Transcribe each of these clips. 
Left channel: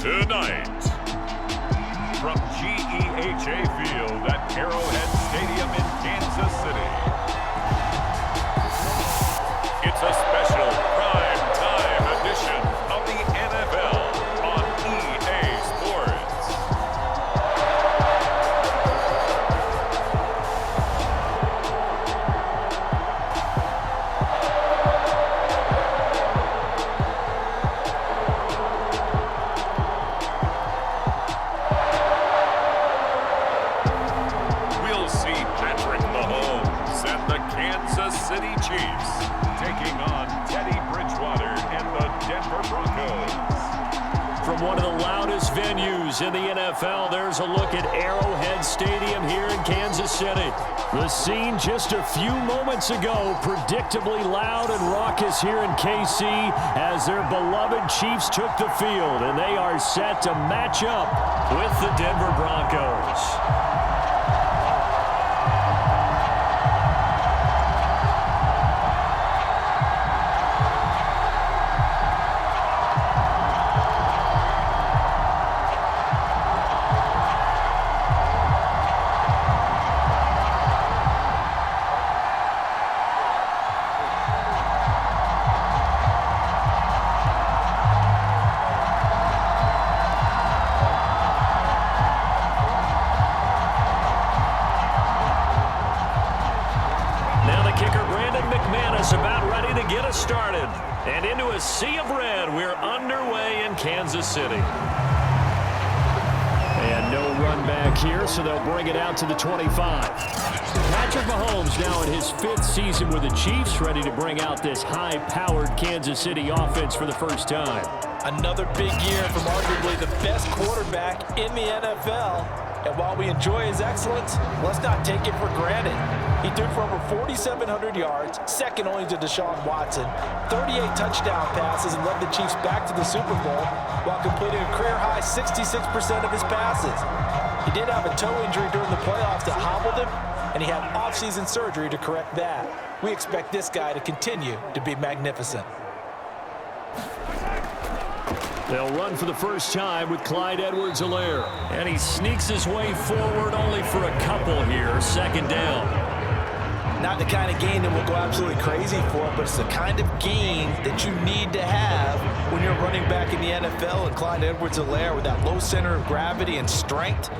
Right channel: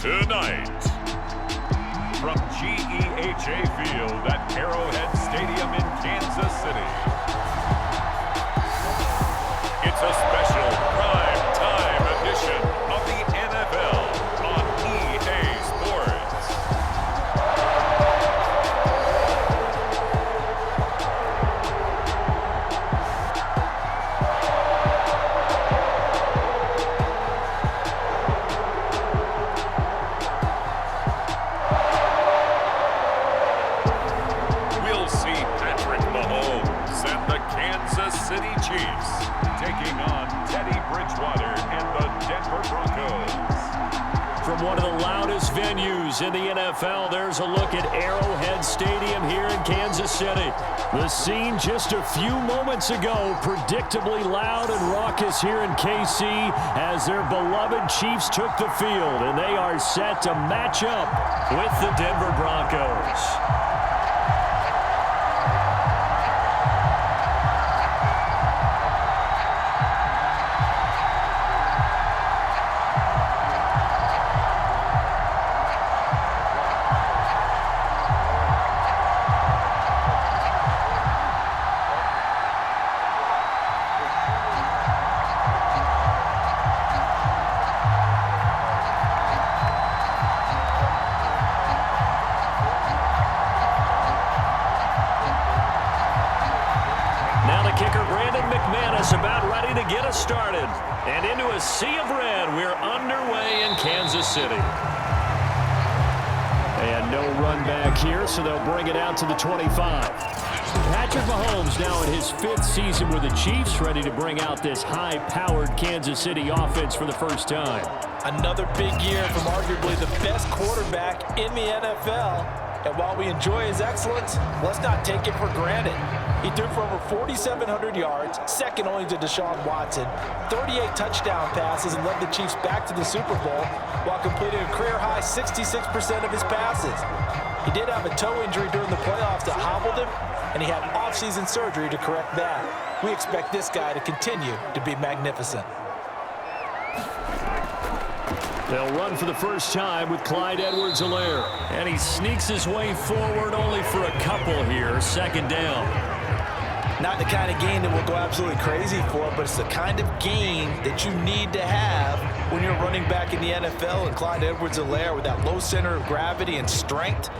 Tonight, from GEHA Field at Arrowhead Stadium in Kansas City, it's a special prime time edition of the NFL on EA Sports. We'll see Patrick Mahomes and the Kansas City Chiefs taking on Teddy Bridgewater and the Denver Broncos. From one of the loudest venues in the NFL, there's a look at Arrowhead Stadium here in Kansas City. The scene just a few moments ago, predictably loud and raucous here in KC as their beloved Chiefs took the field, and they are set to match up with the Denver Broncos. About ready to get us started. And into a sea of red, we're underway in Kansas City. And no run back here, so they'll bring it out to the 25. Patrick Mahomes now in his 5th season with the Chiefs, ready to bring out this high-powered Kansas City offense for the first time. Another big year from arguably the best quarterback in the NFL. And while we enjoy his excellence, let's not take it for granted. He threw for over 4,700 yards, second only to Deshaun Watson, 38 touchdown passes, and led the Chiefs back to the Super Bowl while completing a career-high 66% of his passes. He did have a toe injury during the playoffs that hobbled him, and he had off-season surgery to correct that. We expect this guy to continue to be magnificent. They'll run for the first time with Clyde Edwards-Helaire. And he sneaks his way forward only for a couple here, second down. Not the kind of gain that we'll go absolutely crazy for, but it's the kind of gain that you need to have when you're running back in the NFL. And Clyde Edwards-Helaire, with that low center of gravity and strength,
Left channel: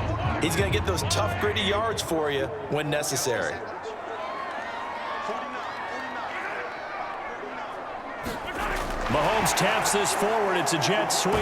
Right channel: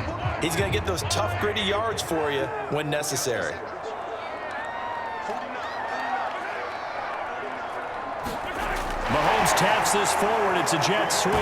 he's going to get those tough, gritty yards for you when necessary. Mahomes taps this forward. It's a jet sweep.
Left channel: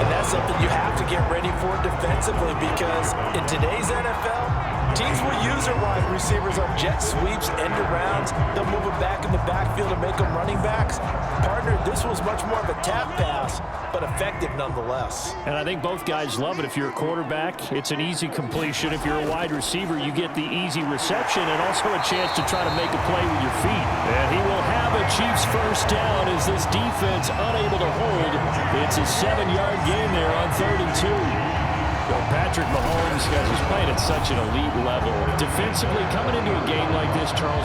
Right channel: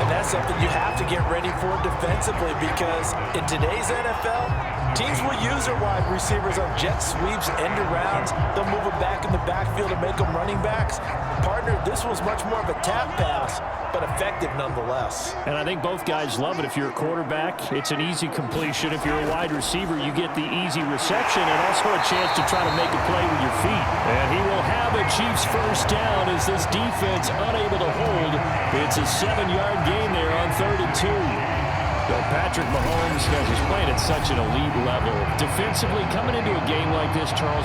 And that's something you have to get ready for defensively, because in today's NFL, teams will use their wide receivers on jet sweeps, end arounds. They'll move them back in the backfield and make them running backs. Partner, this was much more of a tap pass, but effective nonetheless. And I think both guys love it. If you're a quarterback, it's an easy completion. If you're a wide receiver, you get the easy reception and also a chance to try to make a play with your feet. And he will have a Chiefs first down as this defense unable to hold. It's a 7-yard gain there on 3rd and 2. So Patrick Mahomes, guys, is playing at such an elite level. Defensively, coming into a game like this, Charles,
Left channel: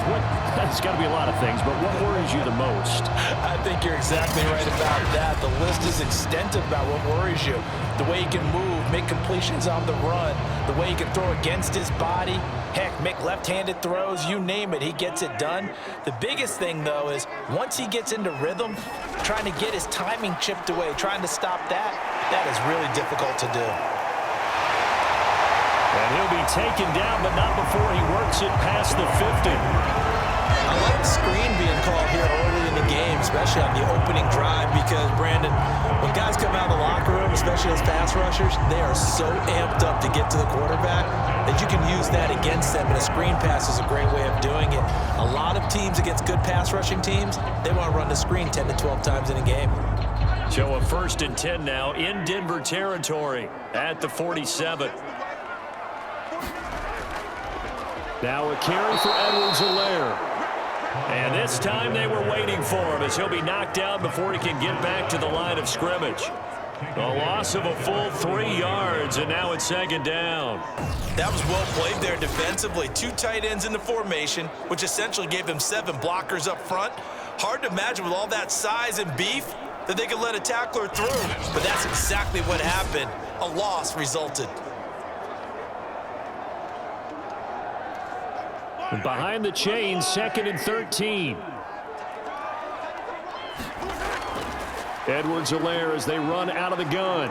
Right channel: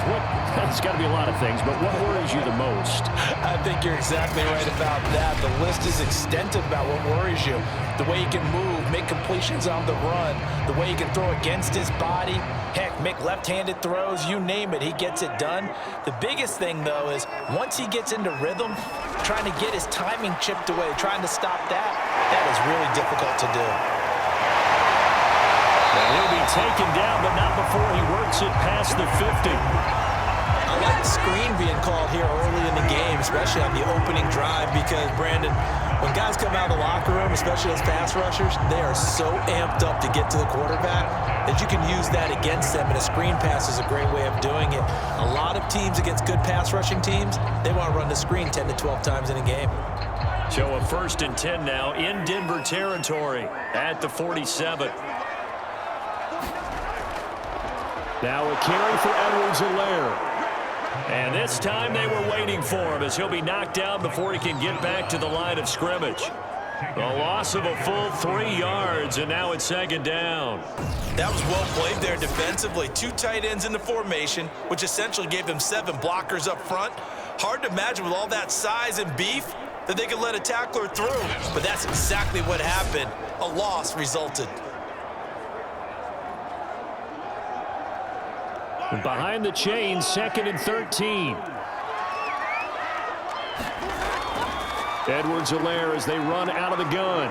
it's got to be a lot of things, but what worries you the most? I think you're exactly right about that. The list is extensive about what worries you. The way he can move, make completions on the run, the way he can throw against his body, heck, make left-handed throws, you name it, he gets it done. The biggest thing, though, is once he gets into rhythm, trying to get his timing chipped away, trying to stop that is really difficult to do. And he'll be taken down, but not before he works it past the 50. I like the screen being called here early in the game, especially on the opening drive, because, Brandon, when guys come out of the locker room, especially those pass rushers, they are so amped up to get to the quarterback that you can use that against them, and a screen pass is a great way of doing it. A lot of teams against good pass rushing teams, they want to run the screen 10 to 12 times in a game. So a 1st and 10 now in Denver territory at the 47. Now a carry for Edwards-Helaire. And this time they were waiting for him as he'll be knocked down before he can get back to the line of scrimmage. A loss of a full 3 yards, and now it's 2nd down. That was well played there defensively. 2 tight ends in the formation, which essentially gave them 7 blockers up front. Hard to imagine with all that size and beef that they could let a tackler through. But that's exactly what happened. A loss resulted. Behind the chains, 2nd and 13. Edwards-Helaire as they run out of the gun.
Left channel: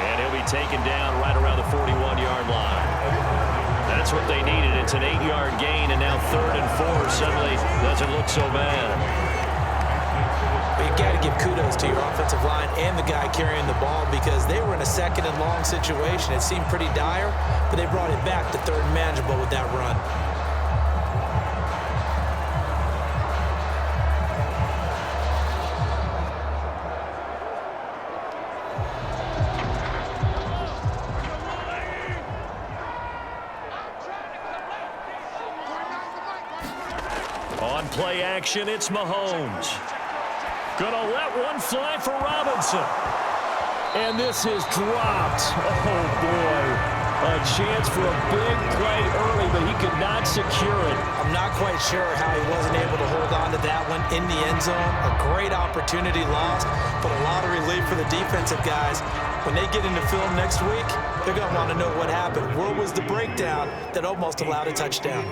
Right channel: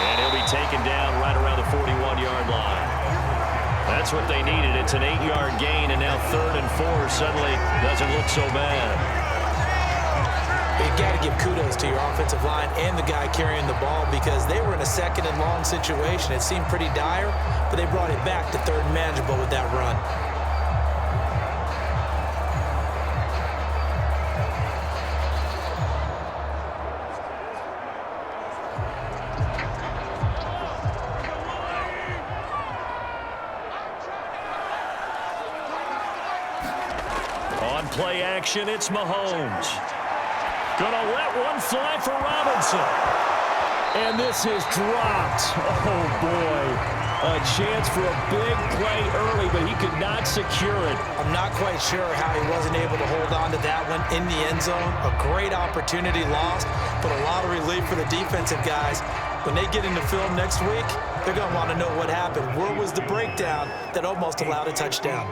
And he'll be taken down right around the 41-yard line. That's what they needed. It's an 8-yard gain, and now 3rd and 4 suddenly doesn't look so bad. But you've got to give kudos to your offensive line and the guy carrying the ball because they were in a 2nd and long situation. It seemed pretty dire, but they brought it back to 3rd and manageable with that run. On play action, it's Mahomes. Gonna let one fly for Robinson. And this is dropped. Oh, boy. A chance for a big play early, but he could not secure it. I'm not quite sure how he wasn't able to hold on to that one in the end zone. A great opportunity lost, but a lot of relief for the defensive guys. When they get into film next week, they're going to want to know what happened. Where was the breakdown that almost allowed a touchdown?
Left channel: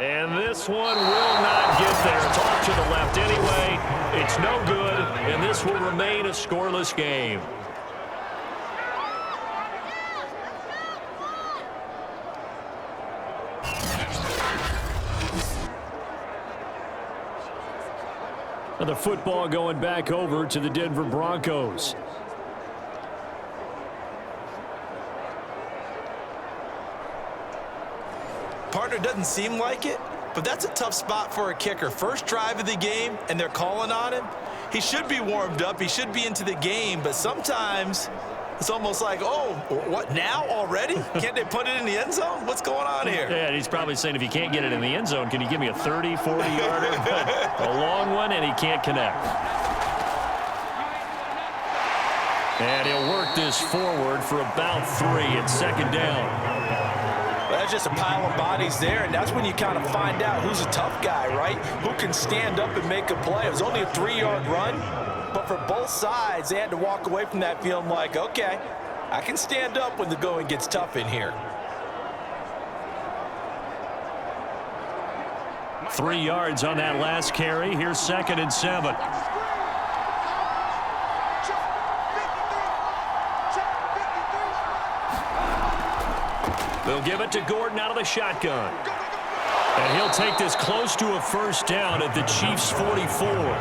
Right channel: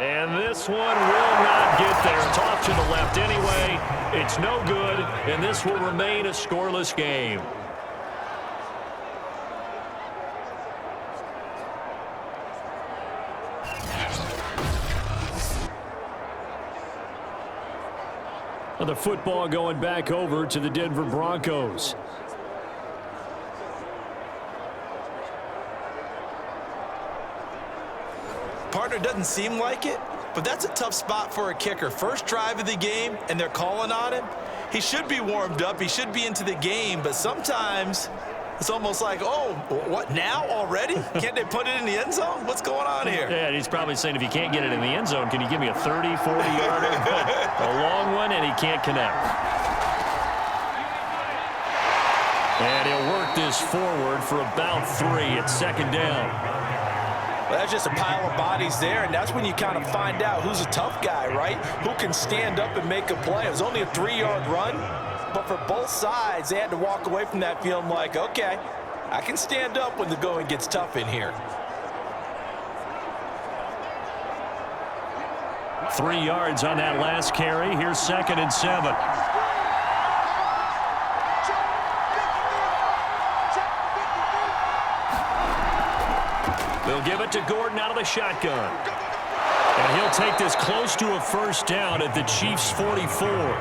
And this one will not get there. It's off to the left anyway. It's no good, and this will remain a scoreless game. And the football going back over to the Denver Broncos. Partner, doesn't seem like it, but that's a tough spot for a kicker. First drive of the game, and they're calling on him. He should be warmed up. He should be into the game, but sometimes it's almost like, oh, what, now already? Can't they put it in the end zone? What's going on here? Yeah, he's probably saying, if you can't get it in the end zone, can you give me a 30, 40-yarder? A long one, and he can't connect. And he'll work this forward for about 3. It's 2nd down. Well, that's just a pile of bodies there, and that's when you kind of find out who's a tough guy, right? Who can stand up and make a play. It was only a 3-yard run, but for both sides, they had to walk away from that feeling like, okay, I can stand up when the going gets tough in here. 3 yards on that last carry. Here's 2nd and 7. They'll give it to Gordon out of the shotgun. And he'll take this close to a 1st down at the Chiefs' 44.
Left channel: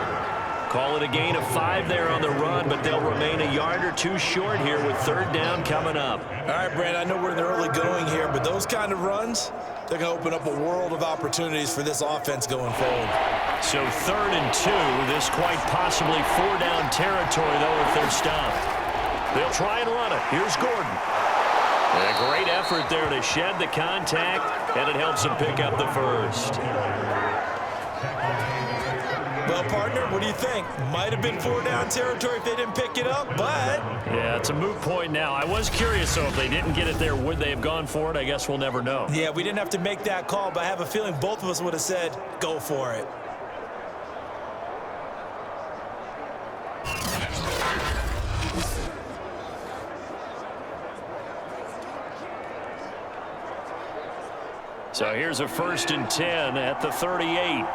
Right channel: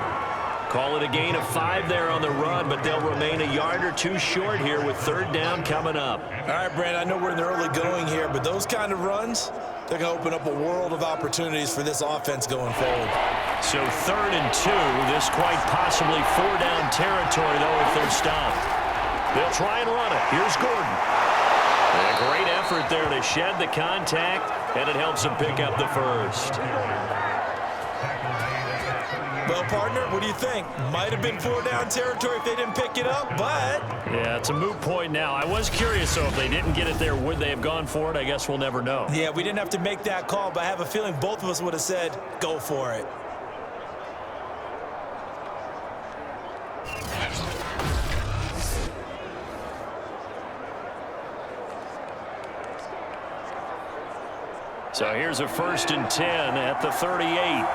Call it a gain of 5 there on the run, but they'll remain a yard or 2 short here with 3rd down coming up. All right, Brand, I know we're in the early going here, but those kind of runs, they're going to open up a world of opportunities for this offense going forward. So 3rd and 2, this quite possibly 4-down territory, though, if they're stopped. They'll try and run it. Here's Gordon. A great effort there to shed the contact, and it helps them pick up the 1st. Well, partner, what do you think? Might have been 4-down territory if they didn't pick it up, but... Yeah, it's a moot point now. I was curious, though, if they didn't get it there, would they have gone for it? I guess we'll never know. Yeah, we didn't have to make that call, but I have a feeling both of us would have said, go for it. So here's a 1st and 10 at the 38.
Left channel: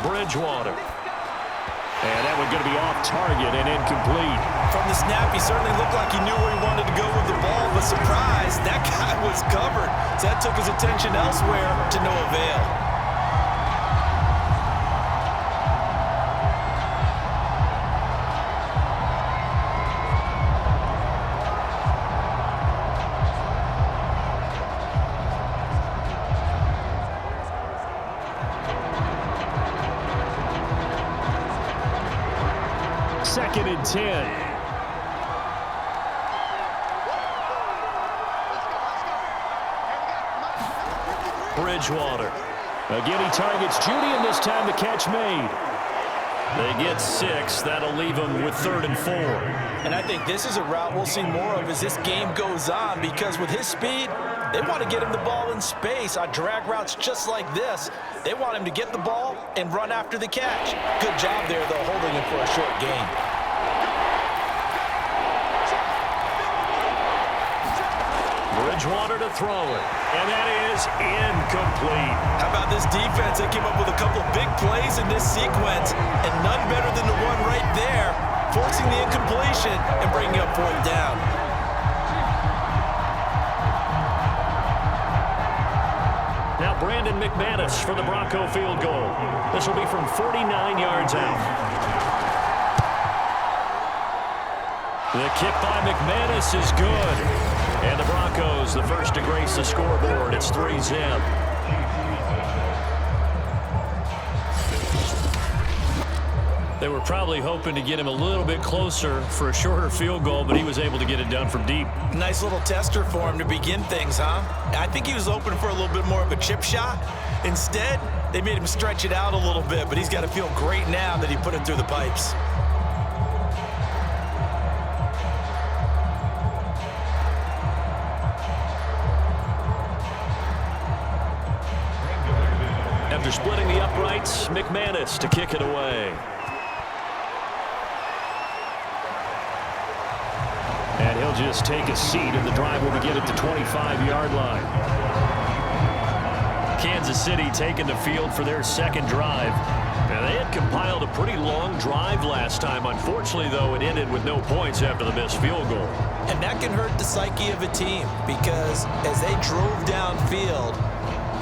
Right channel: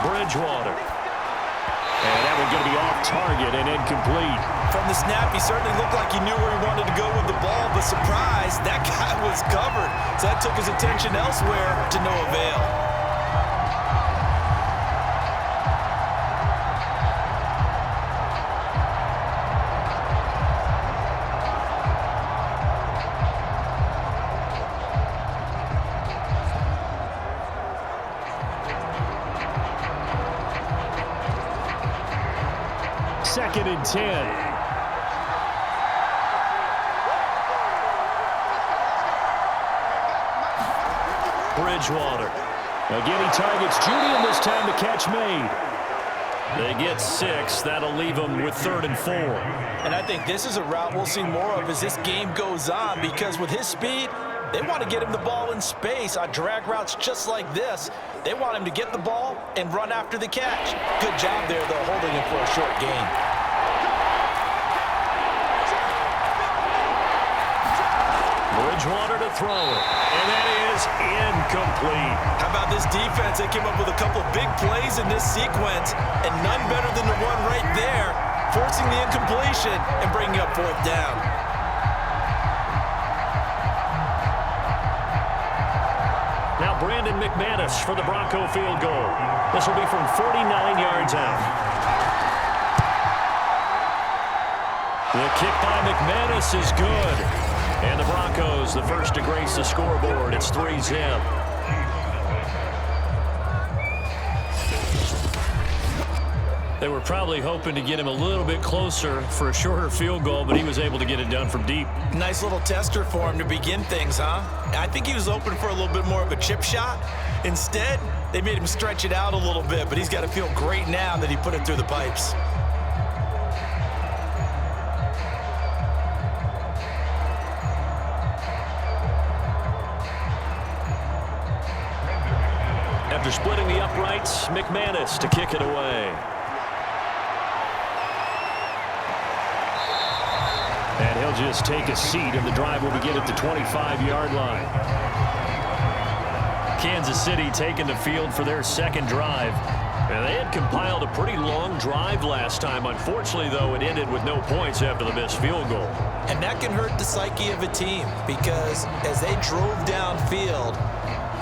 Bridgewater. And that one's going to be off target and incomplete. From the snap, he certainly looked like he knew where he wanted to go with the ball, but surprise, that guy was covered. So that took his attention elsewhere to no avail. Second and 10. Bridgewater. Again, he targets Judy, and this time the catch made. They get 6. That'll leave them with 3rd and 4. And I think this is a route we'll see more of as this game goes on, because with his speed, they want to get him the ball in space on drag routes just like this. They want him to get the ball and run after the catch. Good job there, though, holding him for a short gain. Bridgewater to throw it, and that is incomplete. How about this defense? They came up with a couple of big plays in this sequence, and none better than the one right there, forcing the incompletion and bringing up 4th down. Now Brandon McManus for the Bronco field goal. This will be from 49 yards out. The kick by McManus is good. And the Broncos, the first to grace the scoreboard. It's 3-zip. They were probably hoping to get him a little bit closer for a shorter field goal, but he was able to get it done from deep. Nice little tester for him to begin things, huh? I think he was hoping for a little bit more of a chip shot. Instead, they made him stretch it out a little bit, but he's got to feel great now that he put it through the pipes. After splitting the uprights, McManus to kick it away. And he'll just take a seat, and the drive will begin at the 25-yard line. Kansas City taking the field for their second drive. And they had compiled a pretty long drive last time. Unfortunately, though, it ended with no points after the missed field goal. And that can hurt the psyche of a team, because as they drove downfield,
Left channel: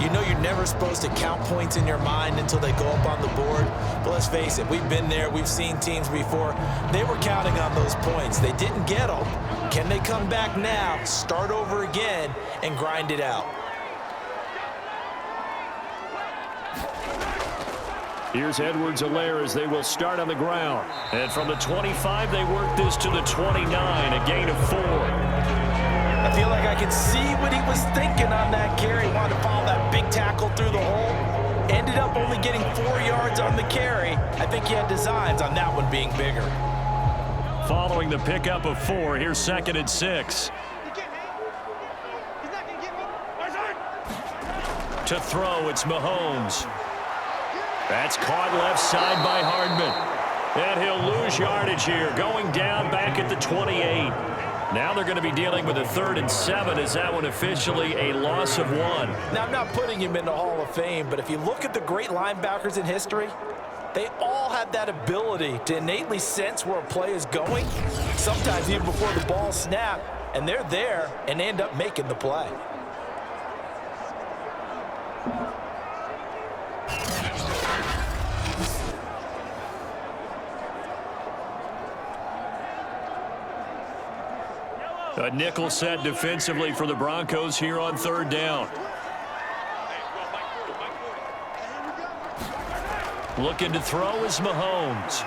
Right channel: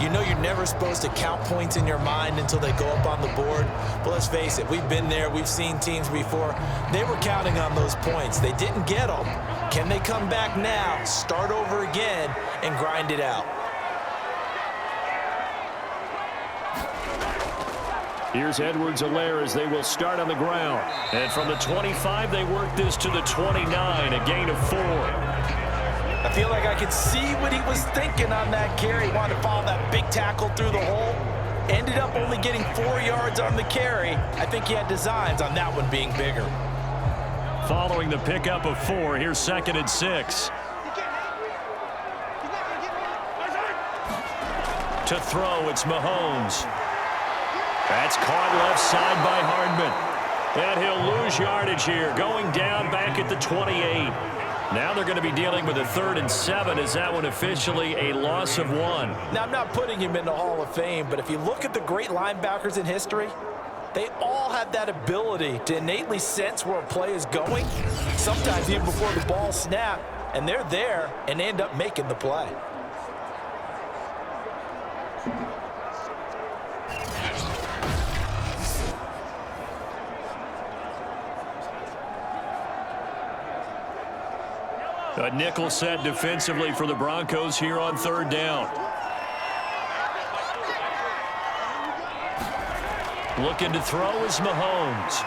you know you're never supposed to count points in your mind until they go up on the board. But let's face it, we've been there. We've seen teams before. They were counting on those points. They didn't get them. Can they come back now, start over again, and grind it out? Here's Edwards-Helaire as they will start on the ground. And from the 25, they work this to the 29, a gain of 4. I feel like I could see what he was thinking on that carry. He wanted to follow that big tackle through the hole. Ended up only getting 4 yards on the carry. I think he had designs on that one being bigger. Following the pickup of 4, here's 2nd and 6. To throw, it's Mahomes. That's caught left side by Hardman. And he'll lose yardage here, going down back at the 28. Now they're going to be dealing with a 3rd and 7. Is that one officially a loss of 1? Now, I'm not putting him in the Hall of Fame, but if you look at the great linebackers in history, they all have that ability to innately sense where a play is going, sometimes even before the ball snaps, and they're there and end up making the play. A nickel set defensively for the Broncos here on 3rd down. Looking to throw is Mahomes.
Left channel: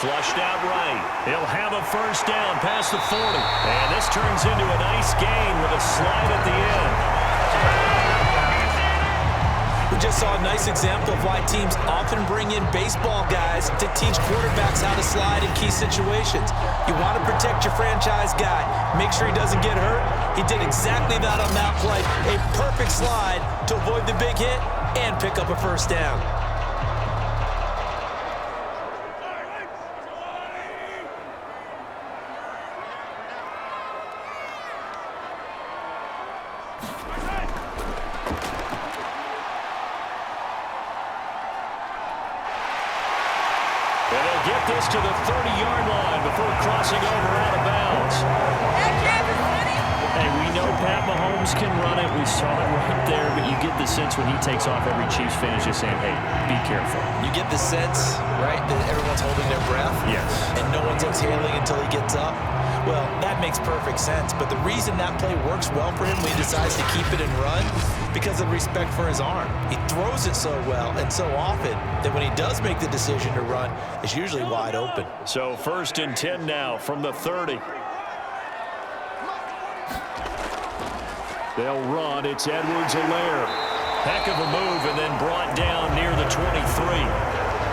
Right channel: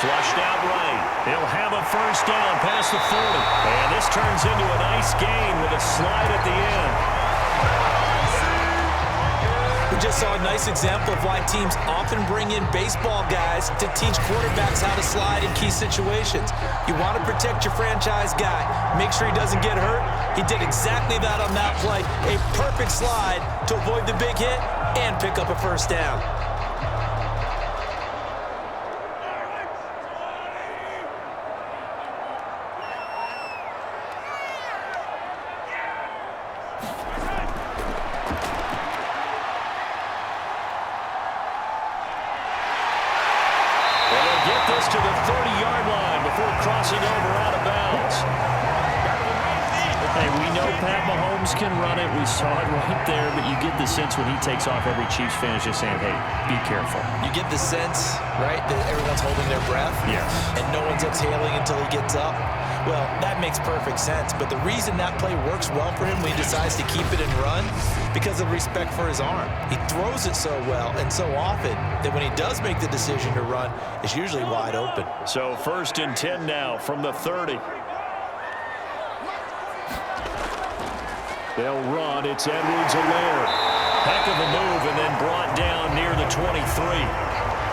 Flushed out right. He'll have a 1st down past the 40. And this turns into a nice gain with a slide at the end. We just saw a nice example of why teams often bring in baseball guys to teach quarterbacks how to slide in key situations. You want to protect your franchise guy. Make sure he doesn't get hurt. He did exactly that on that play. A perfect slide to avoid the big hit and pick up a 1st down. And they'll get this to the 30-yard line before crossing over out of bounds. Hey, we know Pat Mahomes can run it. We saw it right there, but you get the sense when he takes off, every Chiefs fan is just saying, hey, be careful. You get the sense, right, that everyone's holding their breath? Yes. And no one's exhaling until he gets up? Well, that makes perfect sense. But the reason that play works well for him when he decides to keep it and run, because of respect for his arm. He throws it so well and so often that when he does make the decision to run, it's usually wide open. So 1st and 10 now from the 30. They'll run. It's Edwards-Helaire. Heck of a move, and then brought down near the 23.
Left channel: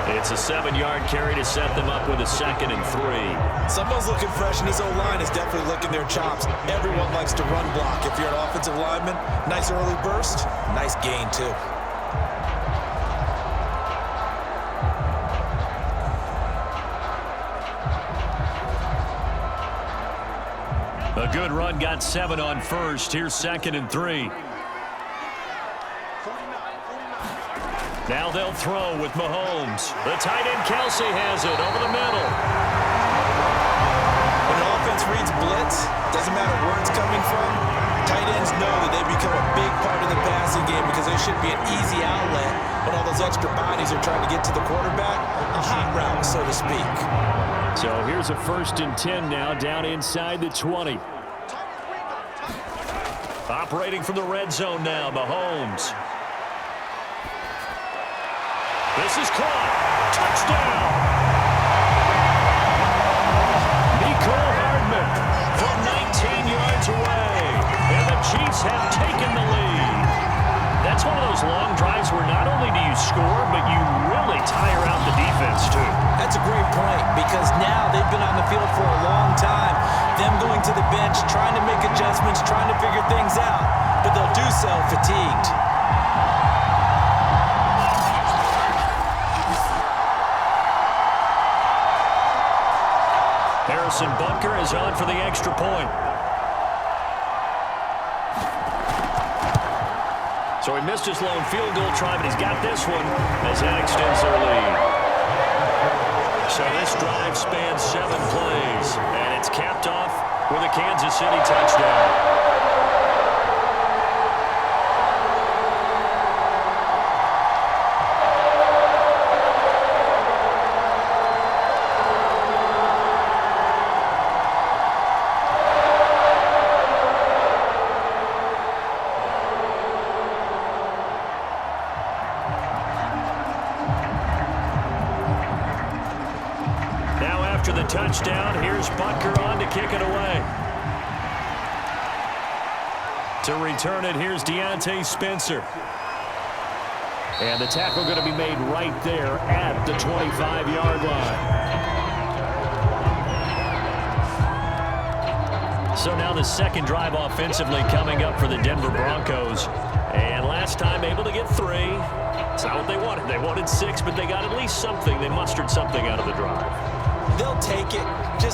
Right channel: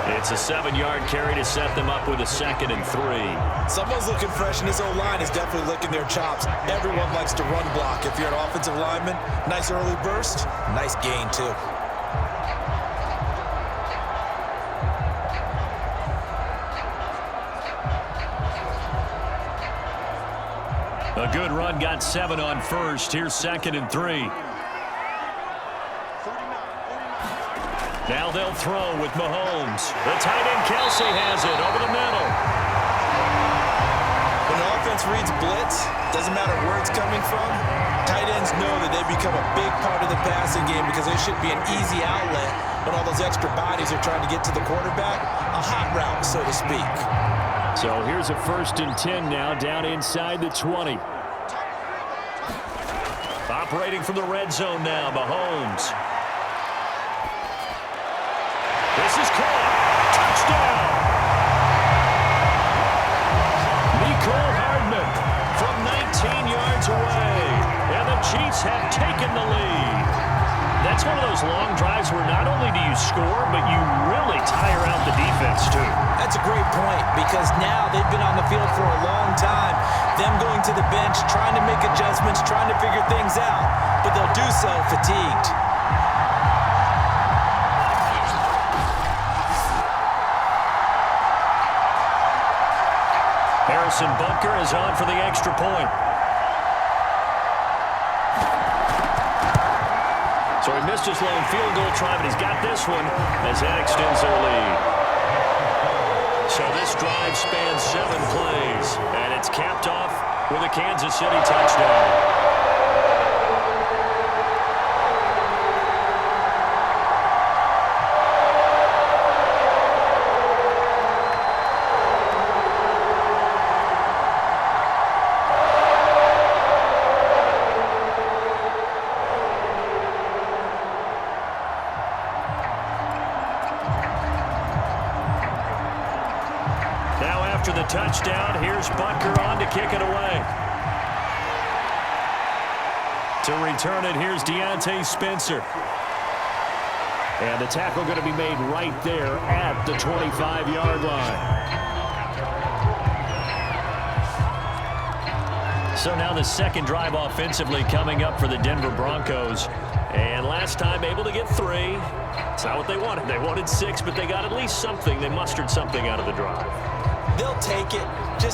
It's a 7-yard carry to set them up with a 2nd and 3. Someone's looking fresh, and this O-line is definitely licking their chops. Everyone likes to run block. If you're an offensive lineman, nice early burst, nice gain too. A good run, got 7 on first. Here's 2nd and 3. Now they'll throw with Mahomes. The tight end Kelsey has it over the middle. When an offense reads blitz, doesn't matter where it's coming from, tight ends know that they become a big part of the passing game because they should be an easy outlet when all those extra bodies are trying to get to the quarterback. A hot route, so to speak. So here's a 1st and 10 now, down inside the 20. Operating from the red zone now, Mahomes. This is caught. Touchdown. Nicole Hardman from 19 yards away. And the Chiefs have taken the lead. That's one of those long drives where not only do you score, but you really tire out the defense, too. That's a great point because now they've been on the field for a long time. Them going to the bench, trying to make adjustments, trying to figure things out, but they'll do so fatigued. Harrison Butker is on for the extra point. So he missed his lone field goal try, but he's got this one as that extends their lead. So this drive spans 7 plays, and it's capped off with a Kansas City touchdown. After the touchdown, here's Butker on to kick it away. To return it, here's Deontay Spencer. And the tackle going to be made right there at the 25-yard line. So now the 2nd drive offensively coming up for the Denver Broncos. And last time able to get 3. It's not what they wanted. They wanted 6, but they got at least something. They mustered something out of the drive. They'll take it.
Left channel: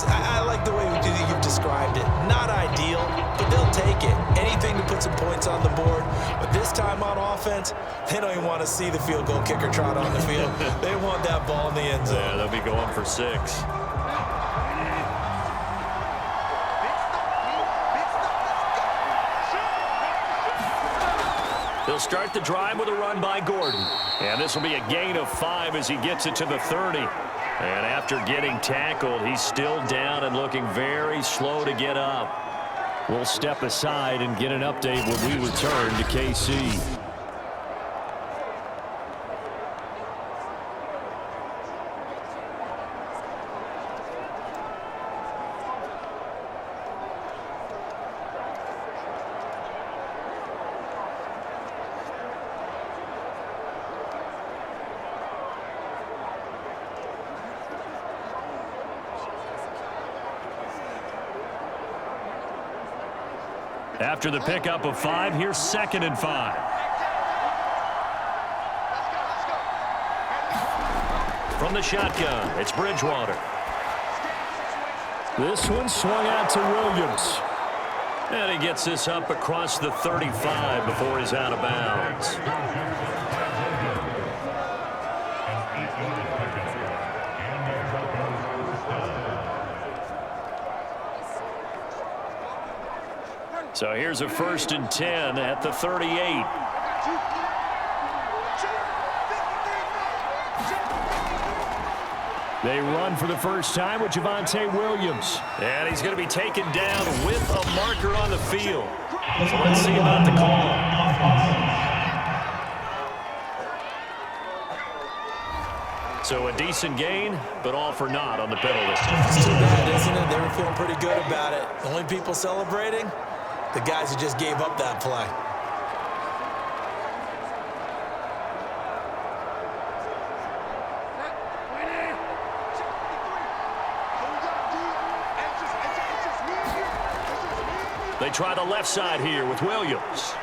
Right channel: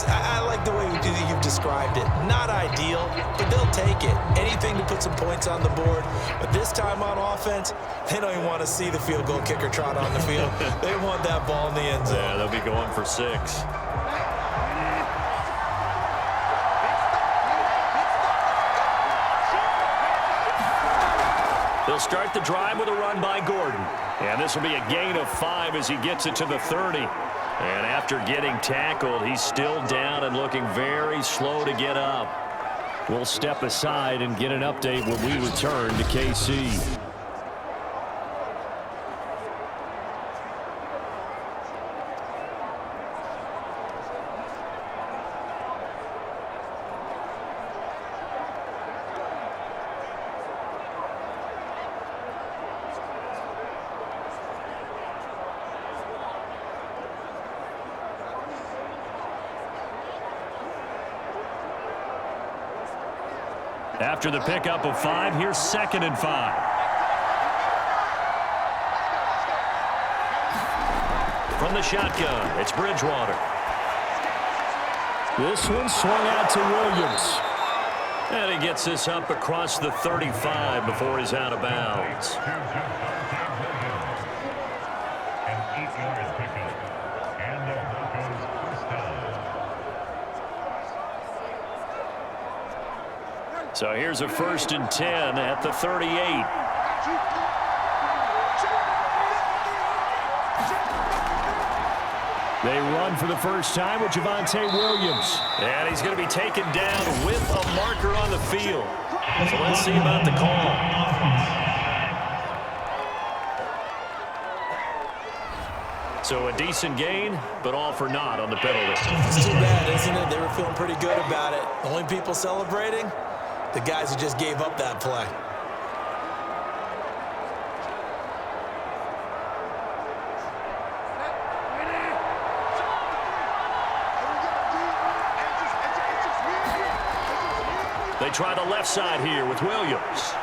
I like the way you've described it. Not ideal, but they'll take it. Anything to put some points on the board. But this time on offense, they don't even want to see the field goal kicker trot on the field. They want that ball in the end zone. Yeah, they'll be going for 6. They'll start the drive with a run by Gordon. And this will be a gain of 5 as he gets it to the 30. And after getting tackled, he's still down and looking very slow to get up. We'll step aside and get an update when we return to KC. After the pickup of 5, here's 2nd and 5. From the shotgun, it's Bridgewater. This one swung out to Williams. And he gets this up across the 35 before he's out of bounds. So here's a 1st and 10 at the 38. They run for the first time with Javonte Williams. And he's going to be taken down with a marker on the field. So let's see about the call. So a decent gain, but all for naught on the penalty. It's too bad, isn't it? They were feeling pretty good about it. The only people celebrating, the guys who just gave up that play. They try the left side here with Williams.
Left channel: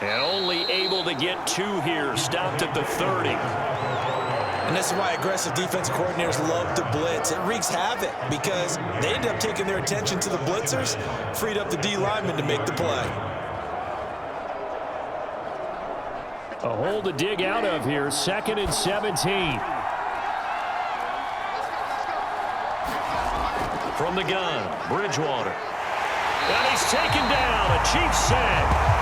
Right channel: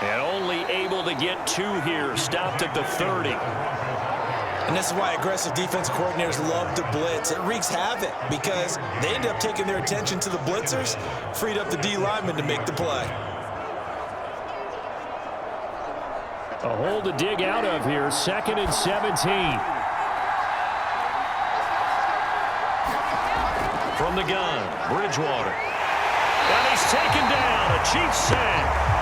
And only able to get 2 here, stopped at the 30. And this is why aggressive defensive coordinators love to blitz. It wreaks havoc because they end up taking their attention to the blitzers, freed up the D lineman to make the play. A hole to dig out of here, 2nd and 17. From the gun, Bridgewater. And he's taken down, a Chiefs sack.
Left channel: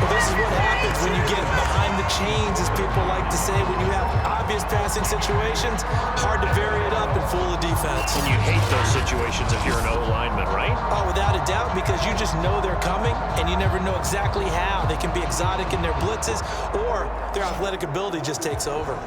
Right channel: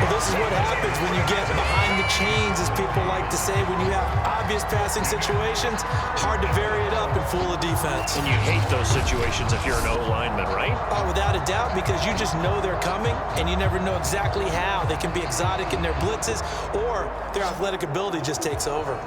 Well, this is what happens when you get behind the chains, as people like to say. When you have obvious passing situations, hard to vary it up and fool a defense. And you hate those situations if you're an O-lineman, right? Oh, without a doubt, because you just know they're coming, and you never know exactly how. They can be exotic in their blitzes, or their athletic ability just takes over.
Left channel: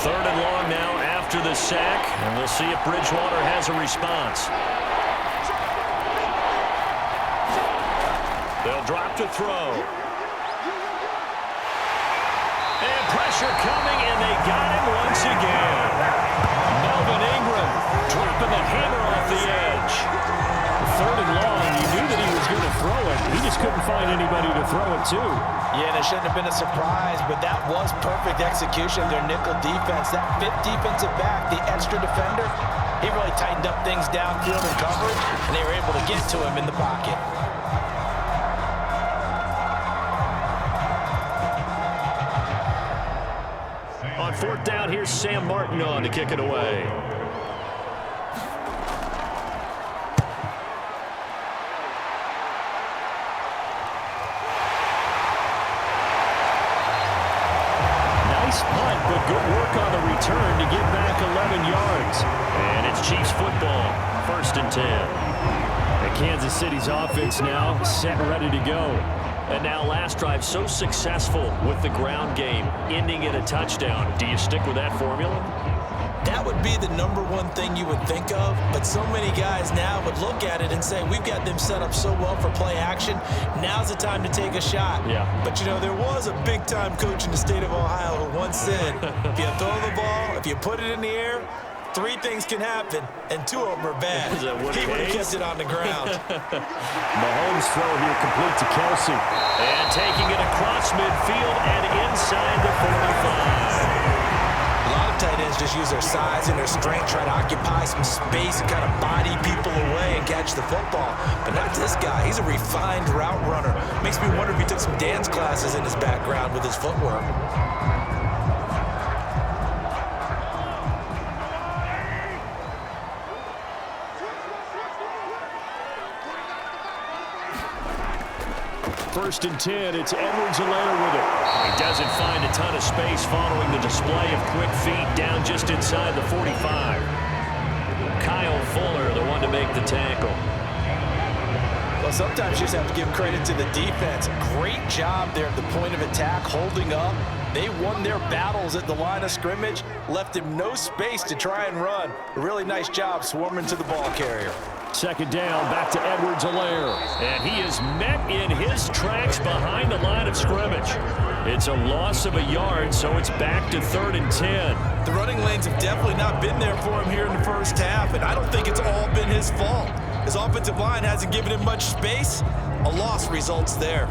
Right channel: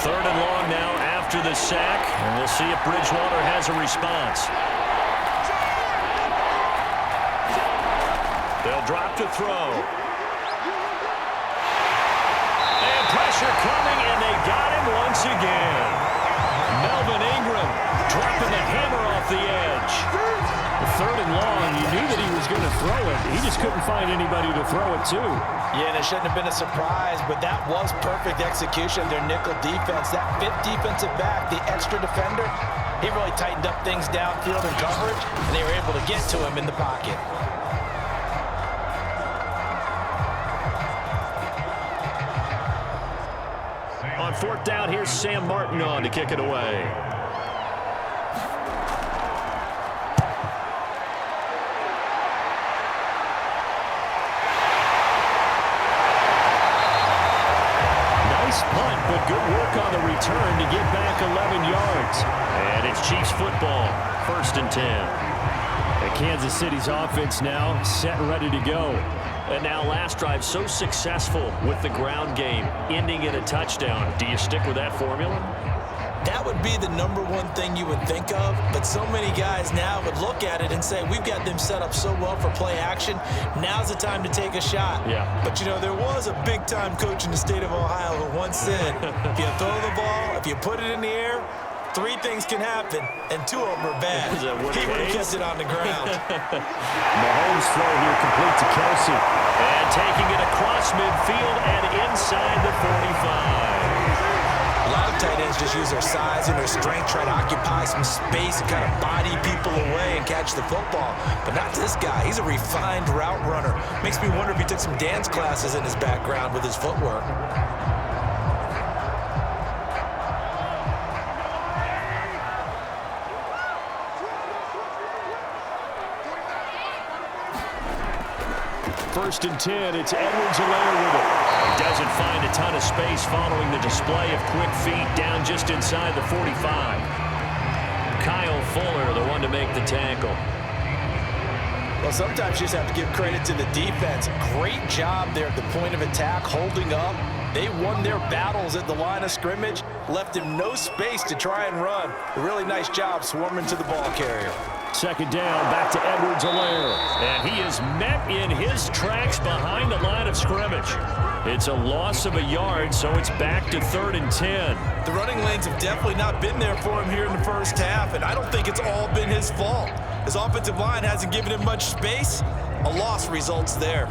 Third and long now after the sack, and we'll see if Bridgewater has a response. They'll drop to throw. And pressure coming, and they got him once again. Melvin Ingram dropping the hammer off the edge. Third and long, you knew that he was going to throw it. He just couldn't find anybody to throw it to. Yeah, and it shouldn't have been a surprise, but that was perfect execution of their nickel defense. That 5th defensive back, the extra defender, he really tightened up things downfield in coverage, and they were able to get to him in the pocket. On 4th down, here's Sam Martin on to kick it away. Nice punt, but good work on the return to get back 11 yards. And it's Chiefs football, 1st and 10. And Kansas City's offense now set and ready to go. And now last drive so successful with the ground game, ending in a touchdown. Do you stick with that formula? That would be the #1 thing you would think of, but so many guys now would look at it and say, we've got them set up so well for play action, now's the time to take a shot. Yeah. But, you know, there was a big-time coach in the state of Ohio who once said, if you throw the ball, if you put it in the air, 3 things can happen, and 2 of them are bad. He would have kept it on the ground. Mahomes' throw here complete to Kelsey. And taking it across midfield and inside the 45. A lot of tight ends just use their size and their strength, try to occupy some space and kind of body people away and catch the football. But not this guy. He's a refined route runner. Makes me wonder if he took some dance classes in his background with his footwork. First and 10, it's Edwards-Helaire with it. He doesn't find a ton of space following the display of quick feet down just inside the 45. Kyle Fuller, the one to make the tackle. Well, sometimes you just have to give credit to the defense. Great job there at the point of attack, holding up. They won their battles at the line of scrimmage, left him no space to try and run. A really nice job swarming to the ball carrier. Second down, back to Edwards-Helaire. And he is met in his tracks behind the line of scrimmage. It's a loss of a yard, so it's back to 3rd and 10. The running lanes have definitely not been there for him here in the first half, and I don't think it's all been his fault. His offensive line hasn't given him much space. A loss results there.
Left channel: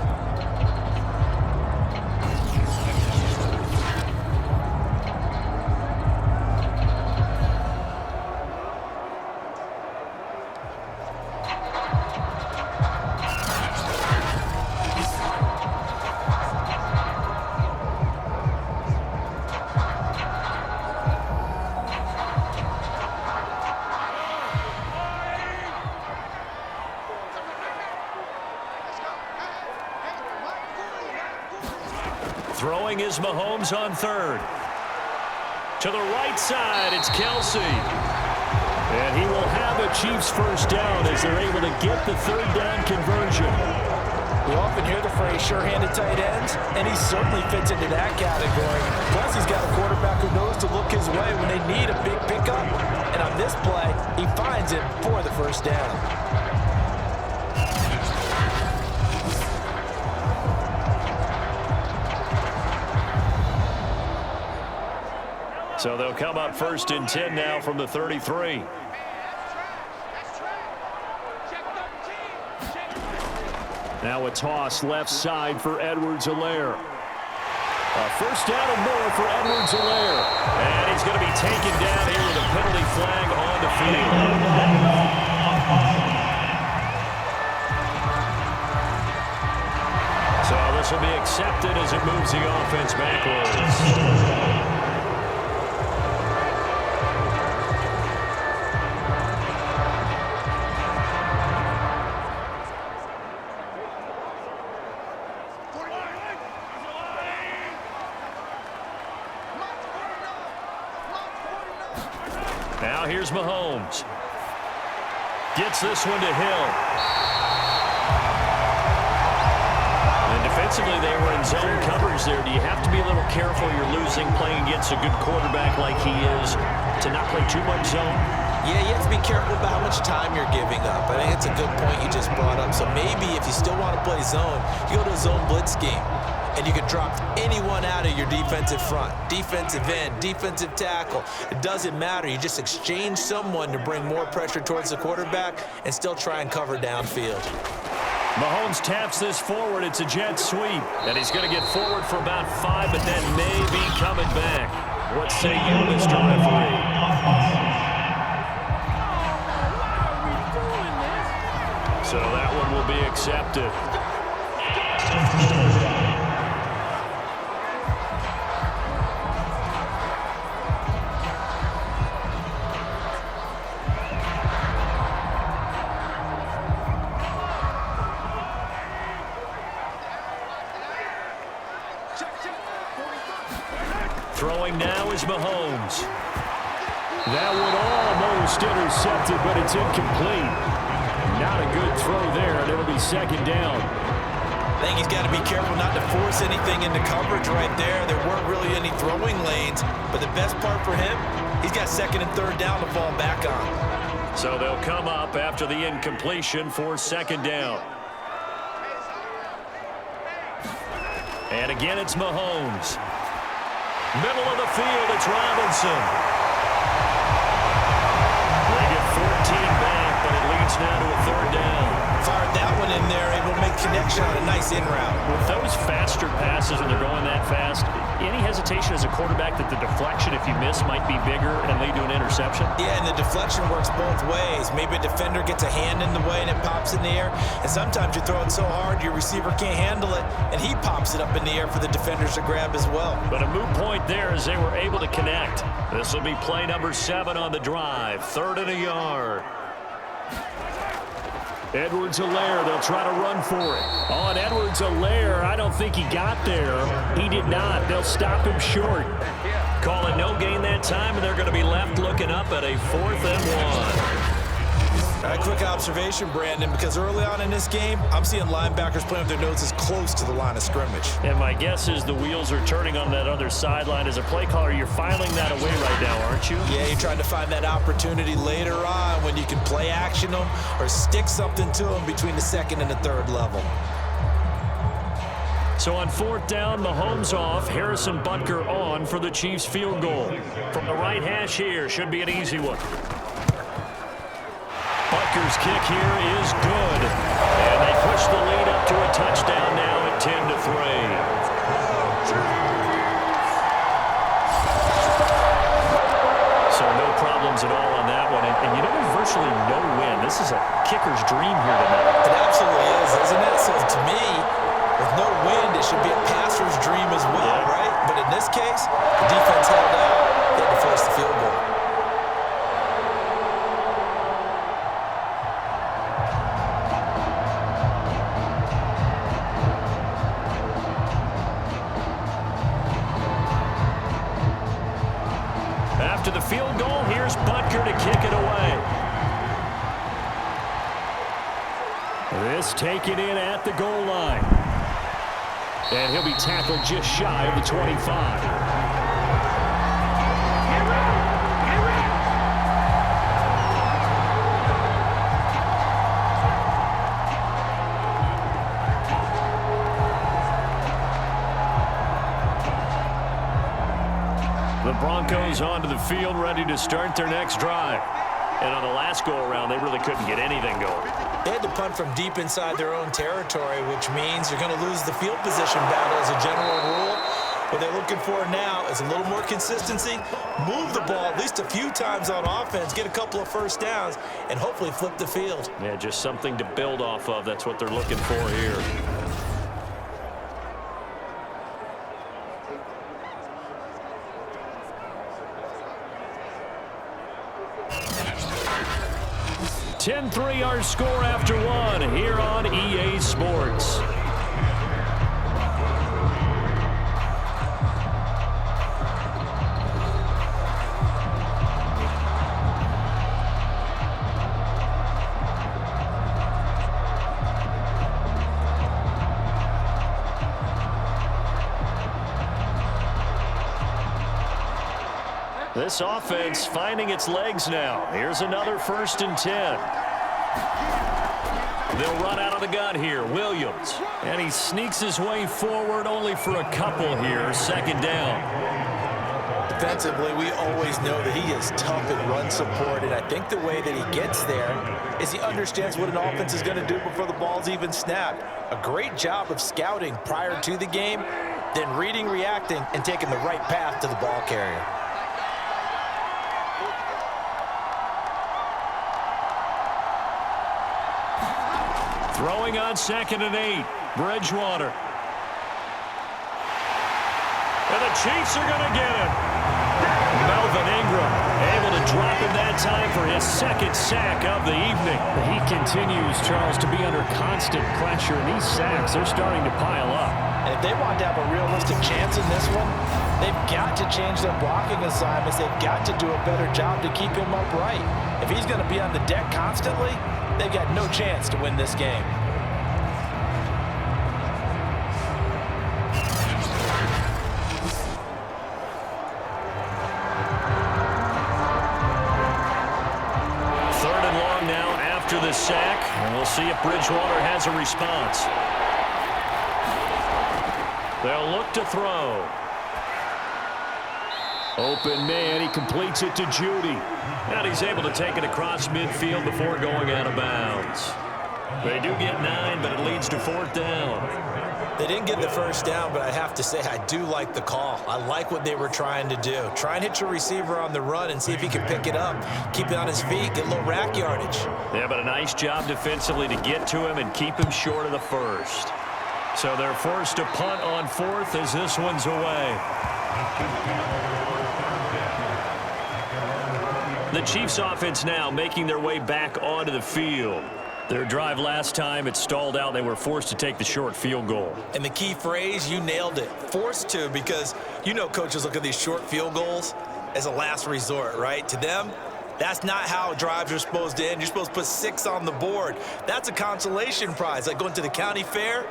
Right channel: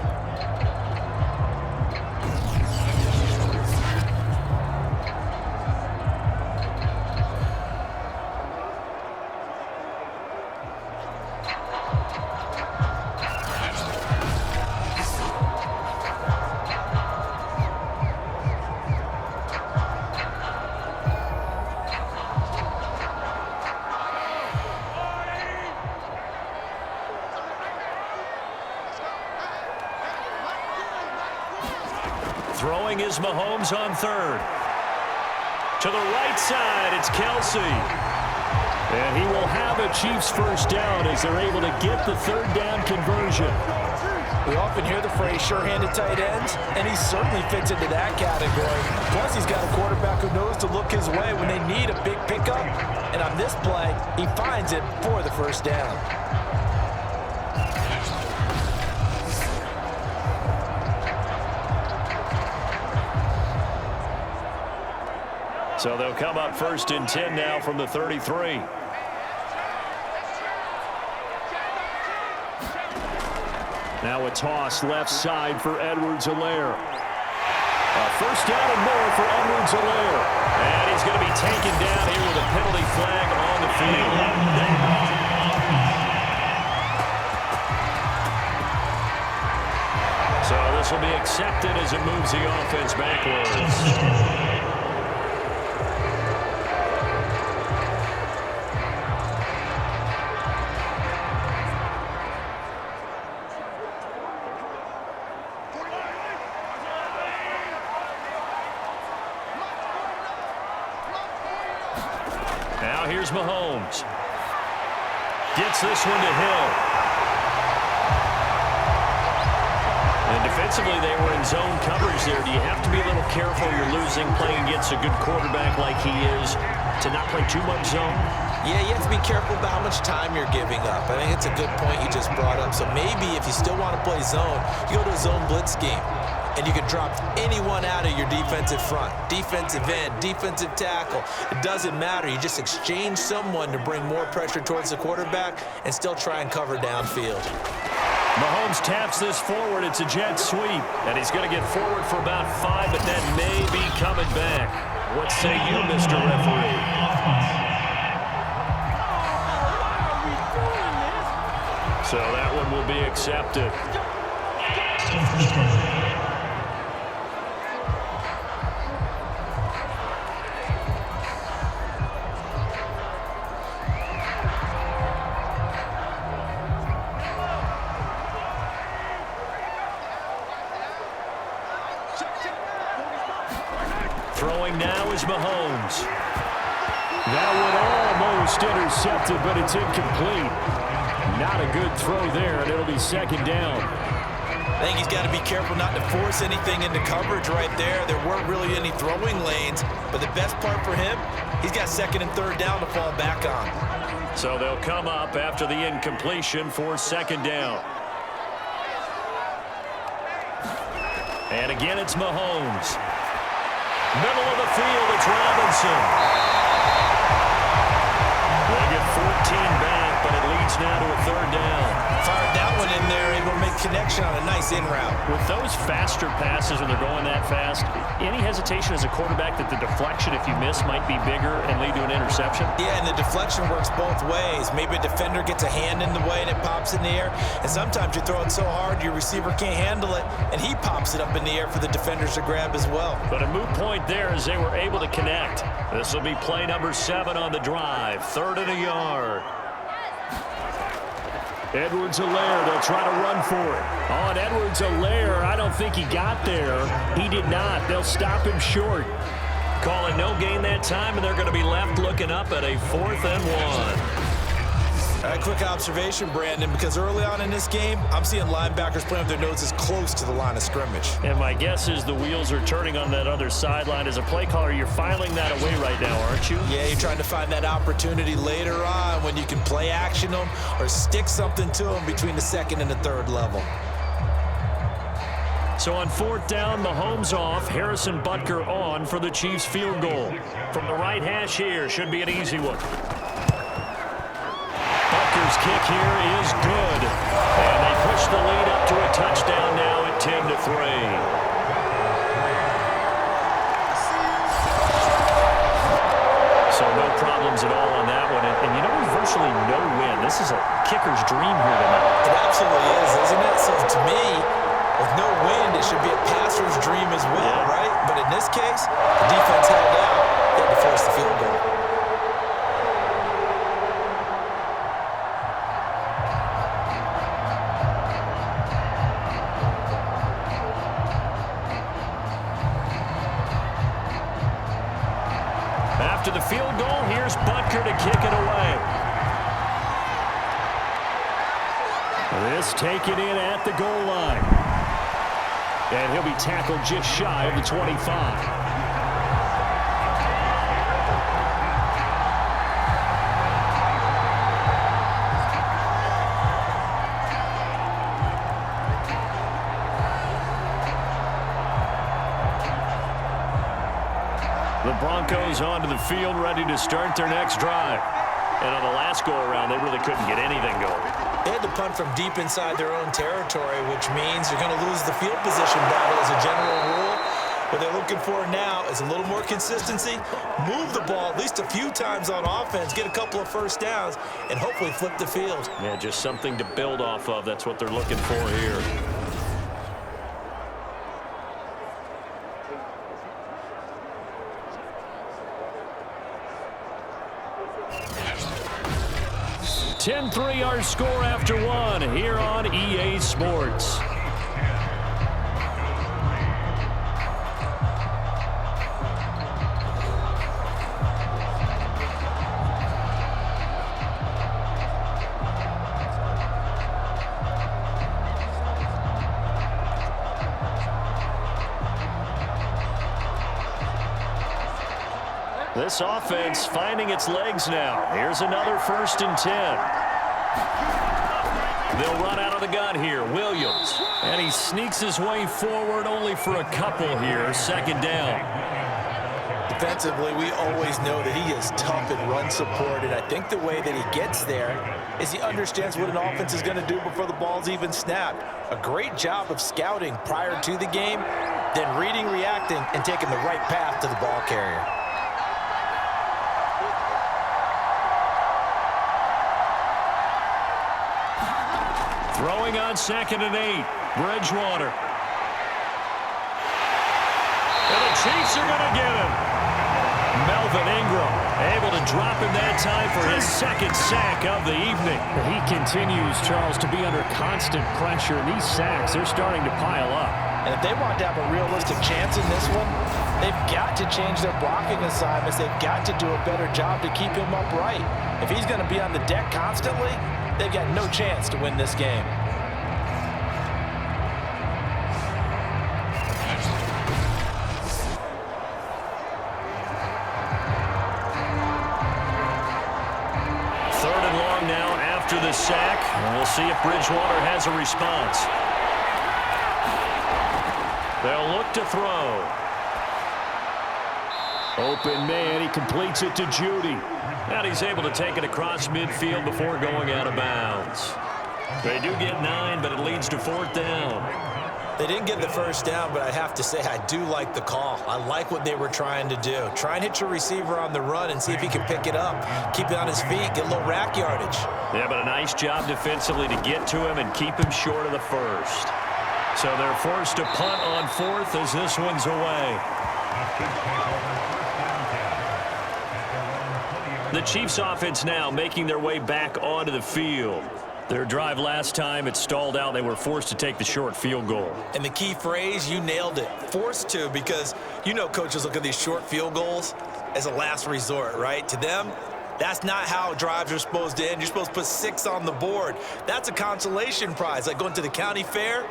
Throwing is Mahomes on 3rd. To the right side, it's Kelsey. And he will have a Chiefs first down as they're able to get the 3rd down conversion. We often hear the phrase sure-handed tight ends, and he certainly fits into that category. Plus, he's got a quarterback who knows to look his way when they need a big pickup. And on this play, he finds it for the first down. So they'll come up 1st and 10 now from the 33. Now a toss left side for Edwards-Helaire. A first down and more for Edwards-Helaire. And he's going to be taken down here with a penalty flag on the field. So this will be accepted as it moves the offense backwards. Now here's Mahomes. Gets this one to Hill. And defensively, they were in zone coverage there. Do you have to be a little careful? You're losing playing against a good quarterback like he is to not play too much zone? Yeah, you have to be careful about how much time you're giving up. I think it's a good point you just brought up. So maybe if you still want to play zone, you go to a zone blitz scheme. And you can drop anyone out of your defensive front. Defensive end, defensive tackle. It doesn't matter. You just exchange someone to bring more pressure towards the quarterback and still try and cover downfield. Mahomes taps this forward. It's a jet sweep. And he's going to get forward for about 5, but then may be coming back. What say you, Mr. Referee? Why are we doing this? So that one will be accepted. Throwing now is Mahomes. That one almost intercepted, but it's incomplete. Not a good throw there, and it'll be 2nd down. I think he's got to be careful not to force anything into coverage right there. There weren't really any throwing lanes, but the best part for him, he's got 2nd and 3rd down to fall back on. So they'll come up after the incompletion for 2nd down. And again, it's Mahomes. Middle of the field, it's Robinson. They get 14 back, but it leads now to a 3rd down. Fired that one in there, able to make connection on a nice in route. With those faster passes when they're going that fast, any hesitation as a quarterback that the deflection, if you miss, might be bigger and lead to an interception? Yeah, and the deflection works both ways. Maybe a defender gets a hand in the way and it pops in the air. And sometimes you throw it so hard your receiver can't handle it, and he pops it up in the air for the defenders to grab as well. But a moot point there as they were able to connect. This will be play number 7 on the drive. 3rd and a yard. Edwards-Helaire, they'll try to run for it. On Edwards-Helaire, I don't think he got there. He did not. They'll stop him short. Call it no gain that time, and they're going to be left looking up at a 4th and 1. A quick observation, Brandon, because early on in this game, I'm seeing linebackers playing with their noses close to the line of scrimmage. And my guess is the wheels are turning on that other sideline. As a play caller, you're filing that away right now, aren't you? Yeah, you're trying to find that opportunity later on when you can play action them or stick something to them between the 2nd and the 3rd level. So on 4th down, Mahomes off, Harrison Butker on for the Chiefs field goal. From the right hash here, should be an easy one. Butker's kick here is good. And they push the lead up to a touchdown now at 10-3. So no problems at all on that one. And you know, there's virtually no wind. This is a kicker's dream here tonight. It absolutely is, isn't it? So to me, with no wind, it should be a passer's dream as well, right? But in this case, the defense held out. They had to force the field goal. After the field goal, here's Butker to kick it away. This taken in at the goal line. And he'll be tackled just shy of the 25. The Broncos onto the field, ready to start their next drive. And on the last go-around, they really couldn't get anything going. They had to punt from deep inside their own territory, which means you're going to lose the field position battle as a general rule. What they're looking for now is a little more consistency, move the ball at least a few times on offense, get a couple of first downs, and hopefully flip the field. Yeah, just something to build off of. That's what they're looking for here. (10-3) our score after one here on EA Sports. This offense finding its legs now. Here's another 1st and 10. They'll run out of the gun here. Williams. And he sneaks his way forward only for a couple here. 2nd down. Defensively, we always know that he is tough in run support, and I think the way that he gets there is he understands what an offense is going to do before the ball's even snapped. A great job of scouting prior to the game, then reading, reacting, and taking the right path to the ball carrier. Throwing on 2nd and 8. Bridgewater. And the Chiefs are going to get him. Melvin Ingram able to drop him that time for his 2nd sack of the evening. He continues, Charles, to be under constant pressure, and these sacks, they're starting to pile up. And if they want to have a realistic chance in this one, they've got to change their blocking assignments. They've got to do a better job to keep him upright. If he's going to be on the deck constantly, they've got no chance to win this game. Now after the sack, and we'll see if Bridgewater has a response. They'll look to throw. Open man, he completes it to Judy. And he's able to take it across midfield before going out of bounds. They do get 9, but it leads to 4th down. They didn't get the first down, but I have to say I do like the call. I like what they were trying to do. Try and hit your receiver on the run and see if he can pick it up. Keep it on his feet, get a little rack yardage. Yeah, but a nice job defensively to get to him and keep him short of the first. So they're forced to punt on 4th as this one's away. The Chiefs offense now making their way back onto the field. Their drive last time, it stalled out. They were forced to take the short field goal. And the key phrase, you nailed it. Forced to, because you know coaches look at these short field goals as a last resort, right? To them, that's not how drives are supposed to end. You're supposed to put 6 on the board. That's a consolation prize. Like going to the county fair,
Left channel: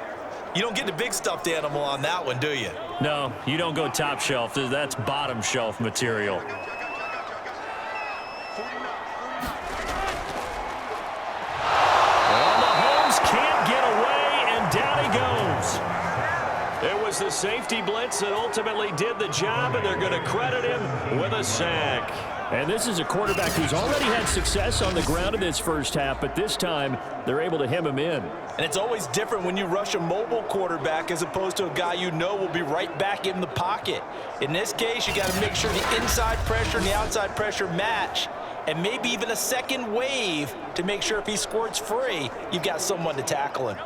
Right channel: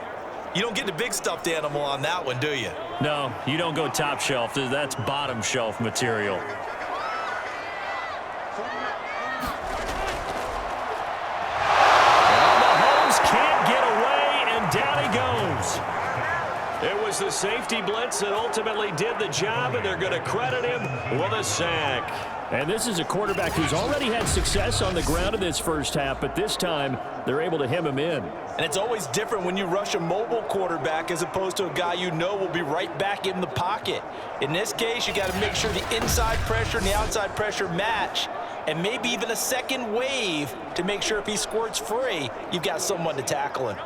you don't get the big stuffed animal on that one, do you? No, you don't go top shelf. That's bottom shelf material. Can't get away, and down he goes. It was the safety blitz that ultimately did the job, and they're going to credit him with a sack. And this is a quarterback who's already had success on the ground in this first half, but this time they're able to hem him in. And it's always different when you rush a mobile quarterback as opposed to a guy you know will be right back in the pocket. In this case, you got to make sure the inside pressure and the outside pressure match, and maybe even a second wave to make sure if he squirts free, you've got someone to tackle him.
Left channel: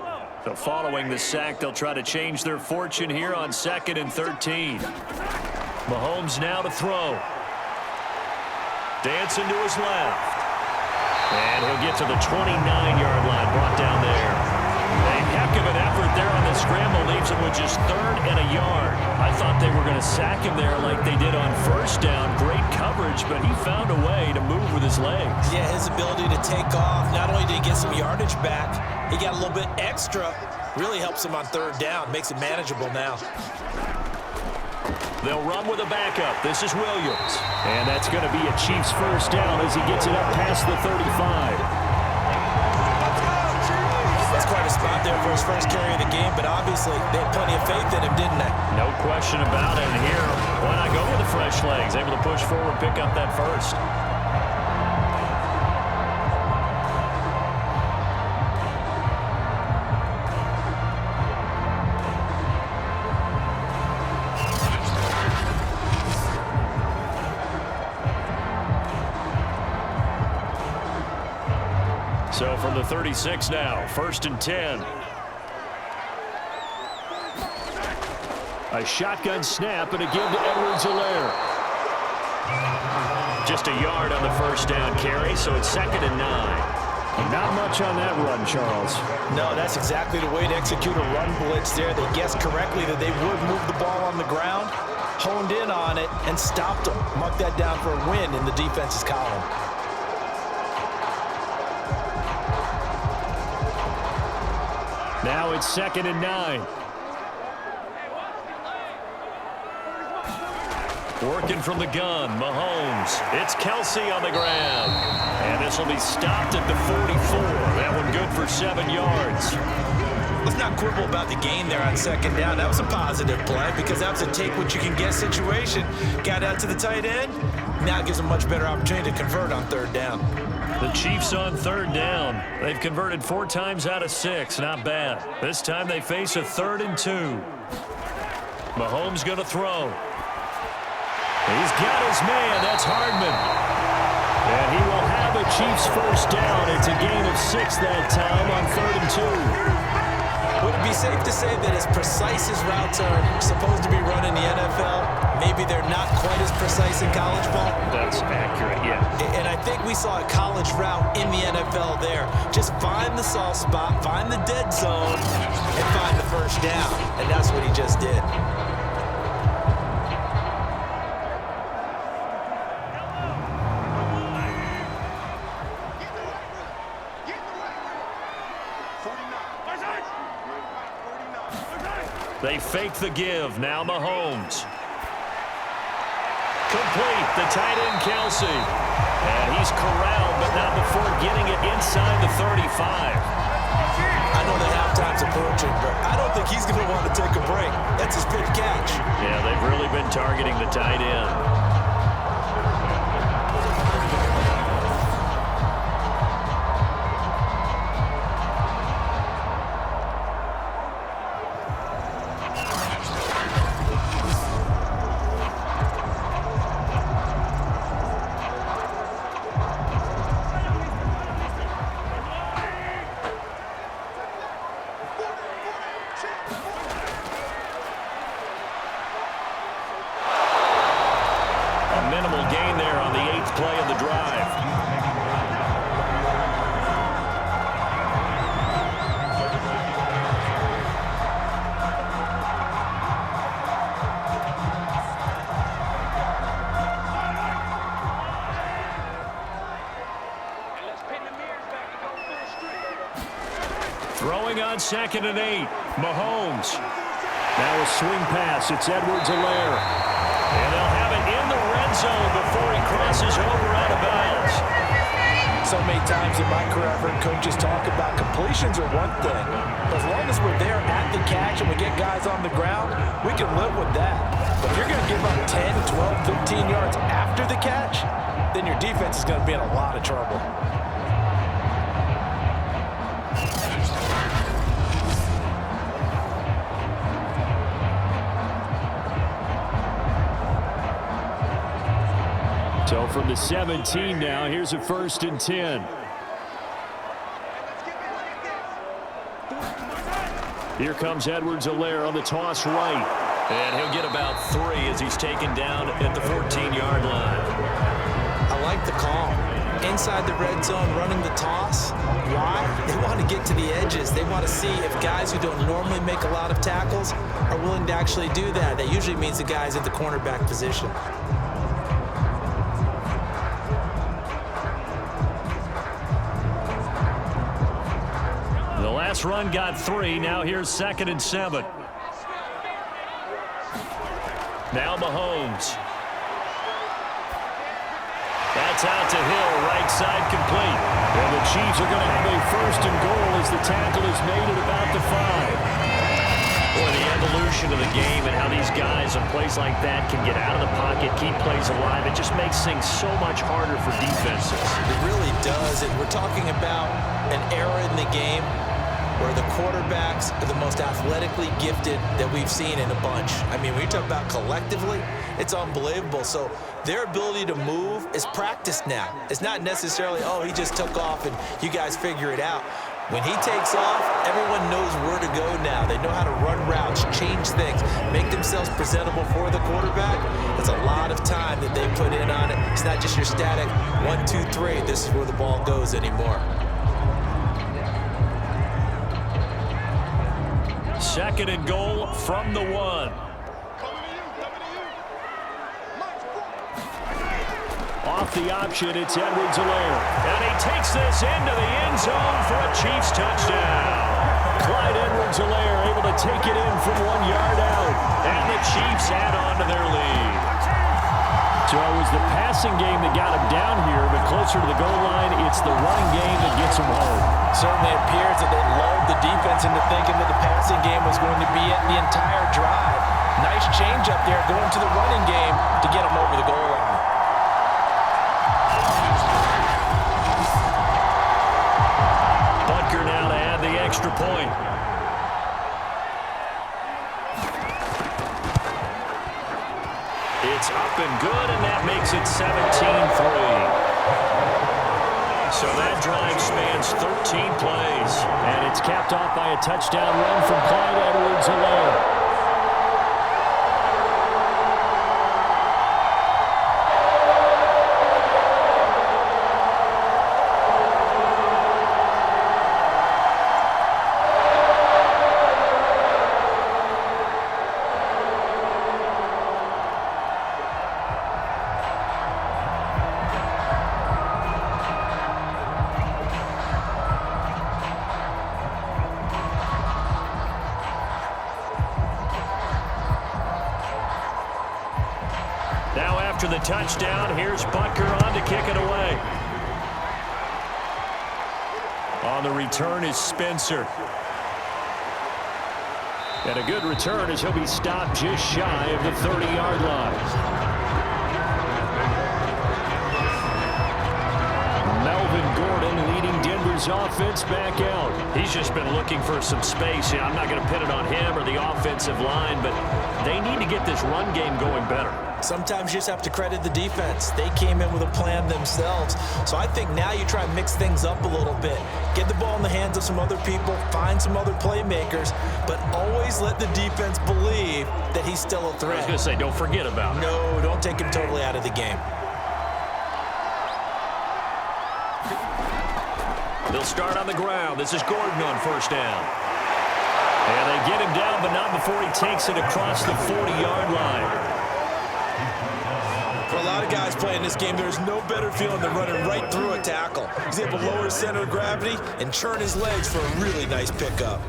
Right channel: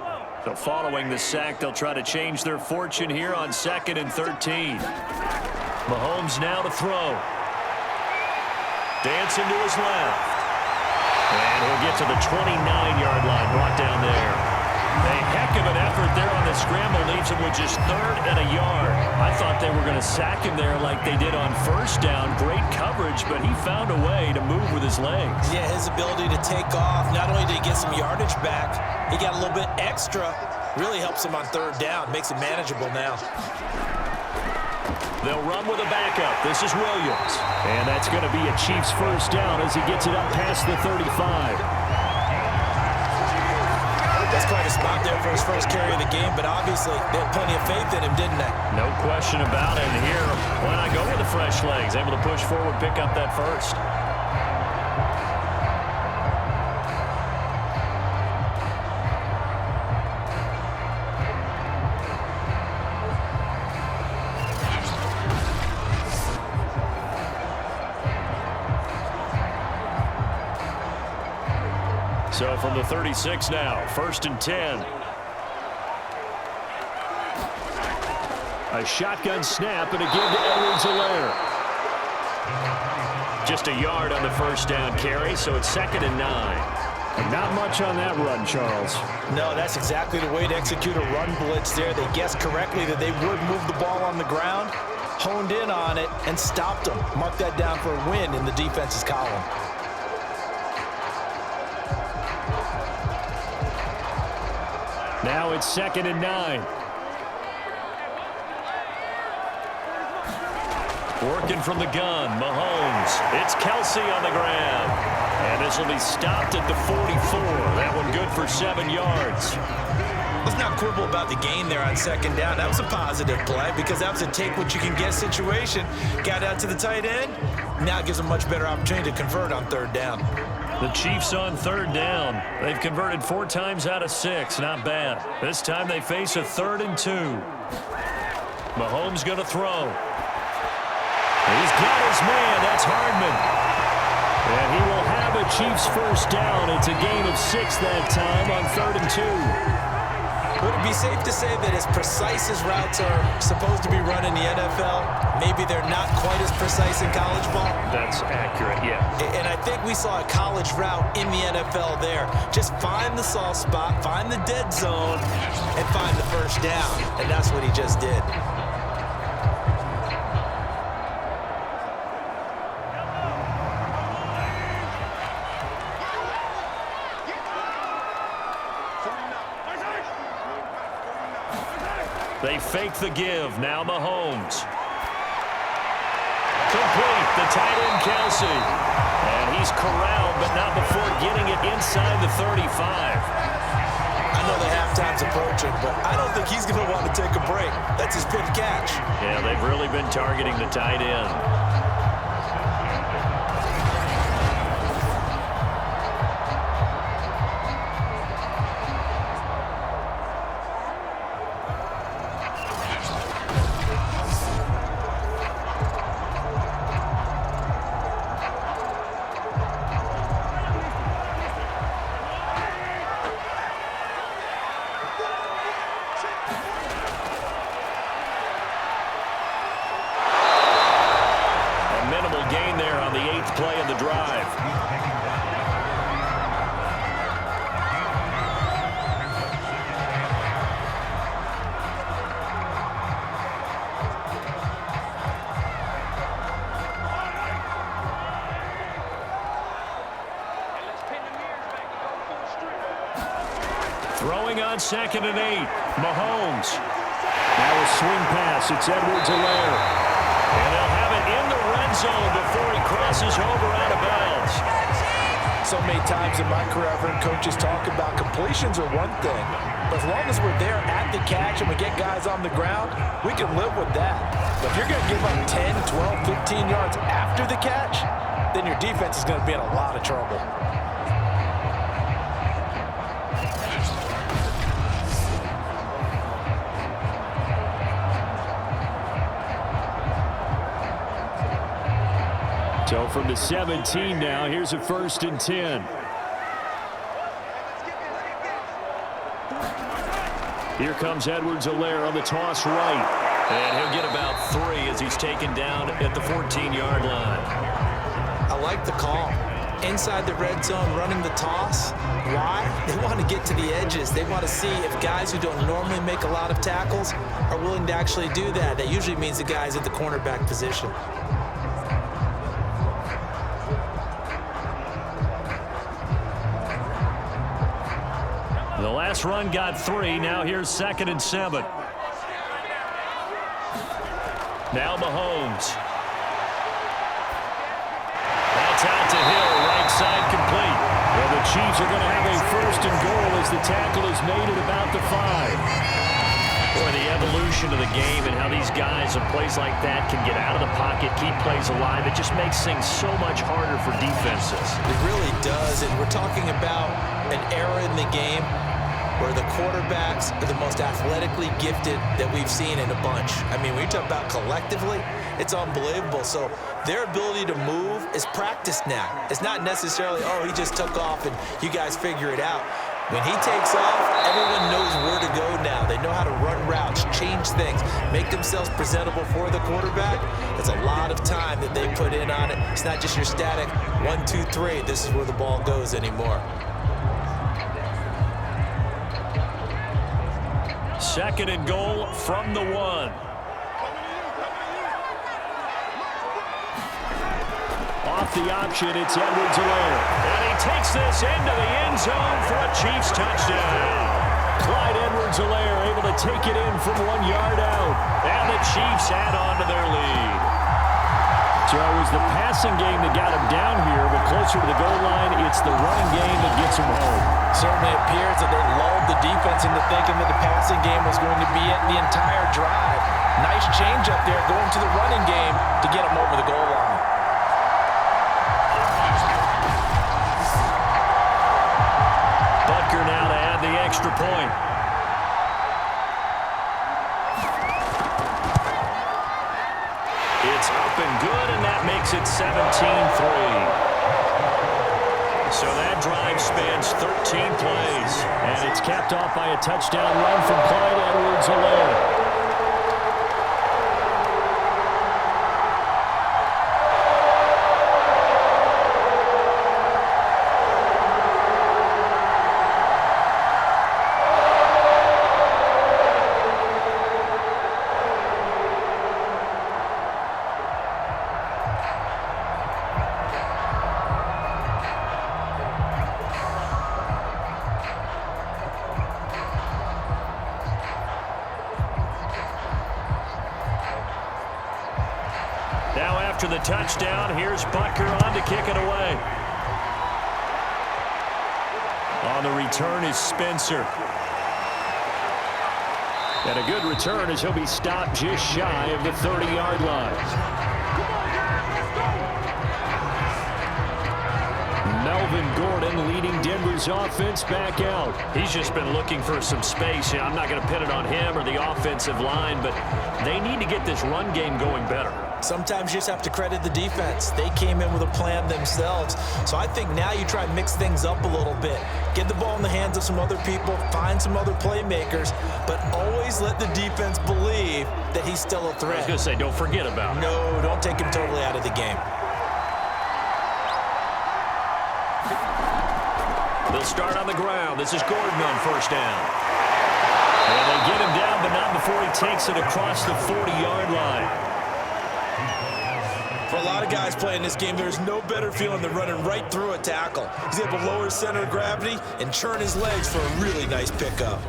So following the sack, they'll try to change their fortune here on 2nd and 13. Mahomes now to throw. Dancing to his left. And he'll get to the 29-yard line, brought down there. A heck of an effort there on the scramble, leaves him with just 3rd and a yard. I thought they were going to sack him there like they did on 1st down. Great coverage, but he found a way to move with his legs. Yeah, his ability to take off, not only did he get some yardage back, he got a little bit extra. Really helps him on 3rd down, makes it manageable now. They'll run with a backup. This is Williams. And that's going to be a Chiefs 1st down as he gets it up past the 35. That's quite a spot there for his first carry of the game, but obviously they had plenty of faith in him, didn't they? No question about it. And here, why not go with the fresh legs? Able to push forward, pick up that first. So from the 36 now, 1st and 10. A shotgun snap and a give to Edwards-Helaire. Just a yard on the first down carry, so it's 2nd and 9. Not much on that run, Charles. No, that's exactly the way to execute a run blitz there. They guessed correctly that they would move the ball on the ground, honed in on it, and stopped them. Mark that down for a win in the defense's column. Now it's 2nd and 9. Working from the gun, Mahomes. It's Kelsey on the ground. And this will be stopped at the 44. That one good for 7 yards. Let's not quibble about the gain there on 2nd down. That was a positive play because that was a take-what-you-can-get situation. Got out to the tight end. Now it gives them a much better opportunity to convert on 3rd down. The Chiefs on 3rd down. They've converted 4 times out of 6. Not bad. This time they face a 3rd and 2. Mahomes going to throw. He's got his man. That's Hardman. And he will have a Chiefs first down. It's a gain of 6 that time on 3rd and 2. Would it be safe to say that as precise as routes are supposed to be run in the NFL, maybe they're not quite as precise in college ball? That's accurate, yeah. And I think we saw a college route in the NFL there. Just find the soft spot, find the dead zone, and find the first down. And that's what he just did. They fake the give. Now Mahomes. Complete. The tight end, Kelsey. And he's corralled, but not before getting it inside the 35. I know the halftime's approaching, but I don't think he's going to want to take a break. That's his 5th catch. Yeah, they've really been targeting the tight end. Minimal gain there on the 8th play of the drive. Throwing on 2nd and 8. Mahomes. Now a swing pass. It's Edwards-Helaire. And they'll have it in the red zone before he crosses over out of bounds. So many times in my career, I've heard coaches talk about completions are one thing. But as long as we're there at the catch and we get guys on the ground, we can live with that. But if you're going to give up 10, 12, 15 yards after the catch, then your defense is going to be in a lot of trouble. So from the 17 now, here's a 1st and 10. Here comes Edwards-Helaire on the toss right. And he'll get about 3 as he's taken down at the 14-yard line. I like the call. Inside the red zone, running the toss. Why? They want to get to the edges. They want to see if guys who don't normally make a lot of tackles are willing to actually do that. That usually means the guy's at the cornerback position. The last run got 3. Now here's 2nd and 7. Now Mahomes. That That's out to Hill, right side complete. And the Chiefs are going to have a 1st and goal as the tackle is made at about the 5. Boy, the evolution of the game and how these guys on plays like that can get out of the pocket, keep plays alive, it just makes things so much harder for defenses. It really does, and we're talking about an era in the game where the quarterbacks are the most athletically gifted that we've seen in a bunch. I mean, when you talk about collectively, it's unbelievable. So their ability to move is practiced now. It's not necessarily, oh, he just took off and you guys figure it out. When he takes off, everyone knows where to go now. They know how to run routes, change things, make themselves presentable for the quarterback. It's a lot of time that they put in on it. It's not just your static 1, 2, 3. This is where the ball goes anymore. 2nd and goal from the 1. Off the option, it's Edwards-Helaire. And he takes this into the end zone for a Chiefs touchdown. Clyde Edwards-Helaire able to take it in from 1 yard out. And the Chiefs add on to their lead. So it was the passing game that got him down here, but closer to the goal line, it's the running game that gets him home. Certainly appears that they lulled the defense into thinking that the passing game was going to be it the entire drive. Nice change up there going to the running game to get him over the goal line. Butker now to add the extra point. It's up and good, and that makes it 17-3. So that drive spans 13 plays. And it's capped off by a touchdown run from Clyde Edwards-Helaire. Now after the touchdown, here's Butker on to kick it away. On the return is Spencer. And a good return as he'll be stopped just shy of the 30-yard line. Melvin Gordon leading Denver's offense back out. He's just been looking for some space. I'm not going to pin it on him or the offensive line, but they need to get this run game going better. Sometimes you just have to credit the defense. They came in with a plan themselves. So I think now you try and mix things up a little bit. Get the ball in the hands of some other people, find some other playmakers, but always let the defense believe that he's still a threat. I was going to say, don't forget about it. No, don't take him totally out of the game. They'll start on the ground. This is Gordon on 1st down. And they get him down, but not before he takes it across the 40-yard line. For a lot of guys playing this game, there's no better feeling than running right through a tackle. He's able to lower his center of gravity and churn his legs for a really nice pickup.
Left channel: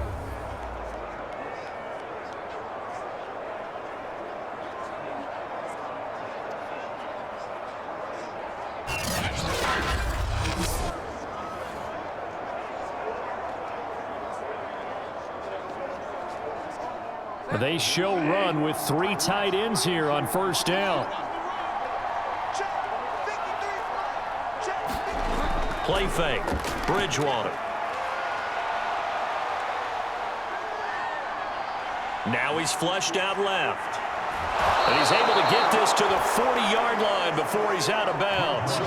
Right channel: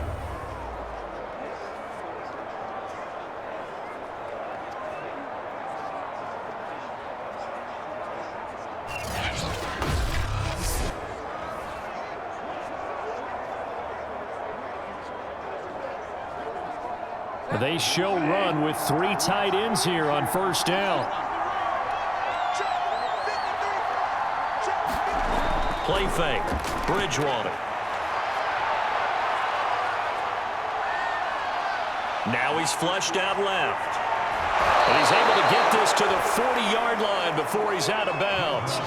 They show run with 3 tight ends here on 1st down. Play fake. Bridgewater. Now he's flushed out left. And he's able to get this to the 40-yard line before he's out of bounds.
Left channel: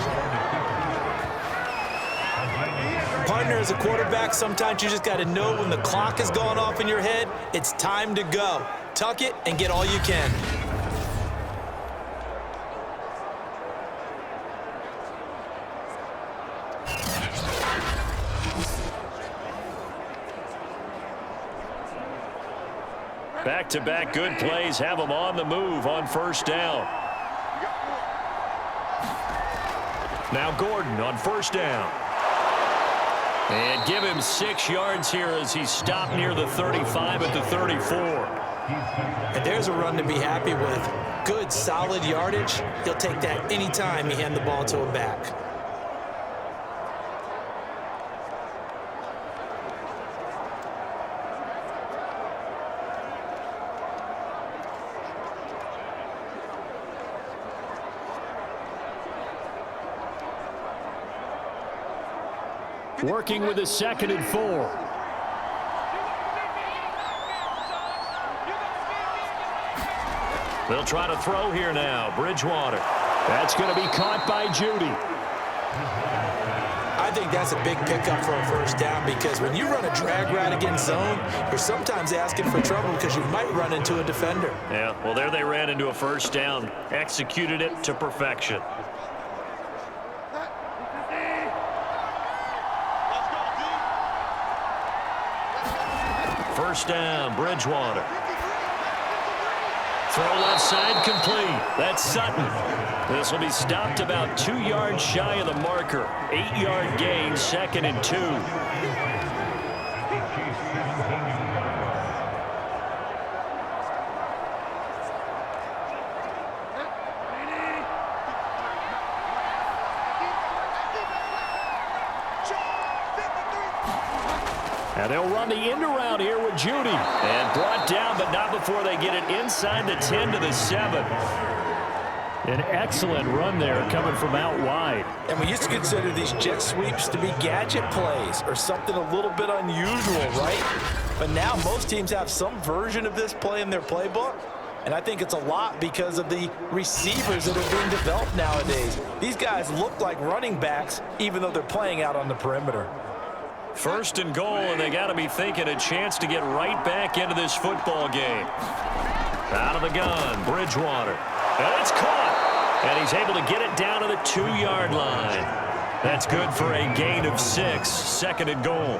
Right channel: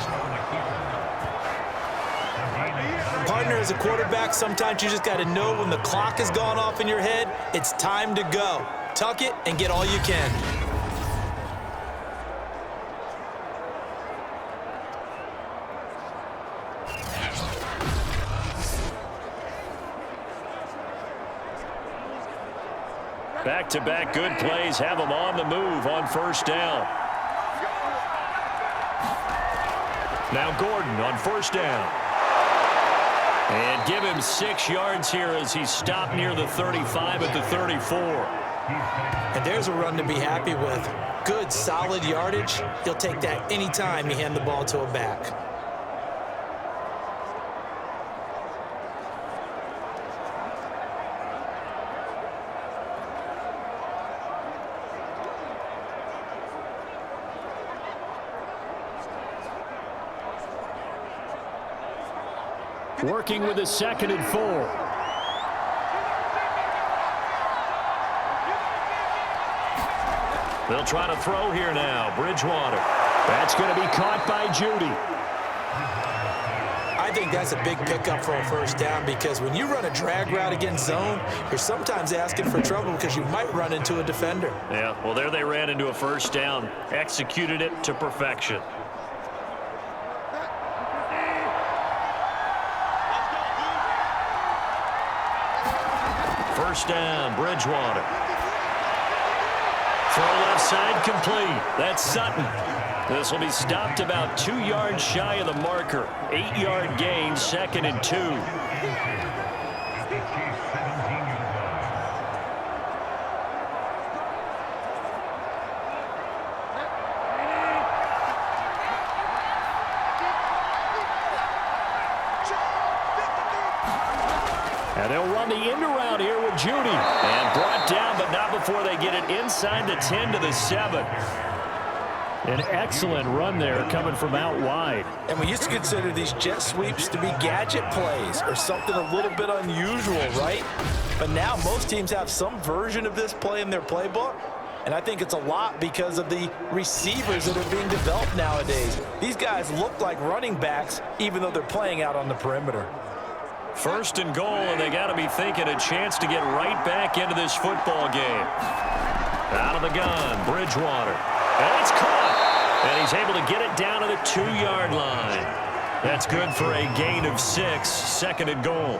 Partner, as a quarterback, sometimes you just got to know when the clock has gone off in your head, it's time to go. Tuck it and get all you can. Back-to-back good plays have him on the move on 1st down. Now Gordon on 1st down. And give him 6 yards here as he's stopped near the 35 at the 34. And there's a run to be happy with. Good, solid yardage. He'll take that anytime you hand the ball to a back. Working with a 2nd and 4. They'll try to throw here now. Bridgewater. That's going to be caught by Judy. I think that's a big pickup for a first down because when you run a drag route against zone, you're sometimes asking for trouble because you might run into a defender. Yeah, well, there they ran into a first down. Executed it to perfection. First down, Bridgewater. Throw left side complete. That's Sutton. This will be stopped about 2 yards shy of the marker. 8-yard gain, 2nd and 2. And they'll run the end around here with Judy. And brought down, but not before they get it inside the 10 to the 7. An excellent run there coming from out wide. And we used to consider these jet sweeps to be gadget plays or something a little bit unusual, right? But now most teams have some version of this play in their playbook. And I think it's a lot because of the receivers that are being developed nowadays. These guys look like running backs even though they're playing out on the perimeter. First and goal, and they got to be thinking a chance to get right back into this football game. Out of the gun, Bridgewater. And it's caught. And he's able to get it down to the 2-yard line. That's good for a gain of 6, 2nd and goal.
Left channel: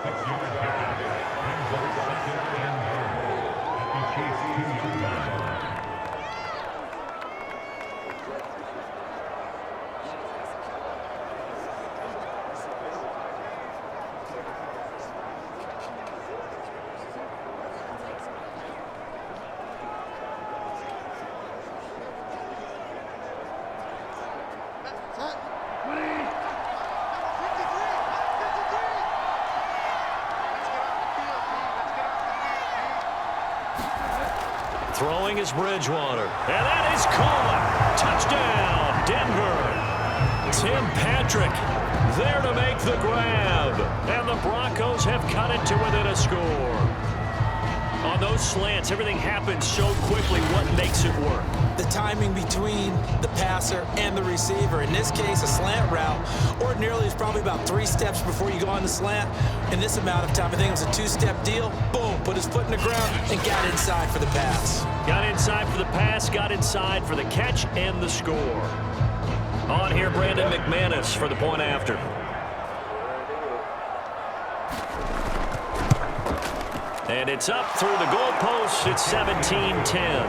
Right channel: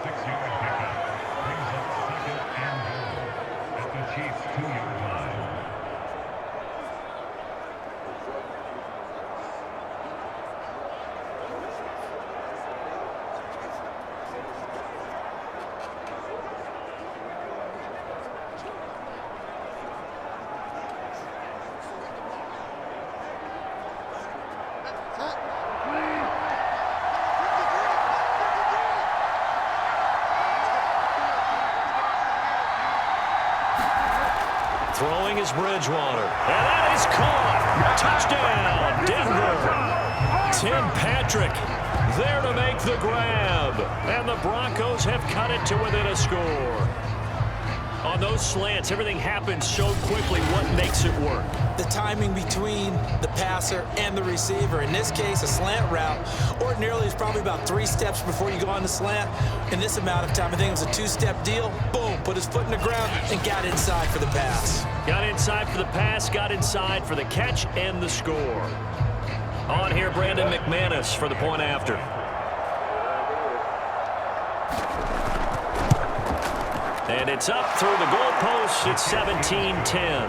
Throwing is Bridgewater. And that is caught. Touchdown, Denver. Tim Patrick there to make the grab. And the Broncos have cut it to within a score. On those slants, everything happens so quickly. What makes it work? The timing between the passer and the receiver. In this case, a slant route ordinarily is probably about 3 steps before you go on the slant. In this amount of time, I think it was a 2-step deal. Boom, put his foot in the ground and got inside for the pass. Got inside for the pass, got inside for the catch and the score. On here, Brandon McManus for the point after. And it's up through the goalposts. It's 17-10.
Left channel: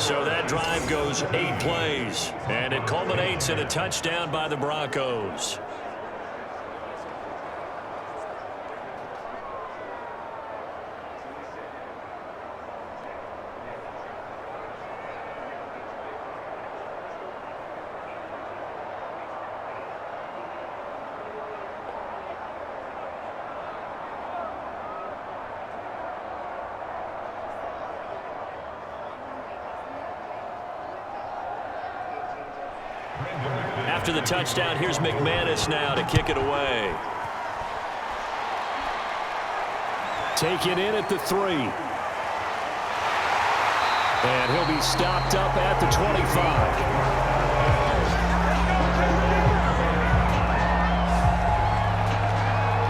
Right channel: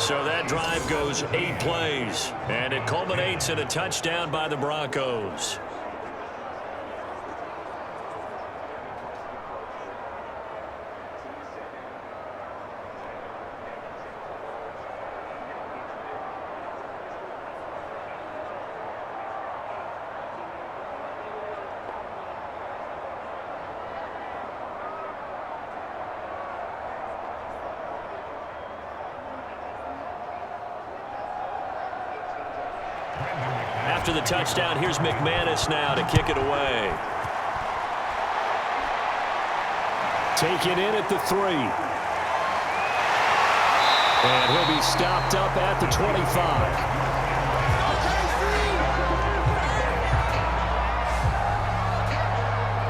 So that drive goes 8 plays, and it culminates in a touchdown by the Broncos. After the touchdown, here's McManus now to kick it away. Take it in at the 3. And he'll be stopped up at the 25.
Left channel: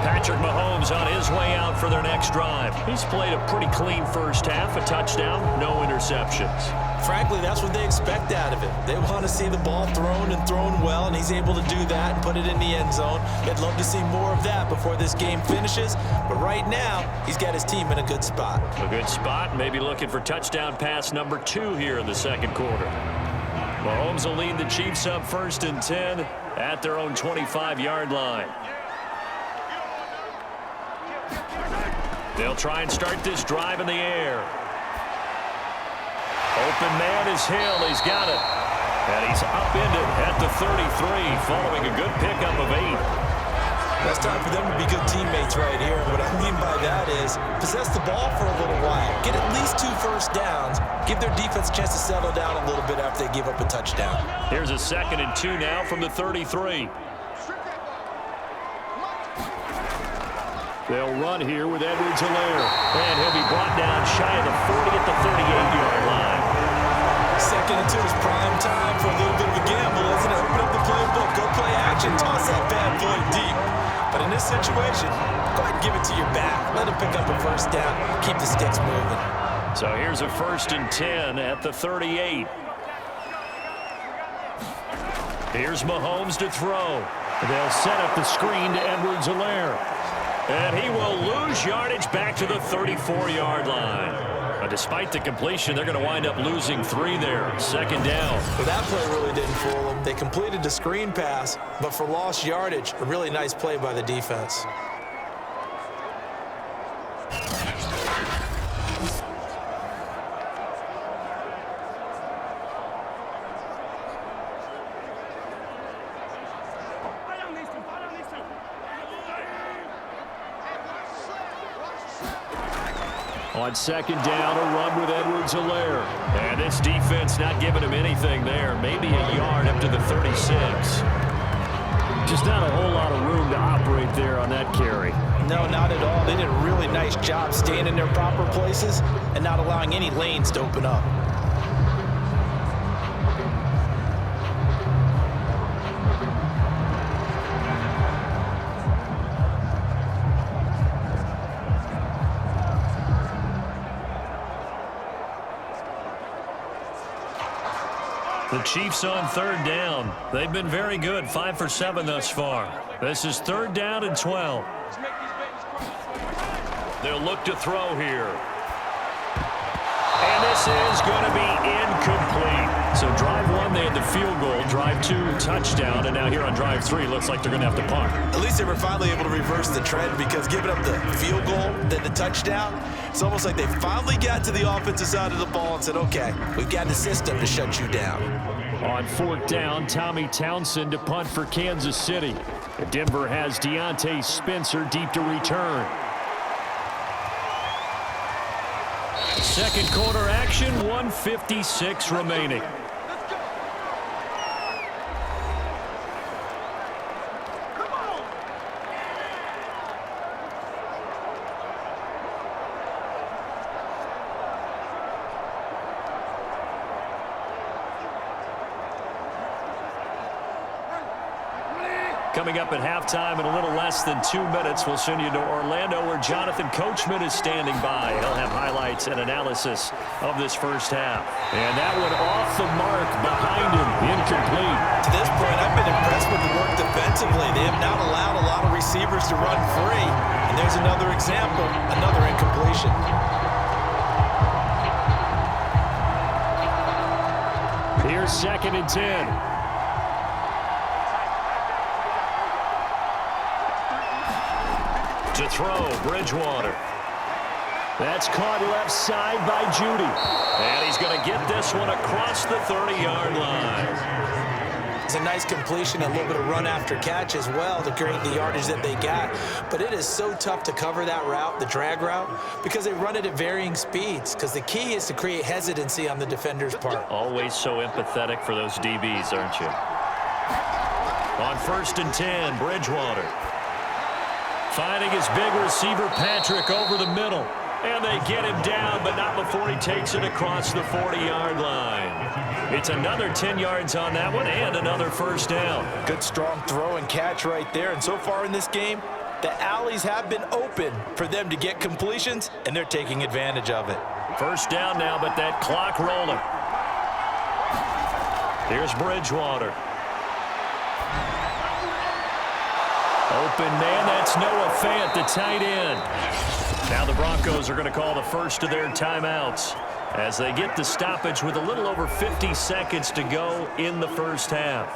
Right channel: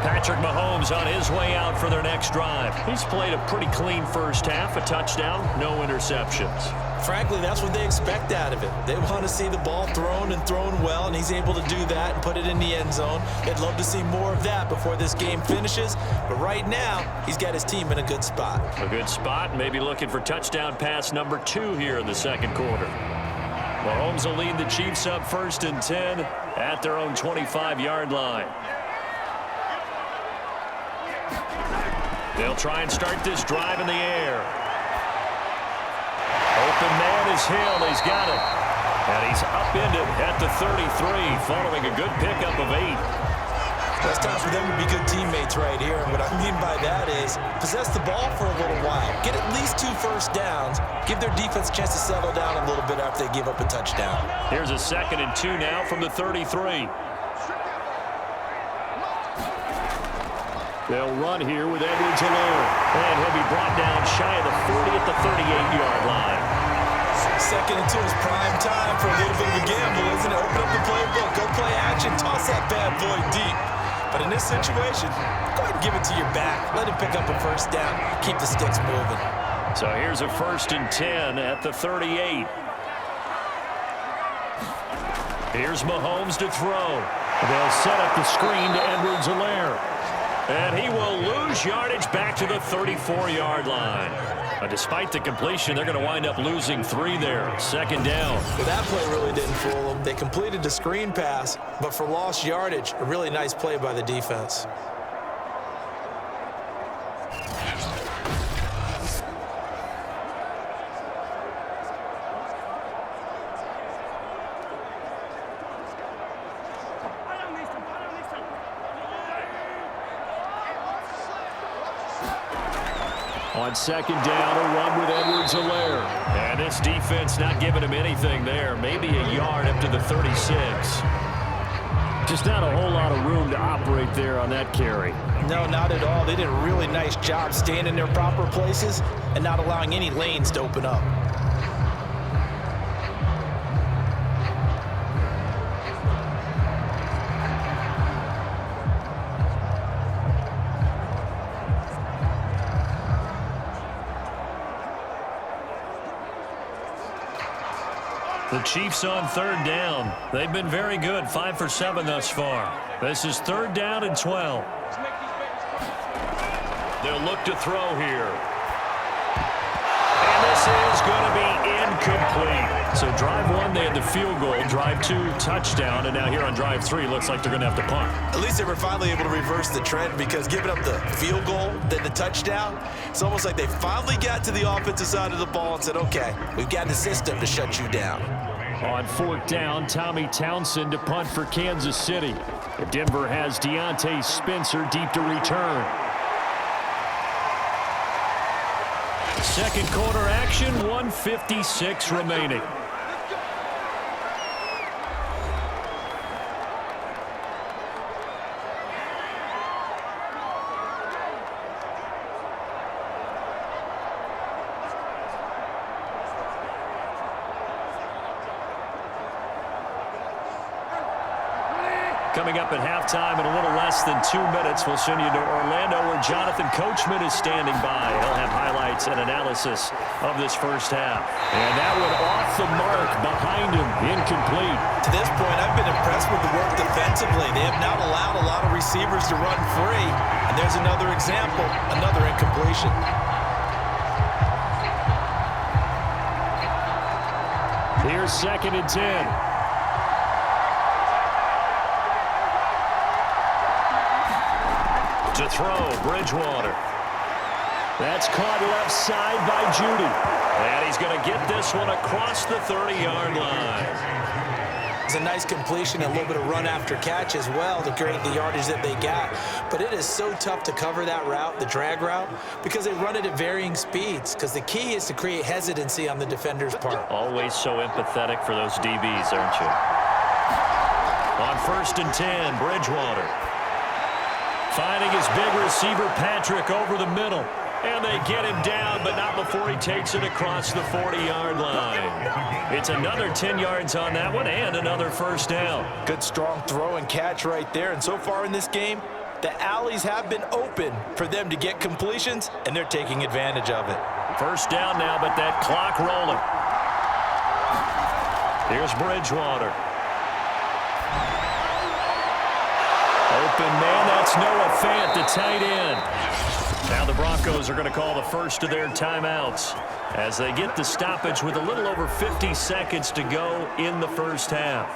Patrick Mahomes on his way out for their next drive. He's played a pretty clean first half, a touchdown, no interceptions. Frankly, that's what they expect out of it. They want to see the ball thrown and thrown well, and he's able to do that and put it in the end zone. They'd love to see more of that before this game finishes, but right now, he's got his team in a good spot. A good spot, maybe looking for touchdown pass number 2 here in the second quarter. Mahomes will lead the Chiefs up 1st and 10 at their own 25-yard line. They'll try and start this drive in the air. Open man is Hill. He's got it. And he's upended at the 33 following a good pickup of 8. Well, it's time for them to be good teammates right here. And what I mean by that is possess the ball for a little while. Get at least 2 first downs. Give their defense a chance to settle down a little bit after they give up a touchdown. Here's a 2nd and 2 now from the 33. They'll run here with Edwards-Helaire. And he'll be brought down shy of the 40 at the 38-yard line. 2nd and 2 is prime time for a little bit of a gamble, isn't it? Open up the playbook. Go play action. Toss that bad boy deep. But in this situation, go ahead and give it to your back. Let him pick up a first down. Keep the sticks moving. So here's a 1st and 10 at the 38. Here's Mahomes to throw. They'll set up the screen to Edwards-Helaire. And he will lose yardage back to the 34-yard line. Despite the completion, they're going to wind up losing 3 there. 2nd down. Well, that play really didn't fool them. They completed the screen pass, but for lost yardage, a really nice play by the defense. On 2nd down, a run with Edwards-Helaire. And this defense not giving him anything there. Maybe a yard up to the 36. Just not a whole lot of room to operate there on that carry. No, not at all. They did a really nice job staying in their proper places and not allowing any lanes to open up. The Chiefs on 3rd down. They've been very good, 5 for 7 thus far. This is 3rd down and 12. They'll look to throw here. And this is going to be incomplete. So drive 1, they had the field goal. Drive 2, touchdown. And now here on drive 3, looks like they're going to have to punt. At least they were finally able to reverse the trend, because giving up the field goal, then the touchdown, it's almost like they finally got to the offensive side of the ball and said, okay, we've got the system to shut you down. On 4th down, Tommy Townsend to punt for Kansas City. Denver has Deontay Spencer deep to return. 2nd quarter action, 1:56 remaining. Coming up at halftime in a little less than 2 minutes, we'll send you to Orlando, where Jonathan Coachman is standing by. He'll have highlights and analysis of this first half. And that one off the mark behind him, incomplete. To this point, I've been impressed with the work defensively. They have not allowed a lot of receivers to run free. And there's another example, another incompletion. Here's 2nd and 10. To throw, Bridgewater. That's caught left side by Judy. And he's going to get this one across the 30-yard line. It's a nice completion, a little bit of run after catch as well to create the yardage that they got. But it is so tough to cover that route, the drag route, because they run it at varying speeds, because the key is to create hesitancy on the defender's part. Always so empathetic for those DBs, aren't you? On 1st and 10, Bridgewater. Finding his big receiver, Patrick, over the middle. And they get him down, but not before he takes it across the 40-yard line. It's another 10 yards on that one and another first down. Good, strong throw and catch right there. And so far in this game, the alleys have been open for them to get completions, and they're taking advantage of it. First down now, but that clock rolling. Here's Bridgewater. Open man, that's Noah Fant, the tight end. Now the Broncos are going to call the first of their timeouts as they get the stoppage with a little over 50 seconds to go in the first half.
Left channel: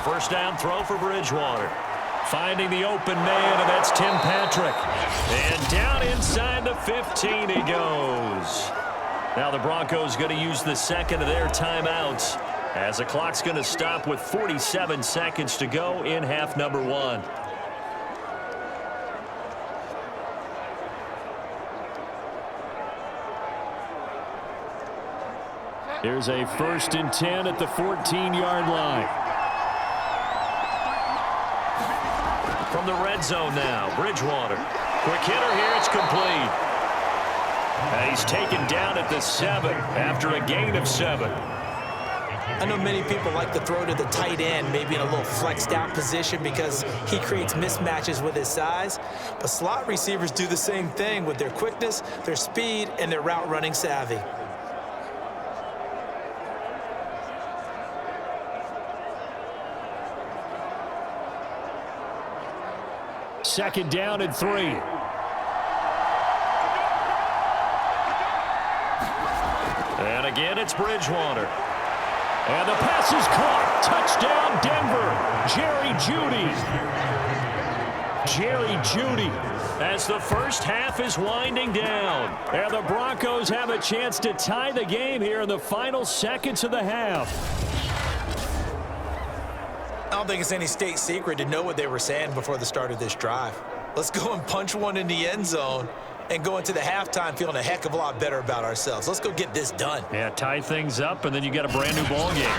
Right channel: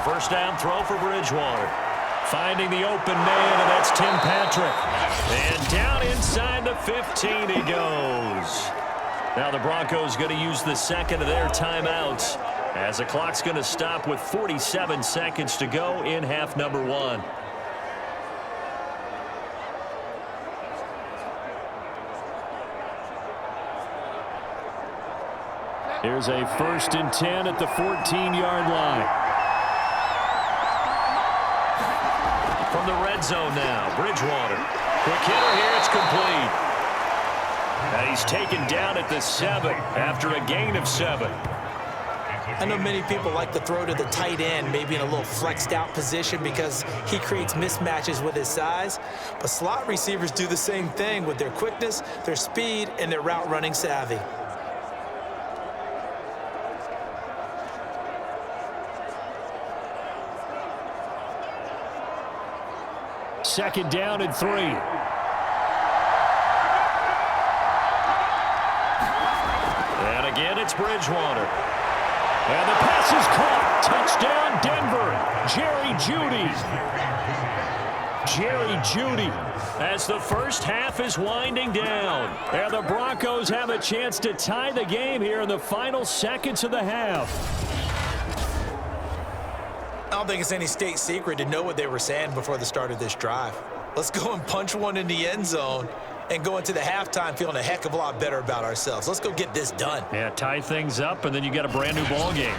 A first down throw for Bridgewater. Finding the open man, and that's Tim Patrick. And down inside the 15 he goes. Now the Broncos going to use the second of their timeouts as the clock's going to stop with 47 seconds to go in half number 1. Here's a 1st and 10 at the 14-yard line. From the red zone now, Bridgewater. Quick hitter here, it's complete. And he's taken down at the 7 after a gain of 7. I know many people like to throw to the tight end, maybe in a little flexed out position because he creates mismatches with his size. But slot receivers do the same thing with their quickness, their speed, and their route running savvy. Second down and 3. And again, it's Bridgewater. And the pass is caught. Touchdown, Denver. Jerry Jeudy. Jerry Jeudy. As the first half is winding down. And the Broncos have a chance to tie the game here in the final seconds of the half. I don't think it's any state secret to know what they were saying before the start of this drive. Let's go and punch one in the end zone and go into the halftime feeling a heck of a lot better about ourselves. Let's go get this done. Yeah, tie things up, and then you got a brand-new ball game.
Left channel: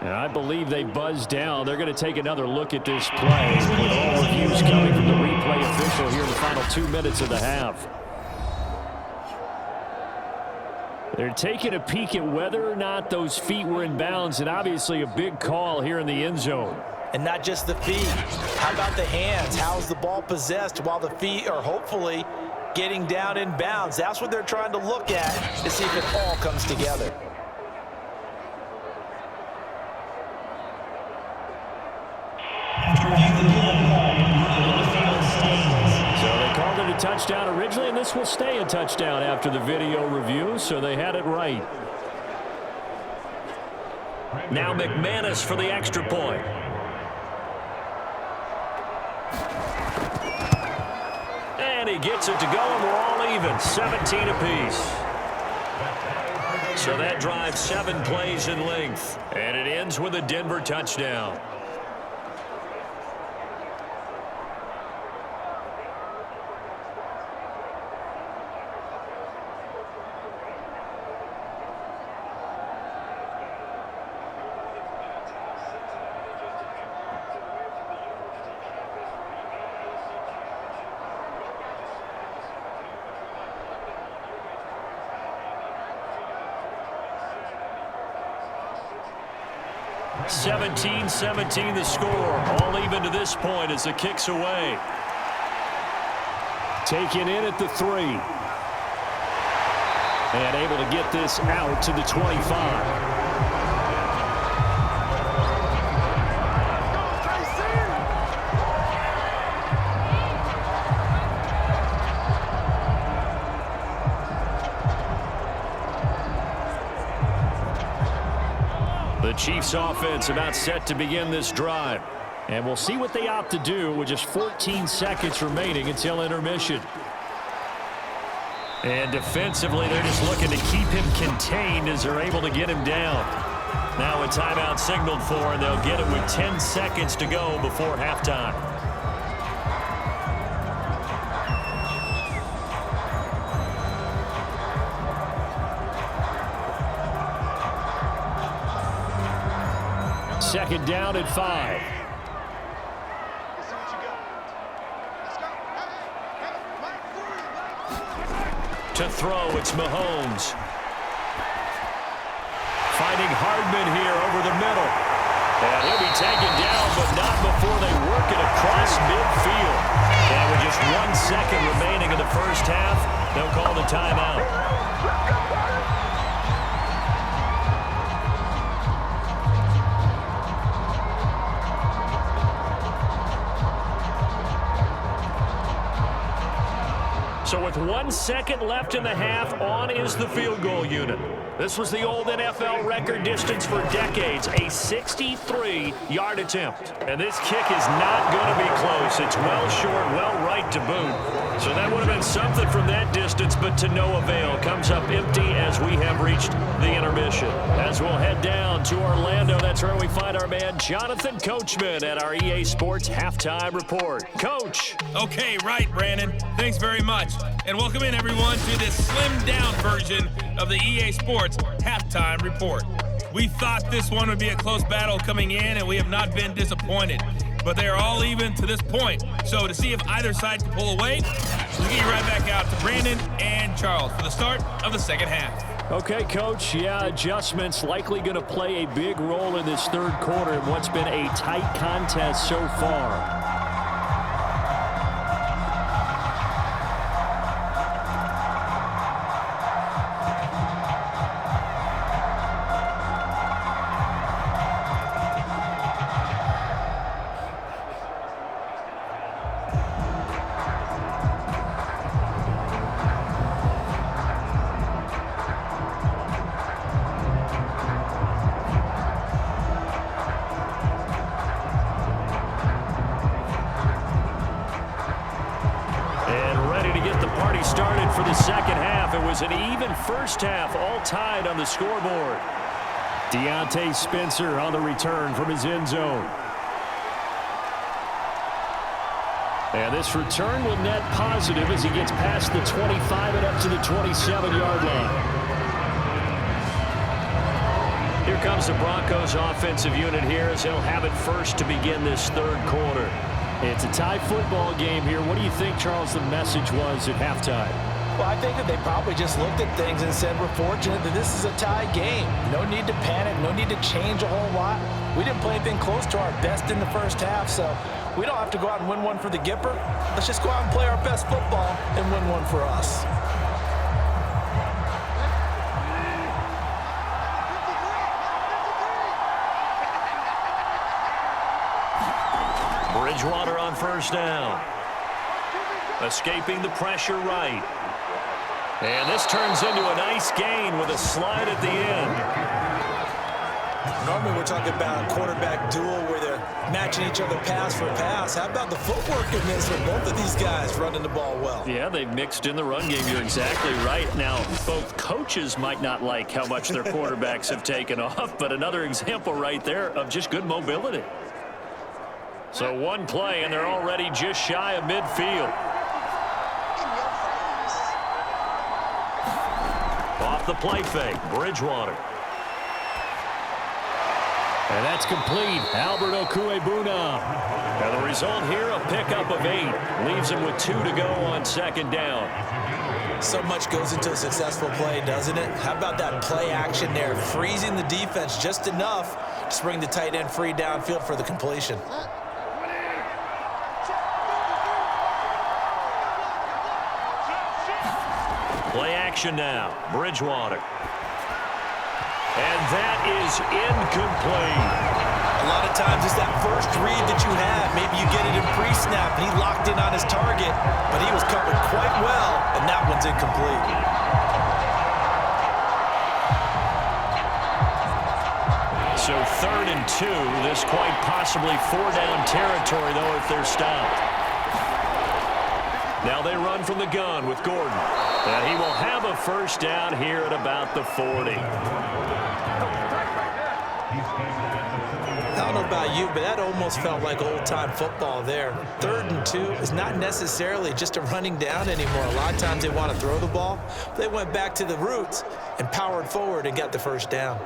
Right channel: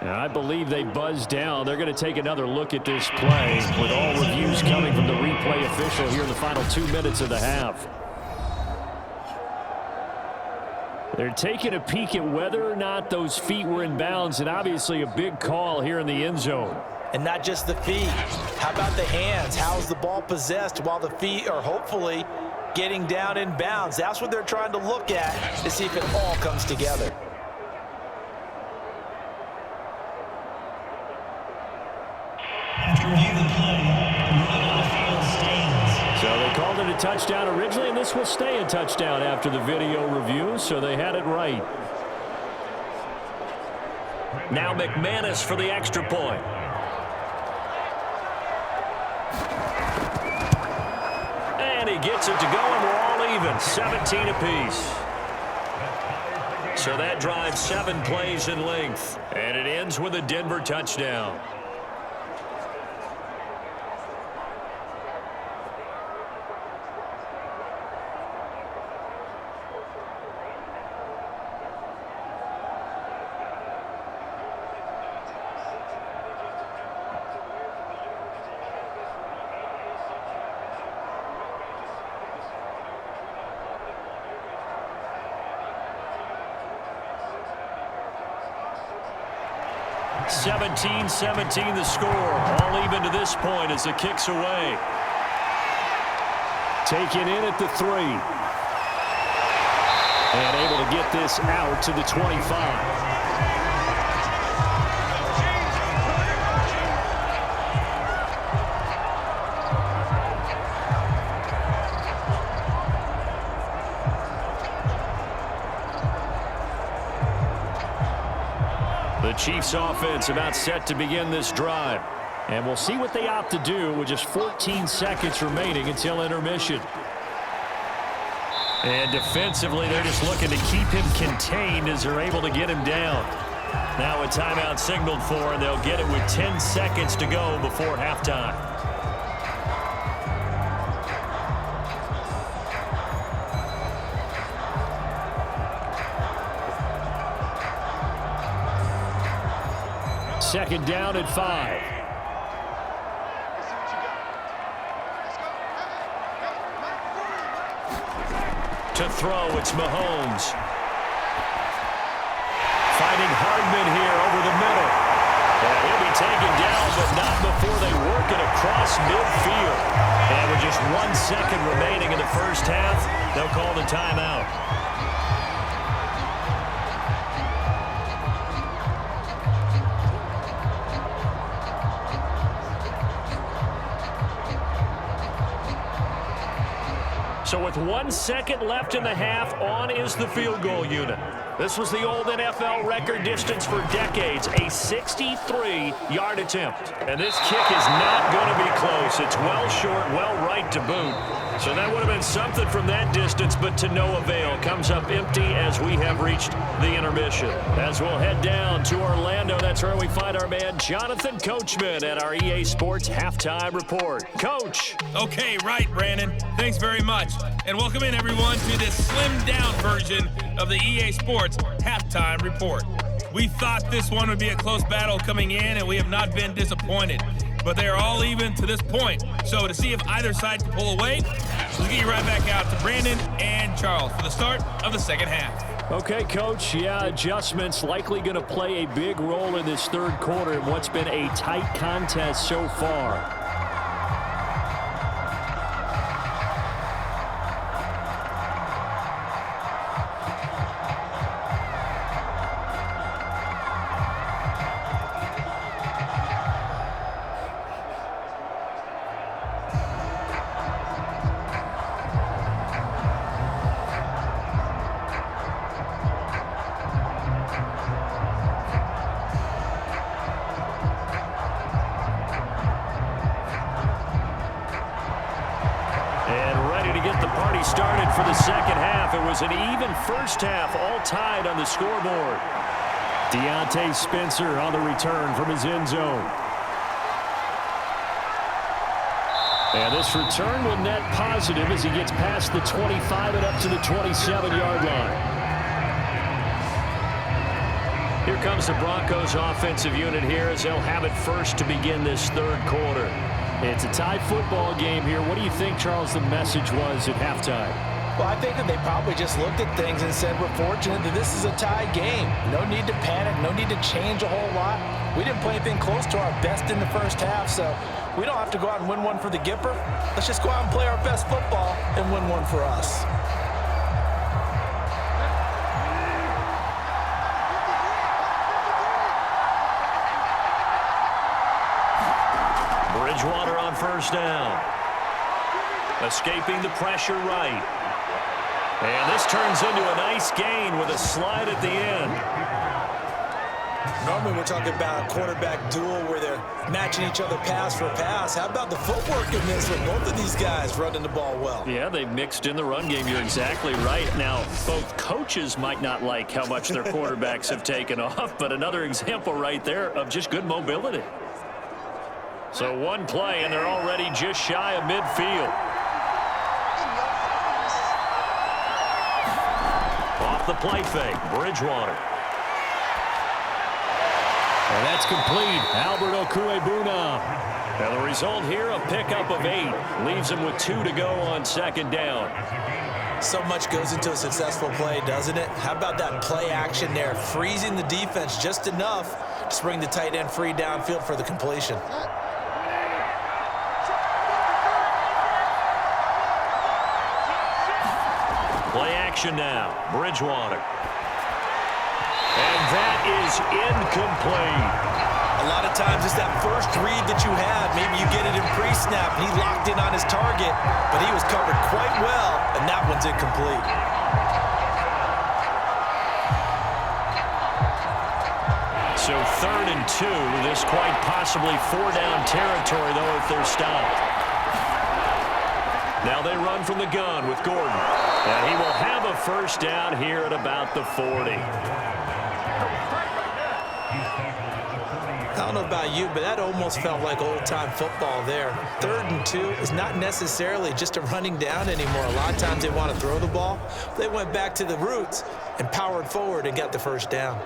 And I believe they buzzed down. They're going to take another look at this play with all reviews coming from the replay official here in the final 2 minutes of the half. They're taking a peek at whether or not those feet were in bounds, and obviously a big call here in the end zone. And not just the feet. How about the hands? How's the ball possessed while the feet are hopefully getting down in bounds? That's what they're trying to look at to see if it all comes together. After reviewing the play, so they called it a touchdown originally, and this will stay a touchdown after the video review, so they had it right. Now McManus for the extra point. And he gets it to go, and we're all even, 17 apiece. So that drives 7 plays in length, and it ends with a Denver touchdown. (17-17) the score. All even to this point as the kick's away. Taken in at the 3. And able to get this out to the 25. The Chiefs offense about set to begin this drive. And we'll see what they opt to do with just 14 seconds remaining until intermission. And defensively, they're just looking to keep him contained as they're able to get him down. Now a timeout signaled for, and they'll get it with 10 seconds to go before halftime. Second down at 5. To throw, it's Mahomes. Finding Hardman here over the middle. And he'll be taken down, but not before they work it across midfield. And with just 1 second remaining in the first half, they'll call the timeout. So with 1 second left in the half, on is the field goal unit. This was the old NFL record distance for decades, a 63-yard attempt. And this kick is not going to be close. It's well short, well right to boot. So that would have been something from that distance, but to no avail. Comes up empty as we have reached the intermission. As we'll head down to Orlando, that's where we find our man Jonathan Coachman at our EA Sports Halftime Report. Coach. Okay, right, Brandon. Thanks very much. And welcome in, everyone, to this slimmed-down version of the EA Sports Halftime Report. We thought this one would be a close battle coming in, and we have not been disappointed. But they are all even to this point. So to see if either side can pull away, let's get you right back out to Brandon and Charles for the start of the second half. Okay, Coach. Yeah, adjustments likely going to play a big role in this third quarter in what's been a tight contest so far. Started for the second half. It was an even first half, all tied on the scoreboard. Deontay Spencer on the return from his end zone. And this return will net positive as he gets past the 25 and up to the 27-yard line. Here comes the Broncos offensive unit here as they'll have it first to begin this third quarter. It's a tie football game here. What do you think, Charles, the message was at halftime? Well, I think that they probably just looked at things and said, we're fortunate that this is a tie game. No need to panic, no need to change a whole lot. We didn't play anything close to our best in the first half, so we don't have to go out and win one for the Gipper. Let's just go out and play our best football and win one for us. Bridgewater on first down. Escaping the pressure right. And this turns into a nice gain with a slide at the end. Normally we're talking about a quarterback duel where they're matching each other pass for pass. How about the footwork in this with both of these guys running the ball well? Yeah, they've mixed in the run game. You're exactly right. Now, both coaches might not like how much their quarterbacks have taken off, but another example right there of just good mobility. So one play, and they're already just shy of midfield. Off the play fake, Bridgewater. And that's complete. Albert Okwuegbunam. And the result here, a pickup of 8. Leaves him with 2 to go on second down. So much goes into a successful play, doesn't it? How about that play action there, freezing the defense just enough to bring the tight end free downfield for the completion. Play action now. Bridgewater. And that is incomplete. A lot of times it's that first read that you have. Maybe you get it in pre-snap, and he locked in on his target, but he was covered quite well, and that one's incomplete. So 3rd and 2. This quite possibly 4-down territory, though, if they're stopped. Now they run from the gun with Gordon. And he will have a first down here at about the 40. I don't know about you, but that almost felt like old-time football there. 3rd and 2 is not necessarily just a running down anymore. A lot of times they want to throw the ball. They went back to the roots and powered forward and got the first down.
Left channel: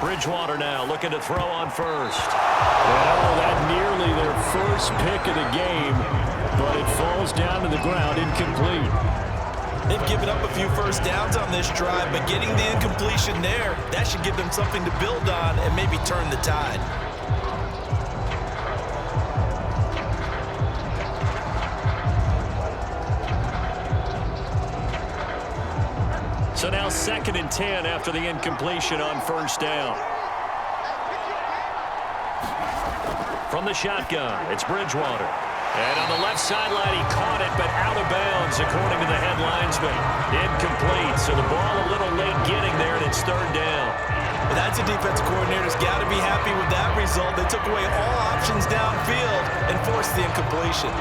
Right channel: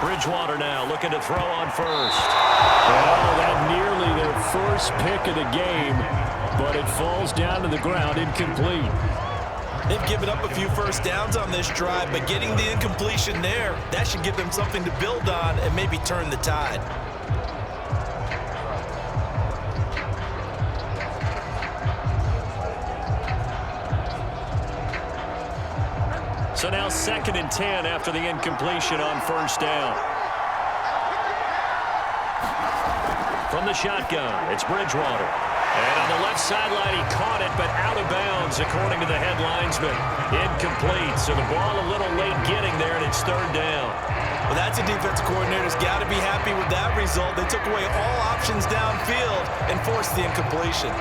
Bridgewater now looking to throw on first. And oh, that nearly their first pick of the game, but it falls down to the ground, incomplete. They've given up a few first downs on this drive, but getting the incompletion there, that should give them something to build on and maybe turn the tide. So now 2nd and 10 after the incompletion on first down. From the shotgun, it's Bridgewater. And on the left sideline, he caught it, but out of bounds, according to the head linesman. Incomplete, so the ball a little late getting there, and it's 3rd down. Well, that's a defensive coordinator's got to be happy with that result. They took away all options downfield and forced the incompletion.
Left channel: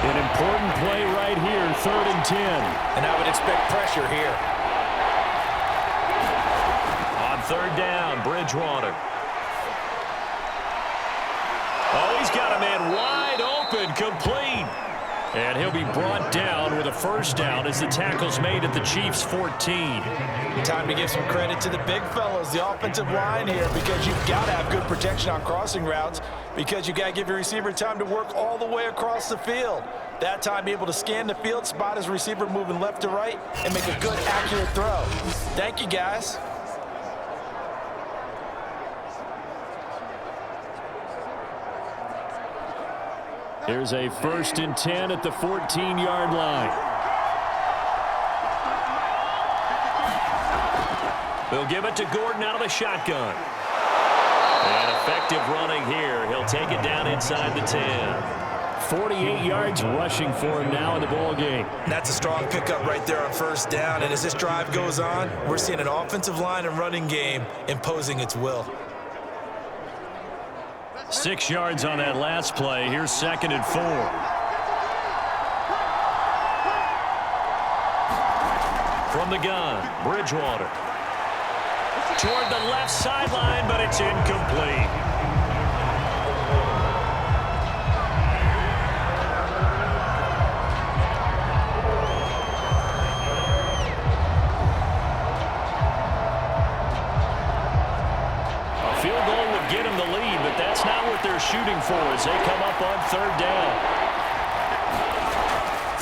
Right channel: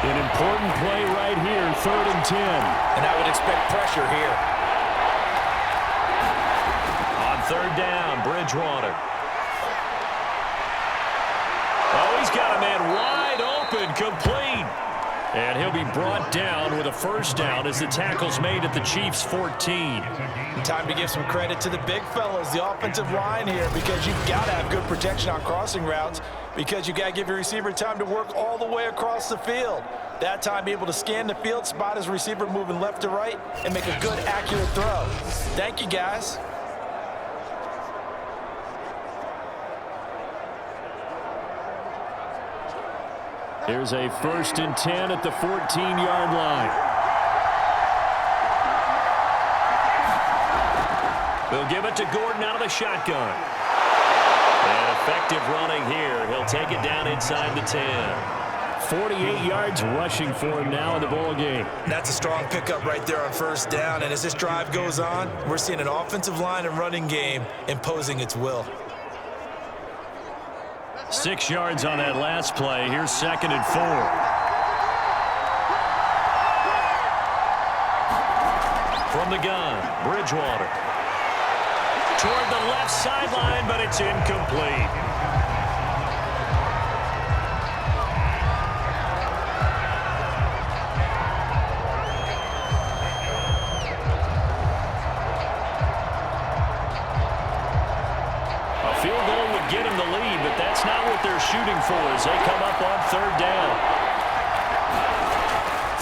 An important play right here, 3rd and 10. And I would expect pressure here. On 3rd down, Bridgewater. Oh, he's got a man wide open, complete. And he'll be brought down with a 1st down as the tackle's made at the Chiefs' 14. Time to give some credit to the big fellas, the offensive line here, because you've got to have good protection on crossing routes, because you've got to give your receiver time to work all the way across the field. That time, be able to scan the field, spot his receiver moving left to right, and make a good, accurate throw. Thank you, guys. Here's a 1st and 10 at the 14-yard line. They'll give it to Gordon out of the shotgun. And effective running here. He'll take it down inside the 10. 48 yards rushing for him now in the ball game. That's a strong pickup right there on 1st down. And as this drive goes on, we're seeing an offensive line and running game imposing its will. 6 yards on that last play. Here's 2nd and 4. From the gun, Bridgewater. Toward the left sideline, but it's incomplete. A field goal would get him the lead, but that's not what they're shooting for as they come up on 3rd down.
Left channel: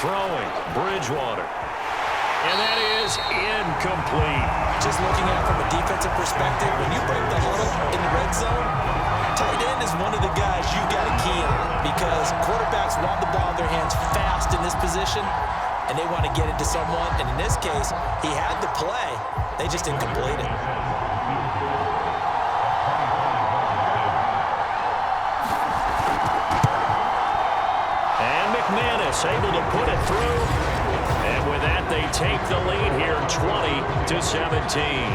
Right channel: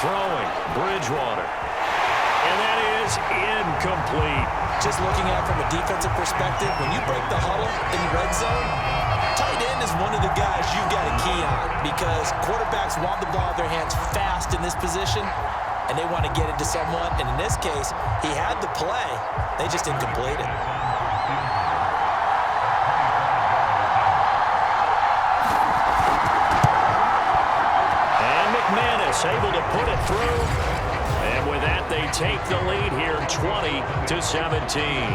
Throwing, Bridgewater. And that is incomplete. Just looking at it from a defensive perspective, when you break the huddle in the red zone, tight end is one of the guys you've got to key on, because quarterbacks want the ball in their hands fast in this position, and they want to get it to someone. And in this case, he had the play. They just didn't complete it. And McManus able to put it through. And with that, they take the lead here, 20-17.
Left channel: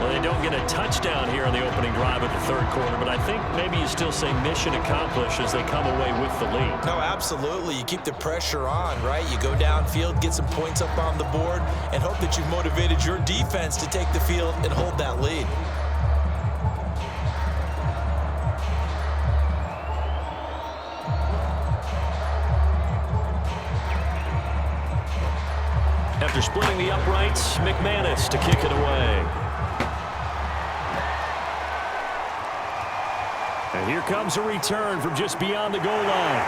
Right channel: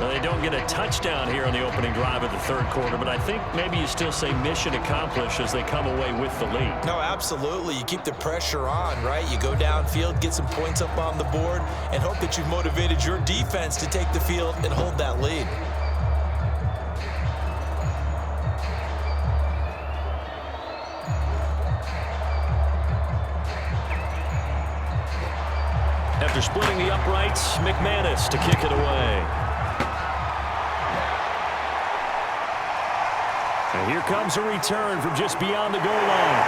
Now, they don't get a touchdown here on the opening drive of the 3rd quarter, but I think maybe you still say mission accomplished as they come away with the lead. No, absolutely. You keep the pressure on, right? You go downfield, get some points up on the board, and hope that you've motivated your defense to take the field and hold that lead. After splitting the uprights, McManus to kick it away. And here comes a return from just beyond the goal line.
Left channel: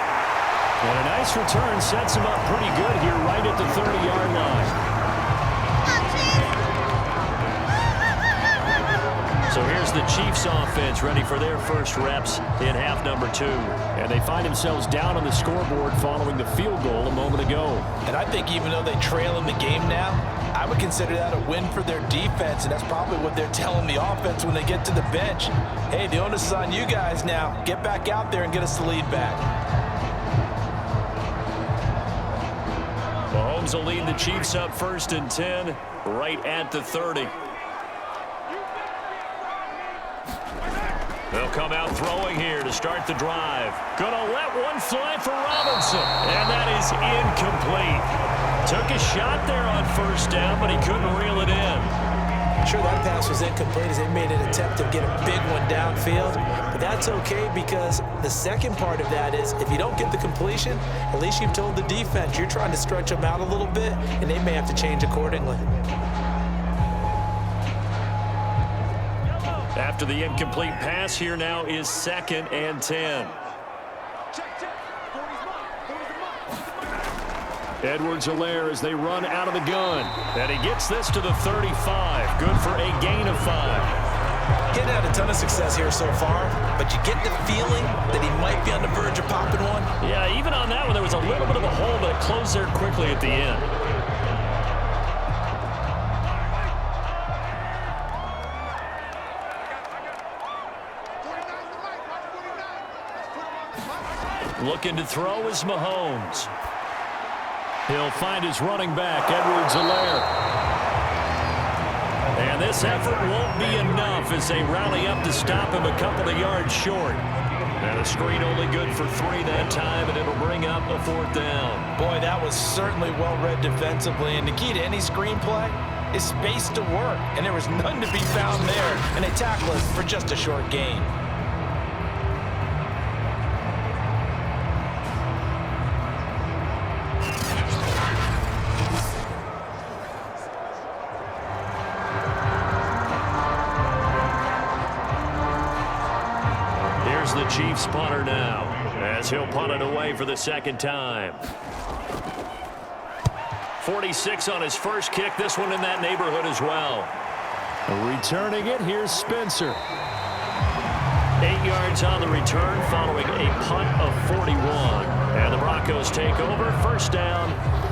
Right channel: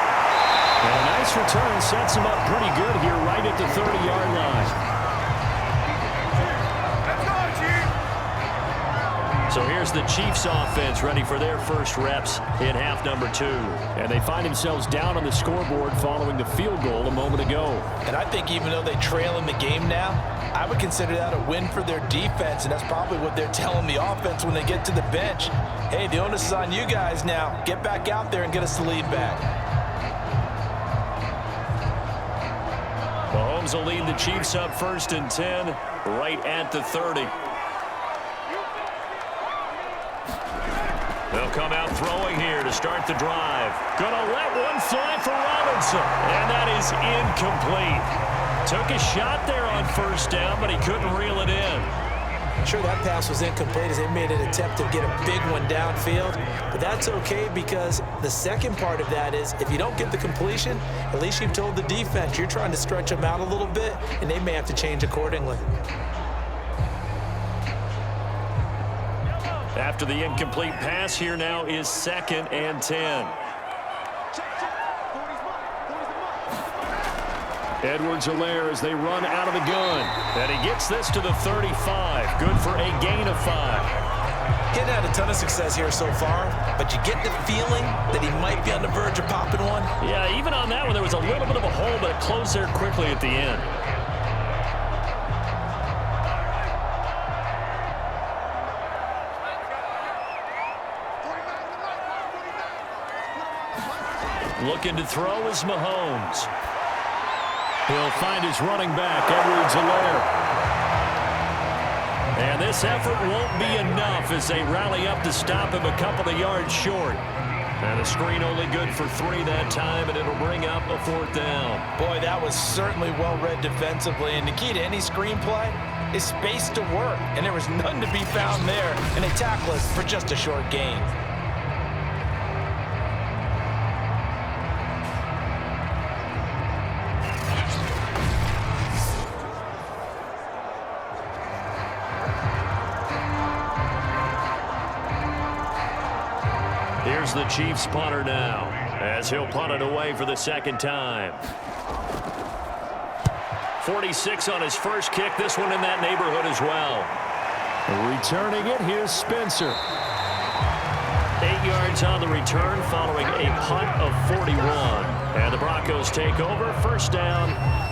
And a nice return sets him up pretty good here right at the 30-yard line. So here's the Chiefs offense ready for their first reps in half number 2. And they find themselves down on the scoreboard following the field goal a moment ago. And I think even though they trail in the game now, I would consider that a win for their defense, and that's probably what they're telling the offense when they get to the bench. Hey, the onus is on you guys now. Get back out there and get us the lead back. Mahomes will lead the Chiefs up 1st and 10 right at the 30. They'll come out throwing here to start the drive. Gonna let one fly for Robinson. And that is incomplete. Took a shot there on 1st down, but he couldn't reel it in. Sure, that pass was incomplete as they made an attempt to get a big one downfield. But that's okay, because the second part of that is if you don't get the completion, at least you've told the defense you're trying to stretch them out a little bit, and they may have to change accordingly. After the incomplete pass, here now is 2nd and 10. Edwards-Helaire as they run out of the gun. And he gets this to the 35. Good for a gain of 5. Getting had a ton of success here so far, but you get the feeling that he might be on the verge of popping one. Yeah, even on that one, there was a little bit of a hole, but it closed there quickly at the end. Looking to throw is Mahomes. He'll find his running back, Edwards-Helaire. And this effort won't be enough as they rally up to stop him a couple of yards short. And the screen only good for 3 that time, and it'll bring up a 4th down. Boy, that was certainly well read defensively. And the key to any screenplay is space to work. And there was none to be found there. And they tackle it for just a short gain. Here's the Chiefs punter now, as he'll punt it away for the 2nd time. 46 on his first kick, this one in that neighborhood as well. Returning it, here's Spencer. 8 yards on the return following a punt of 41. And the Broncos take over, 1st down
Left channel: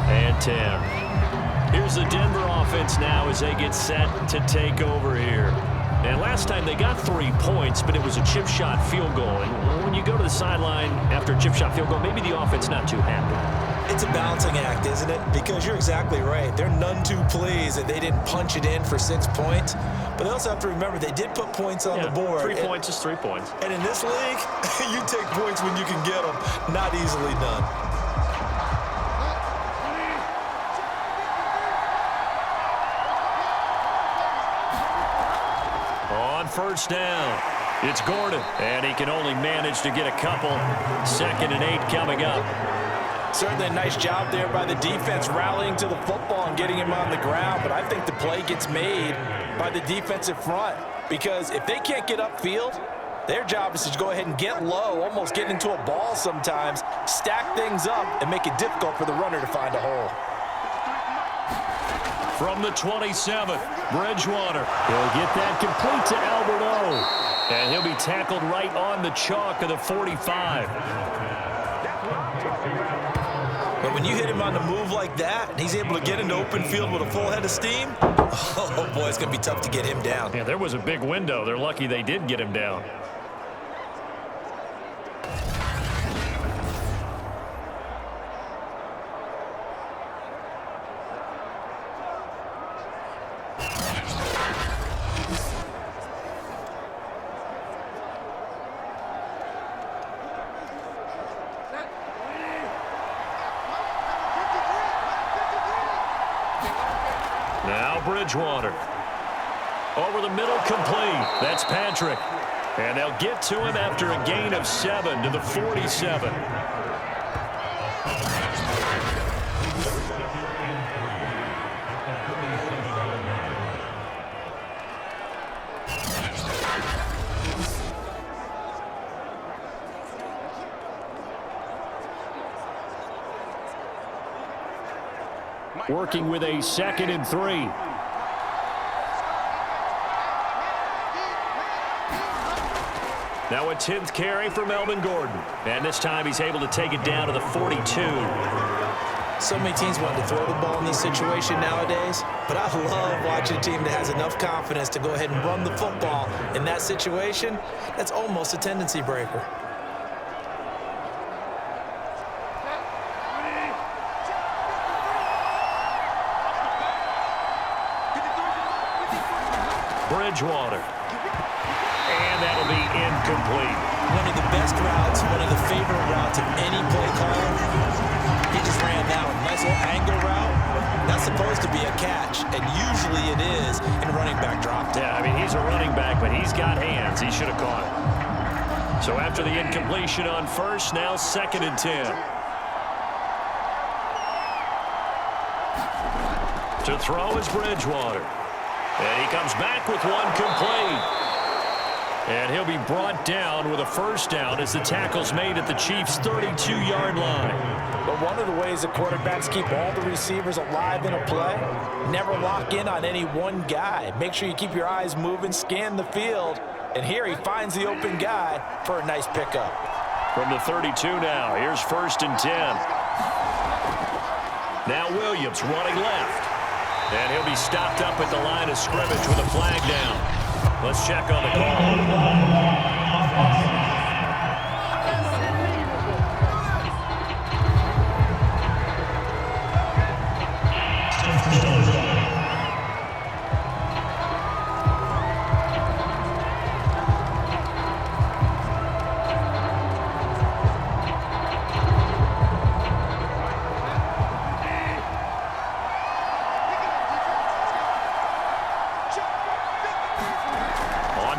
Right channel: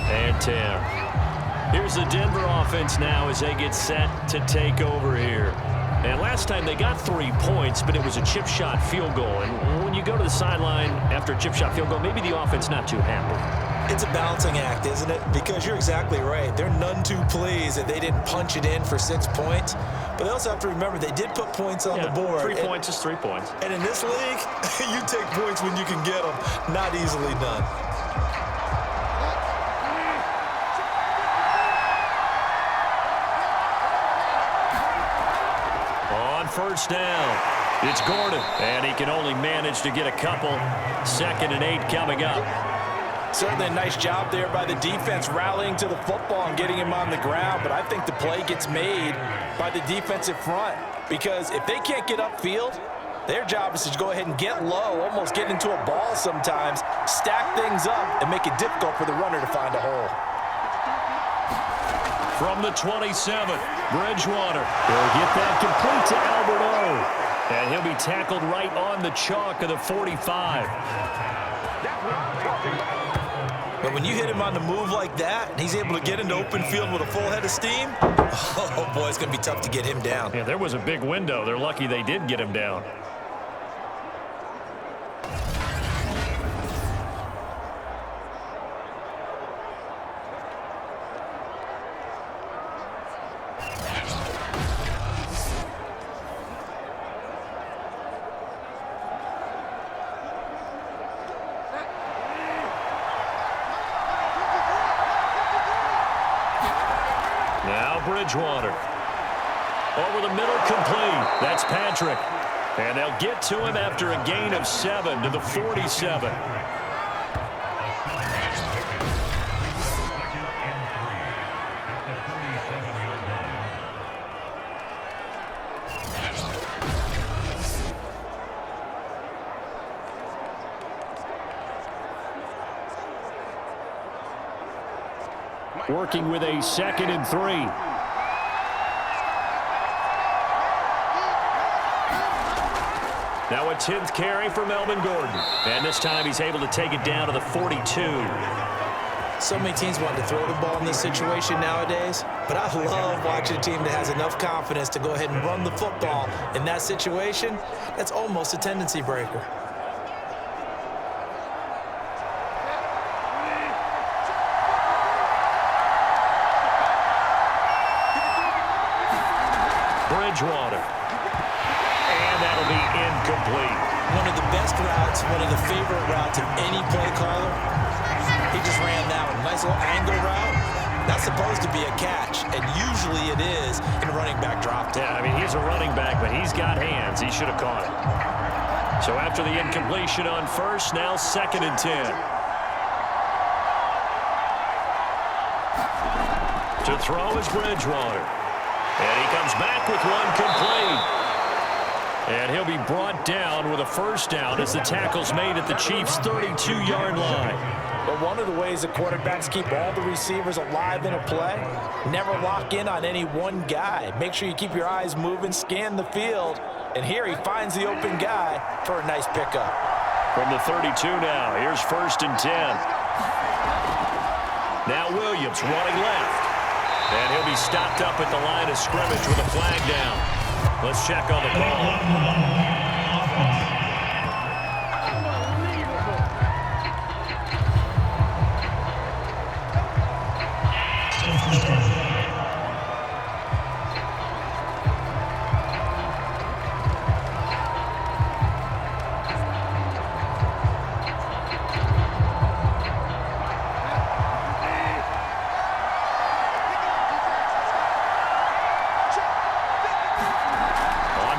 and 10. Here's the Denver offense now as they get set to take over here. And last time they got 3 points, but it was a chip shot field goal. And when you go to the sideline after a chip shot field goal, maybe the offense not too happy. It's a balancing act, isn't it? Because you're exactly right. They're none too pleased that they didn't punch it in for 6 points. But they also have to remember they did put points on the board. 3 points is 3 points. And in this league, you take points when you can get them. Not easily done. On 1st down, it's Gordon, and he can only manage to get a couple. 2nd and 8 coming up. Certainly a nice job there by the defense rallying to the football and getting him on the ground, but I think the play gets made by the defensive front because if they can't get upfield, their job is to go ahead and get low, almost get into a ball sometimes, stack things up, and make it difficult for the runner to find a hole. From the 27, Bridgewater. He'll get that complete to Albert O. And he'll be tackled right on the chalk of the 45. But when you hit him on the move like that, and he's able to get into open field with a full head of steam, oh boy, it's going to be tough to get him down. Yeah, there was a big window. They're lucky they did get him down. Now Bridgewater. Over the middle, complete. That's Patrick. And they'll get to him after a gain of 7 to the 47. Working with a 2nd and 3. Now a 10th carry for Melvin Gordon. And this time he's able to take it down to the 42. So many teams want to throw the ball in this situation nowadays, but I love watching a team that has enough confidence to go ahead and run the football in that situation. That's almost a tendency breaker. Bridgewater. And that'll be incomplete. One of the best routes, one of the favorite routes of any play caller. He just ran that one. Nice little angle route. That's supposed to be a catch, and usually it is in running back drop down. Yeah, I mean, he's a running back, but he's got hands. He should have caught it. So after the incompletion on 1st, now 2nd and 10. To throw is Bridgewater. And he comes back with one complete. And he'll be brought down with a 1st down as the tackle's made at the Chiefs' 32-yard line. But one of the ways that quarterbacks keep all the receivers alive in a play, never lock in on any one guy. Make sure you keep your eyes moving, scan the field, and here he finds the open guy for a nice pickup. From the 32 now, here's 1st and 10. Now Williams running left. And he'll be stopped up at the line of scrimmage with a flag down. Let's check on the call.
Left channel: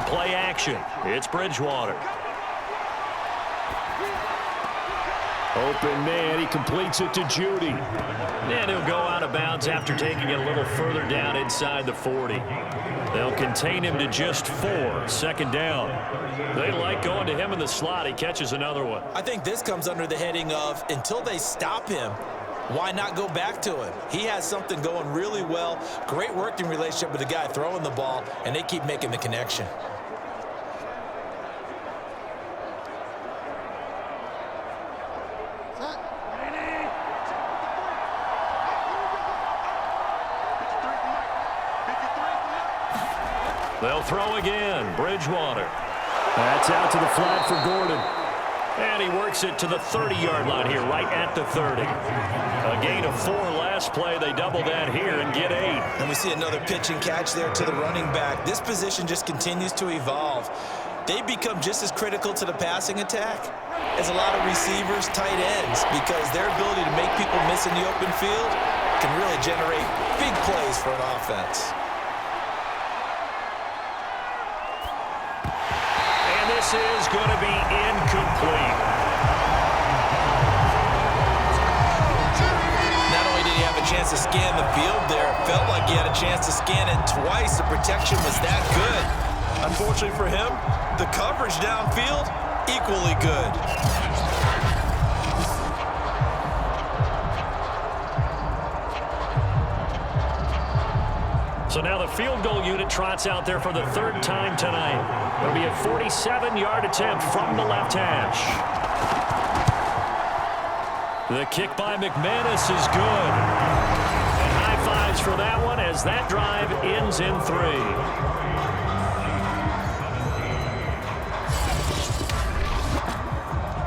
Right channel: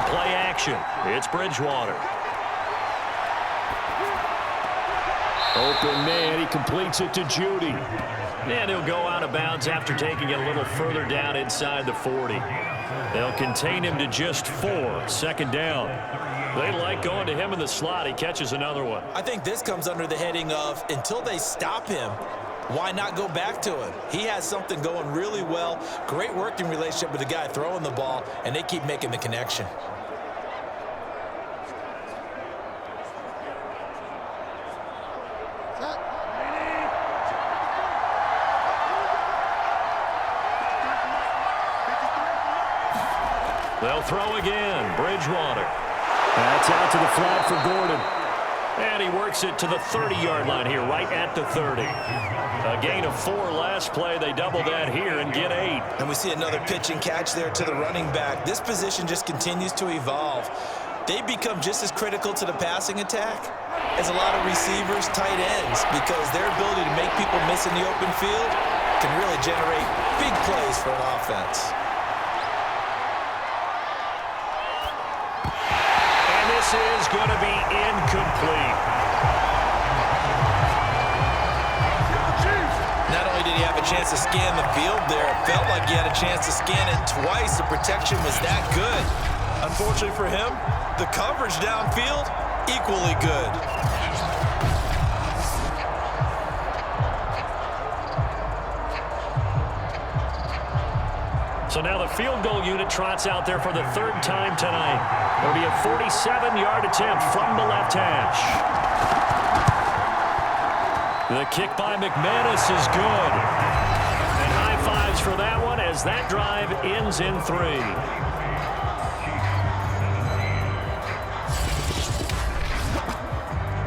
Play action. It's Bridgewater. Open man. He completes it to Judy. And he'll go out of bounds after taking it a little further down inside the 40. They'll contain him to just 4. 2nd down. They like going to him in the slot. He catches another one. I think this comes under the heading of until they stop him, why not go back to him? He has something going really well. Great working relationship with the guy throwing the ball, and they keep making the connection. They'll throw again. Bridgewater. That's out to the flat for Gordon. And he works it to the 30-yard line here, right at the 30. A gain of 4 last play. They double that here and get 8. And we see another pitch and catch there to the running back. This position just continues to evolve. They become just as critical to the passing attack as a lot of receivers, tight ends, because their ability to make people miss in the open field can really generate big plays for an offense. This is going to be incomplete. Not only did he have a chance to scan the field there, it felt like he had a chance to scan it twice. The protection was that good. Unfortunately for him, the coverage downfield, equally good. So now the field goal unit trots out there for the 3rd time tonight. It'll be a 47-yard attempt from the left hash. The kick by McManus is good. And high fives for that one as that drive ends in 3.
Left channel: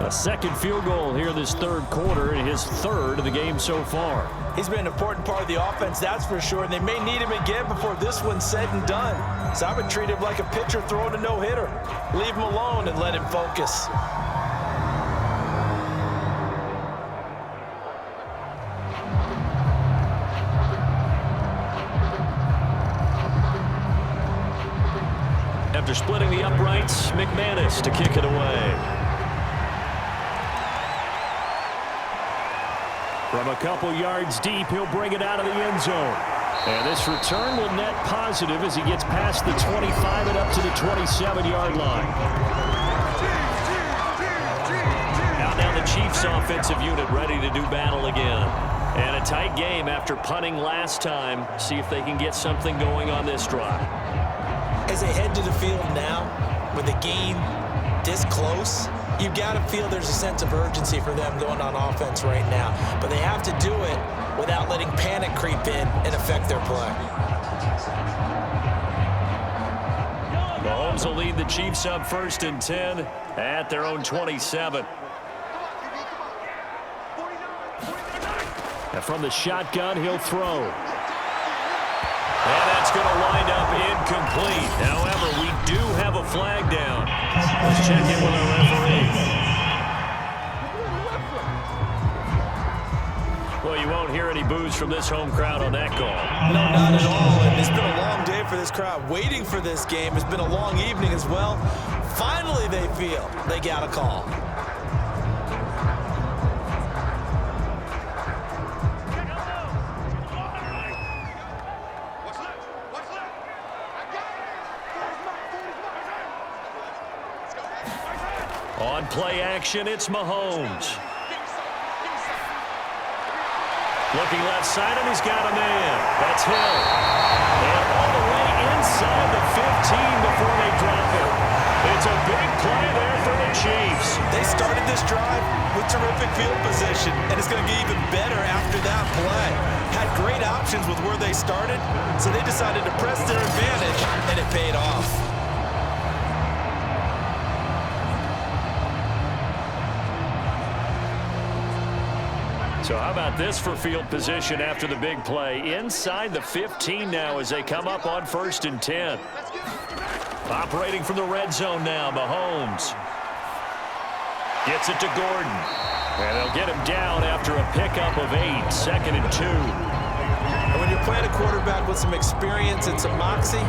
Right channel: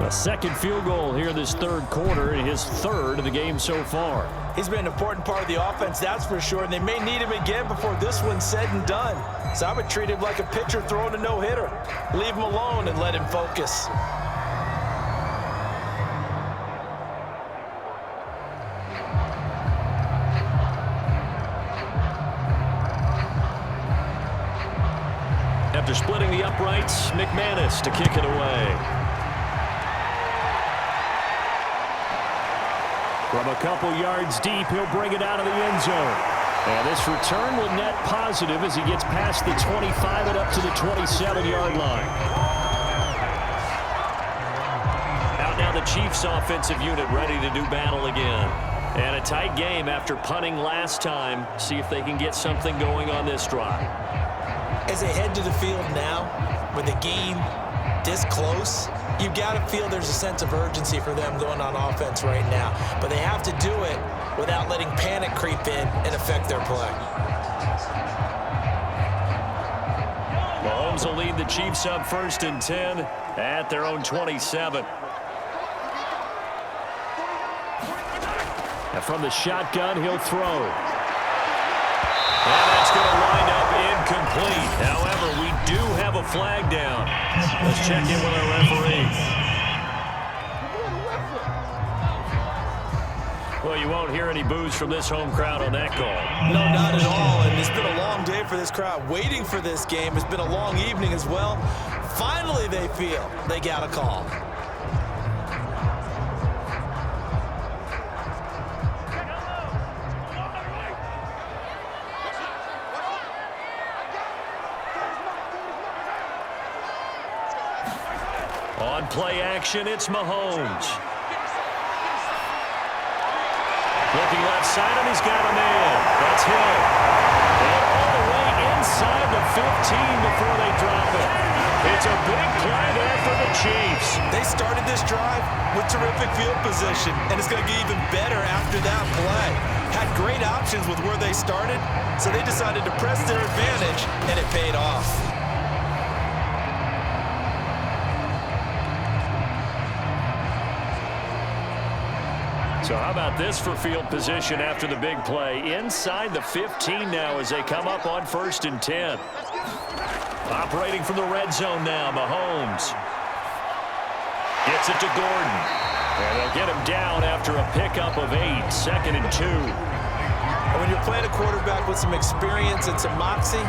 A second field goal here this 3rd quarter, and his 3rd of the game so far. He's been an important part of the offense, that's for sure, and they may need him again before this one's said and done. So I would treat him like a pitcher throwing a no-hitter. Leave him alone and let him focus. After splitting the uprights, McManus to kick it away. From a couple yards deep, he'll bring it out of the end zone. And this return will net positive as he gets past the 25 and up to the 27-yard line. Out now the Chiefs offensive unit ready to do battle again. And a tight game after punting last time. See if they can get something going on this drive. As they head to the field now, with the game this close, you've got to feel there's a sense of urgency for them going on offense right now. But they have to do it without letting panic creep in and affect their play. Mahomes will lead the Chiefs up 1st and 10 at their own 27. And from the shotgun, he'll throw. And that's going to wind up incomplete. However, we do have a flag down. Let's check in with our referee. Well, you won't hear any boos from this home crowd on that call. No, not at all. And it's been a long day for this crowd waiting for this game. It's been a long evening as well. Finally, they feel they got a call. On play action, it's Mahomes. Looking left side, and he's got a man. That's Hill. And all the way inside the 15 before they drop him. It's a big play there for the Chiefs. They started this drive with terrific field position, and it's going to get even better after that play. Had great options with where they started, so they decided to press their advantage, and it paid off. So how about this for field position after the big play? Inside the 15 now as they come up on 1st and 10. Operating from the red zone now, Mahomes. Gets it to Gordon. And they'll get him down after a pickup of 8, 2nd and 2. And when you're playing a quarterback with some experience and some moxie,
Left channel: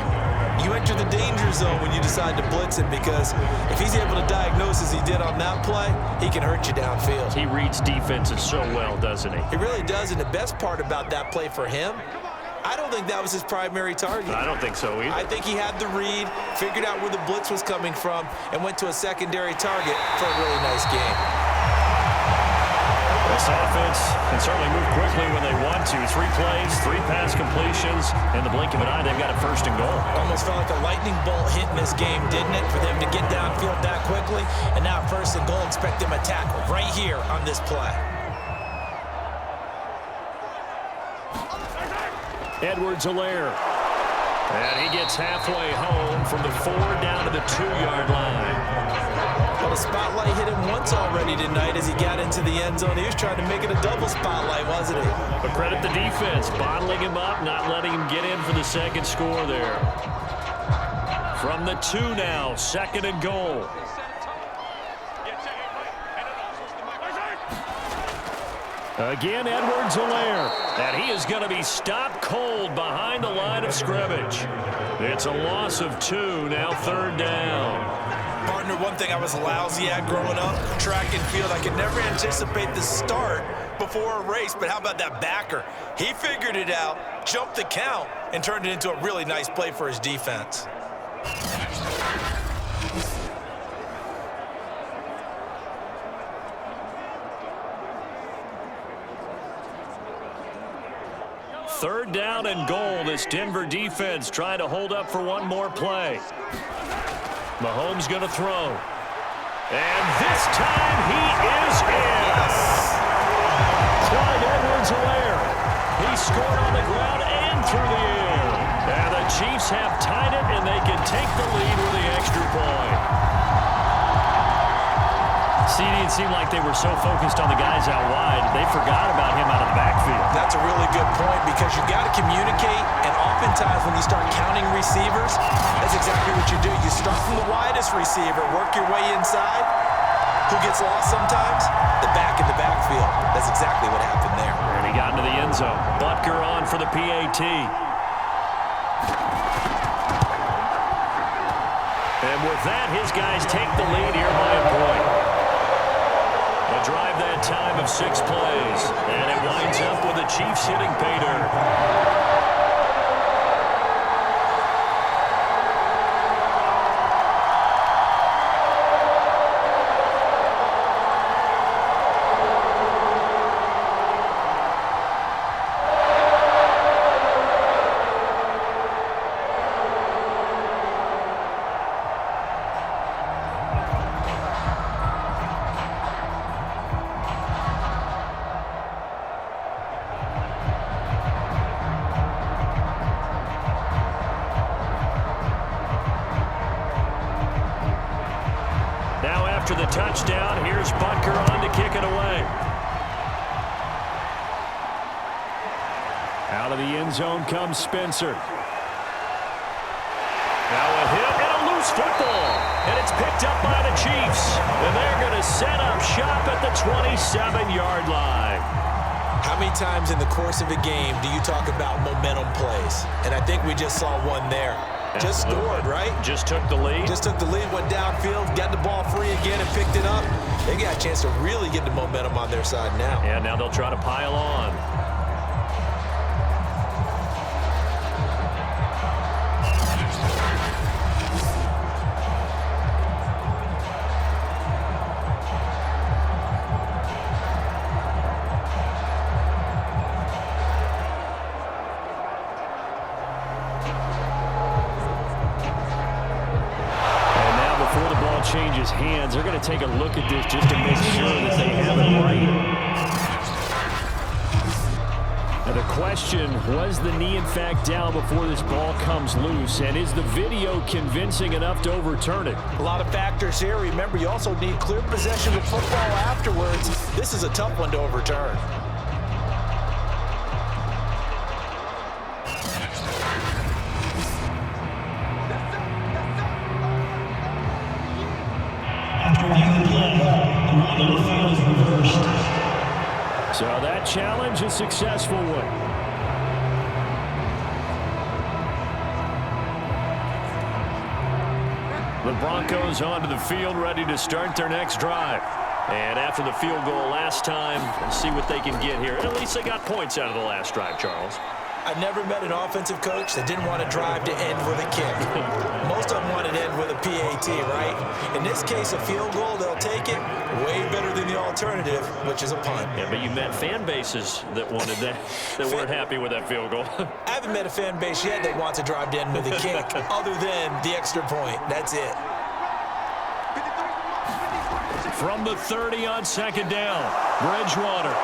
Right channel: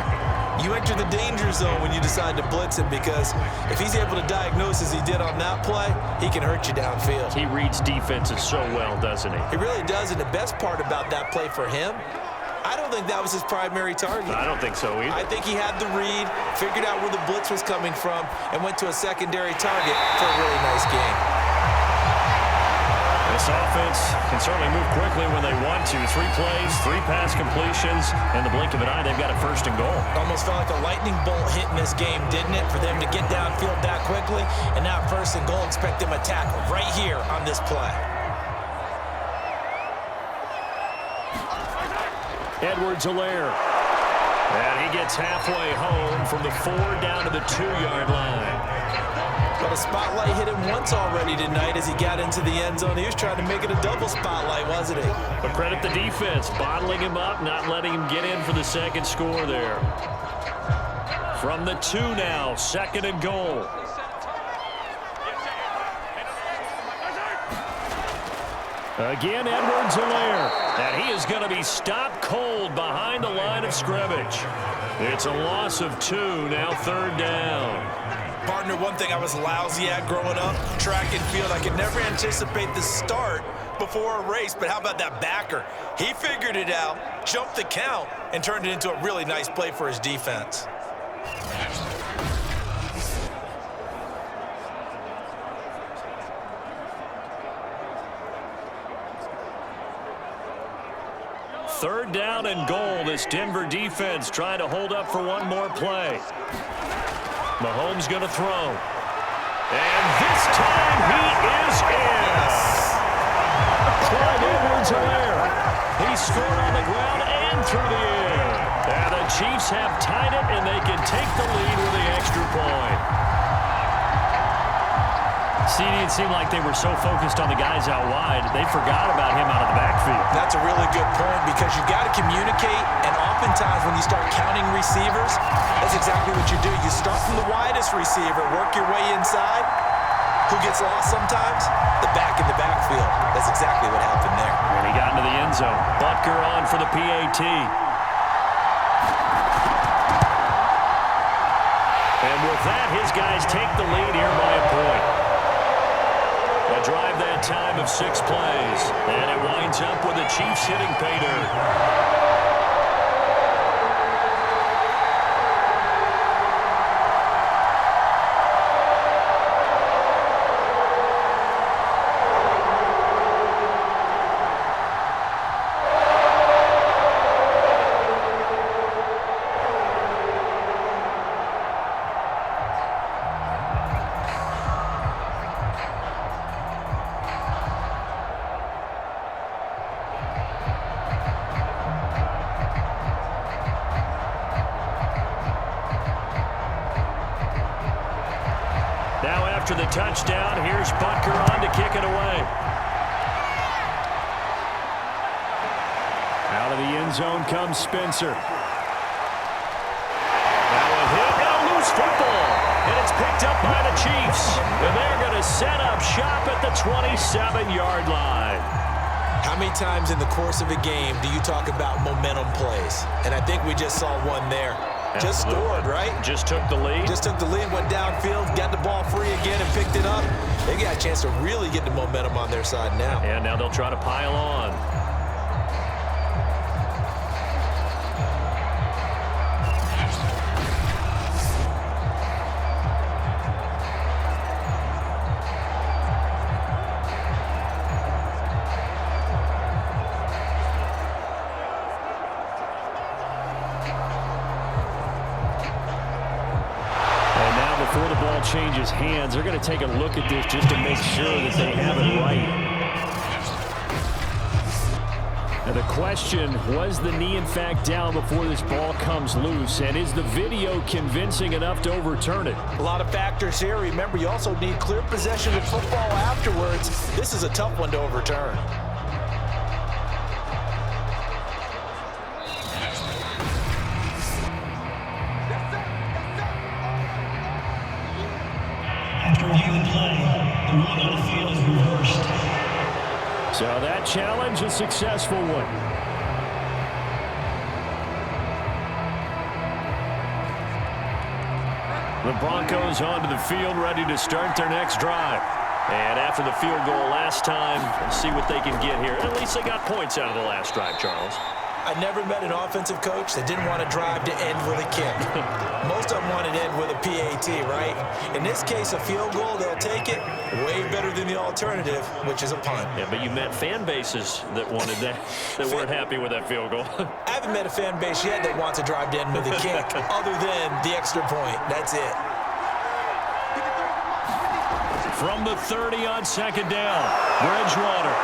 you enter the danger zone when you decide to blitz him, because if he's able to diagnose as he did on that play, he can hurt you downfield. He reads defenses so well, doesn't he? He really does, and the best part about that play for him, I don't think that was his primary target. I don't think so either. I think he had the read, figured out where the blitz was coming from, and went to a secondary target for a really nice game. This offense can certainly move quickly when they want to. 3 plays, 3 pass completions. In the blink of an eye, they've got a 1st and goal. Almost felt like a lightning bolt hit in this game, didn't it? For them to get downfield that quickly. And now 1st and goal, expect them to tackle right here on this play. Edwards-Helaire. And he gets halfway home from the 4 down to the 2-yard line. Well, the spotlight hit him once already tonight as he got into the end zone. He was trying to make it a double spotlight, wasn't he? But credit the defense, bottling him up, not letting him get in for the 2nd score there. From the 2 now, 2nd and goal. Again, Edwards-Helaire. And he is going to be stopped cold behind the line of scrimmage. It's a loss of 2, now 3rd down. Partner, one thing I was lousy at growing up, track and field. I could never anticipate the start before a race, but how about that backer? He figured it out, jumped the count, and turned it into a really nice play for his defense. Third down and goal. This Denver defense trying to hold up for one more play. Mahomes going to throw. And this time he is in. Yes. Clyde Edwards-Helaire. He scored on the ground and through the air. And the Chiefs have tied it, and they can take the lead with the extra point. CD, it seemed like they were so focused on the guys out wide, they forgot about him out of the backfield. That's a really good point, because you got to communicate, and oftentimes when you start counting receivers, that's exactly what you do. You start from the widest receiver, work your way inside. Who gets lost sometimes? The back in the backfield. That's exactly what happened there. And he got into the end zone. Butker on for the PAT. And with that, his guys take the lead here by a point. A drive that time of 6 plays. And it winds up with the Chiefs hitting pay dirt. After the touchdown, here's Butker on to kick it away. Out of the end zone comes Spencer. Now a hit and a loose football. And it's picked up by the Chiefs. And they're going to set up shop at the 27-yard line. How many times in the course of a game do you talk about momentum plays? And I think we just saw one there. Just scored, right? Just took the lead. Just took the lead, went downfield, got the ball free again and picked it up. They got a chance to really get the momentum on their side now. And now they'll try to pile on. ball changes hands, they're going to take a look at this just to make sure that they have it right. Now the question, was the knee in fact down before this ball comes loose? And is the video convincing enough to overturn it? A lot of factors here. Remember, you also need clear possession of football afterwards. This is a tough one to overturn. After reviewing the play, the ruling on the field is reversed. So that challenge, a successful one. The Broncos onto the field, ready to start their next drive. And after the field goal last time, we'll see what they can get here. At least they got points out of the last drive, Charles. I never met an offensive coach that didn't want to drive to end with a kick. Most of them want to end with a PAT, right? In this case, a field goal, they'll take it. Way better than the alternative, which is a punt. Yeah, but you met fan bases that wanted that, that weren't happy with that field goal. I haven't met a fan base yet that wants to drive to end with a kick, other than the extra point. That's it. From the 30 on second down, Bridgewater.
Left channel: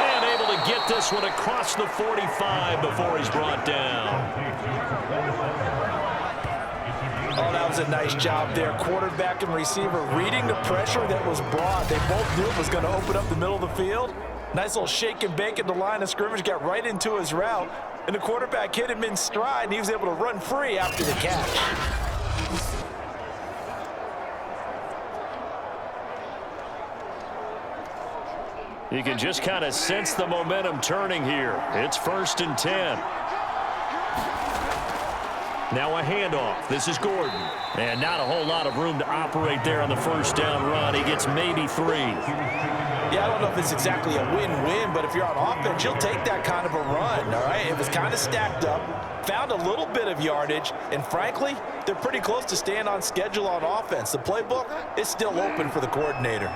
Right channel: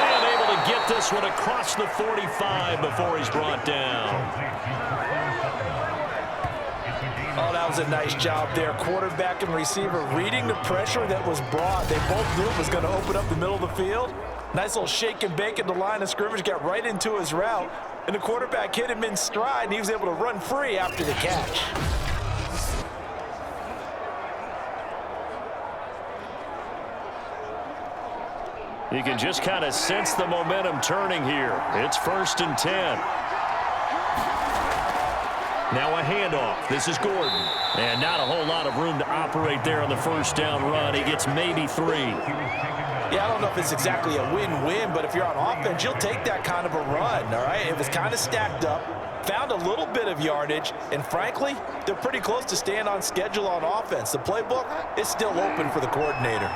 And able to get this one across the 45 before he's brought down. Oh, that was a nice job there. Quarterback and receiver reading the pressure that was brought. They both knew it was going to open up the middle of the field. Nice little shake and bake at the line of scrimmage, got right into his route. And the quarterback hit him in stride, and he was able to run free after the catch. You can just kind of sense the momentum turning here. It's 1st and 10. Now a handoff. This is Gordon. And not a whole lot of room to operate there on the first down run. He gets maybe 3. Yeah, I don't know if it's exactly a win-win, but if you're on offense, you'll take that kind of a run, all right? It was kind of stacked up, found a little bit of yardage, and frankly, they're pretty close to staying on schedule on offense. The playbook is still open for the coordinator.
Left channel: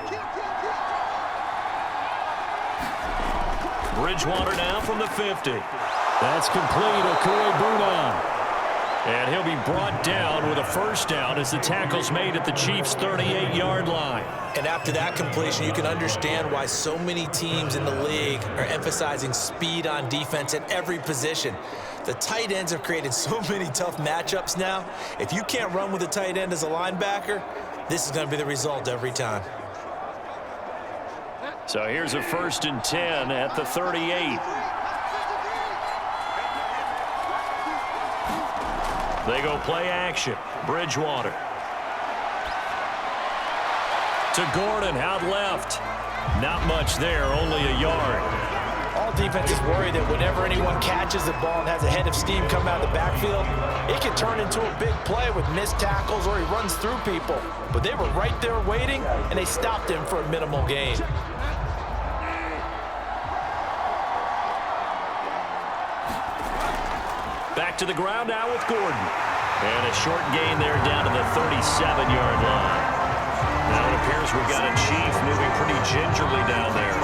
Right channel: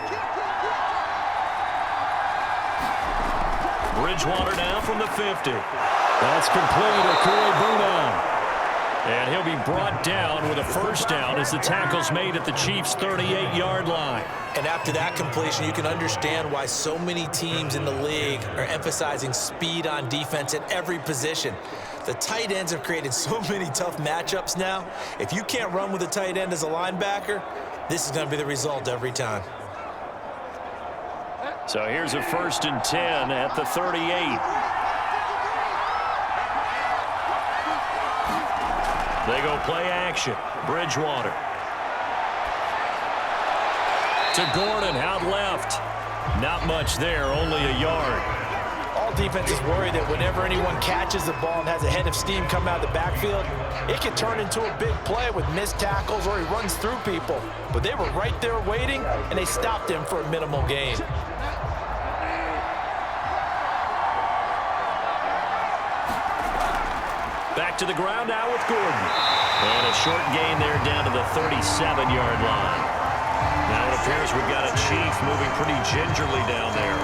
Bridgewater now from the 50. That's complete. Okui-Buna. And he'll be brought down with a first down as the tackle's made at the Chiefs' 38-yard line. And after that completion, you can understand why so many teams in the league are emphasizing speed on defense at every position. The tight ends have created so many tough matchups now. If you can't run with a tight end as a linebacker, this is going to be the result every time. So here's a 1st and 10 at the 38. They go play action. Bridgewater. To Gordon, out left. Not much there, only a yard. All defenses worry that whenever anyone catches the ball and has a head of steam come out of the backfield, it can turn into a big play with missed tackles or he runs through people. But they were right there waiting, and they stopped him for a minimal gain. Back to the ground now with Gordon. And a short gain there down to the 37-yard line. Now it appears we've got a Chief moving pretty gingerly down there.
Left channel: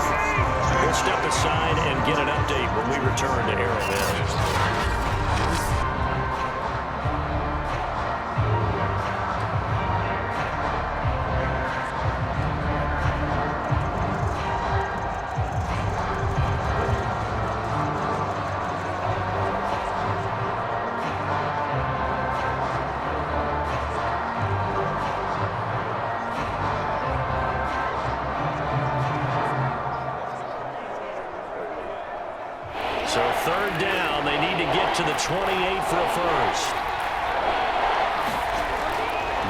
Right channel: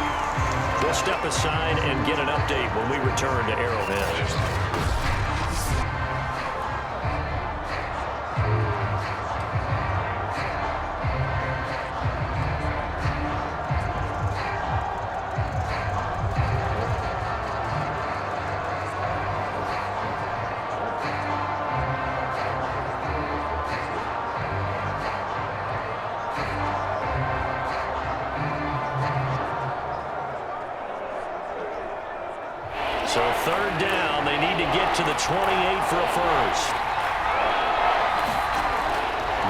We'll step aside and get an update when we return to Arrowhead. So 3rd down, they need to get to the 28 for a first.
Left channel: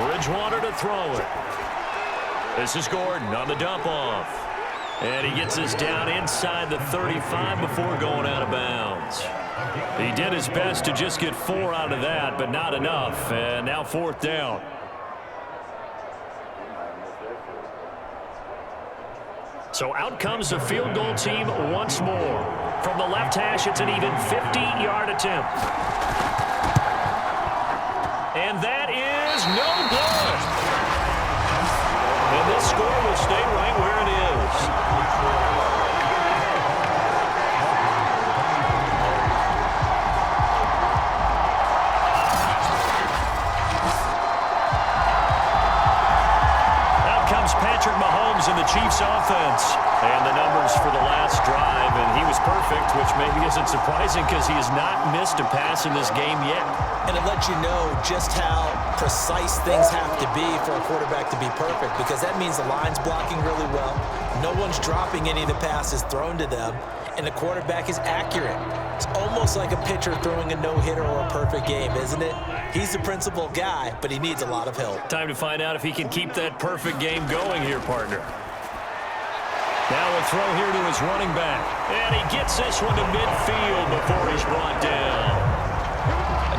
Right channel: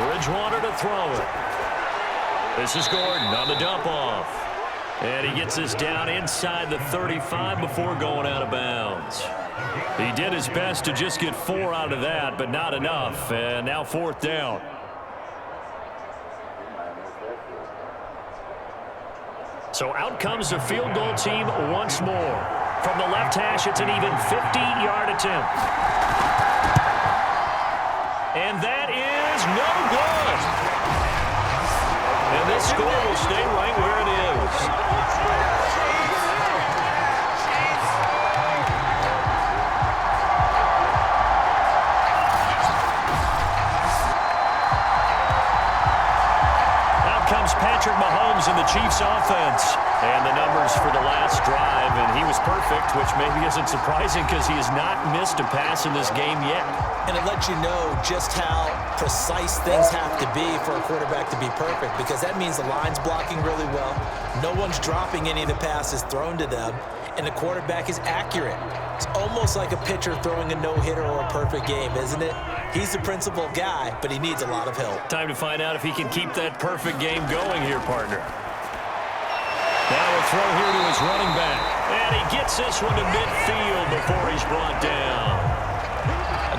Bridgewater to throw it. This is Gordon on the dump off. And he gets this down inside the 35 before going out of bounds. He did his best to just get 4 out of that, but not enough. And now 4th down. So out comes the field goal team once more. From the left hash, it's an even 50-yard attempt. And that is no good. And this score will stay right where it is. comes Patrick Mahomes in the Chiefs offense. And the numbers for the last drive, and he was perfect, which maybe isn't surprising because he has not missed a pass in this game yet. And it lets you know just how precise things have to be for a quarterback to be perfect, because that means the line's blocking really well, no one's dropping any of the passes thrown to them, and the quarterback is accurate. It's almost like a pitcher throwing a no-hitter or a perfect game, isn't it? He's the principal guy, but he needs a lot of help. Time to find out if he can keep that perfect game going here, partner. Now a throw here to his running back. And he gets this one to midfield before he's brought down.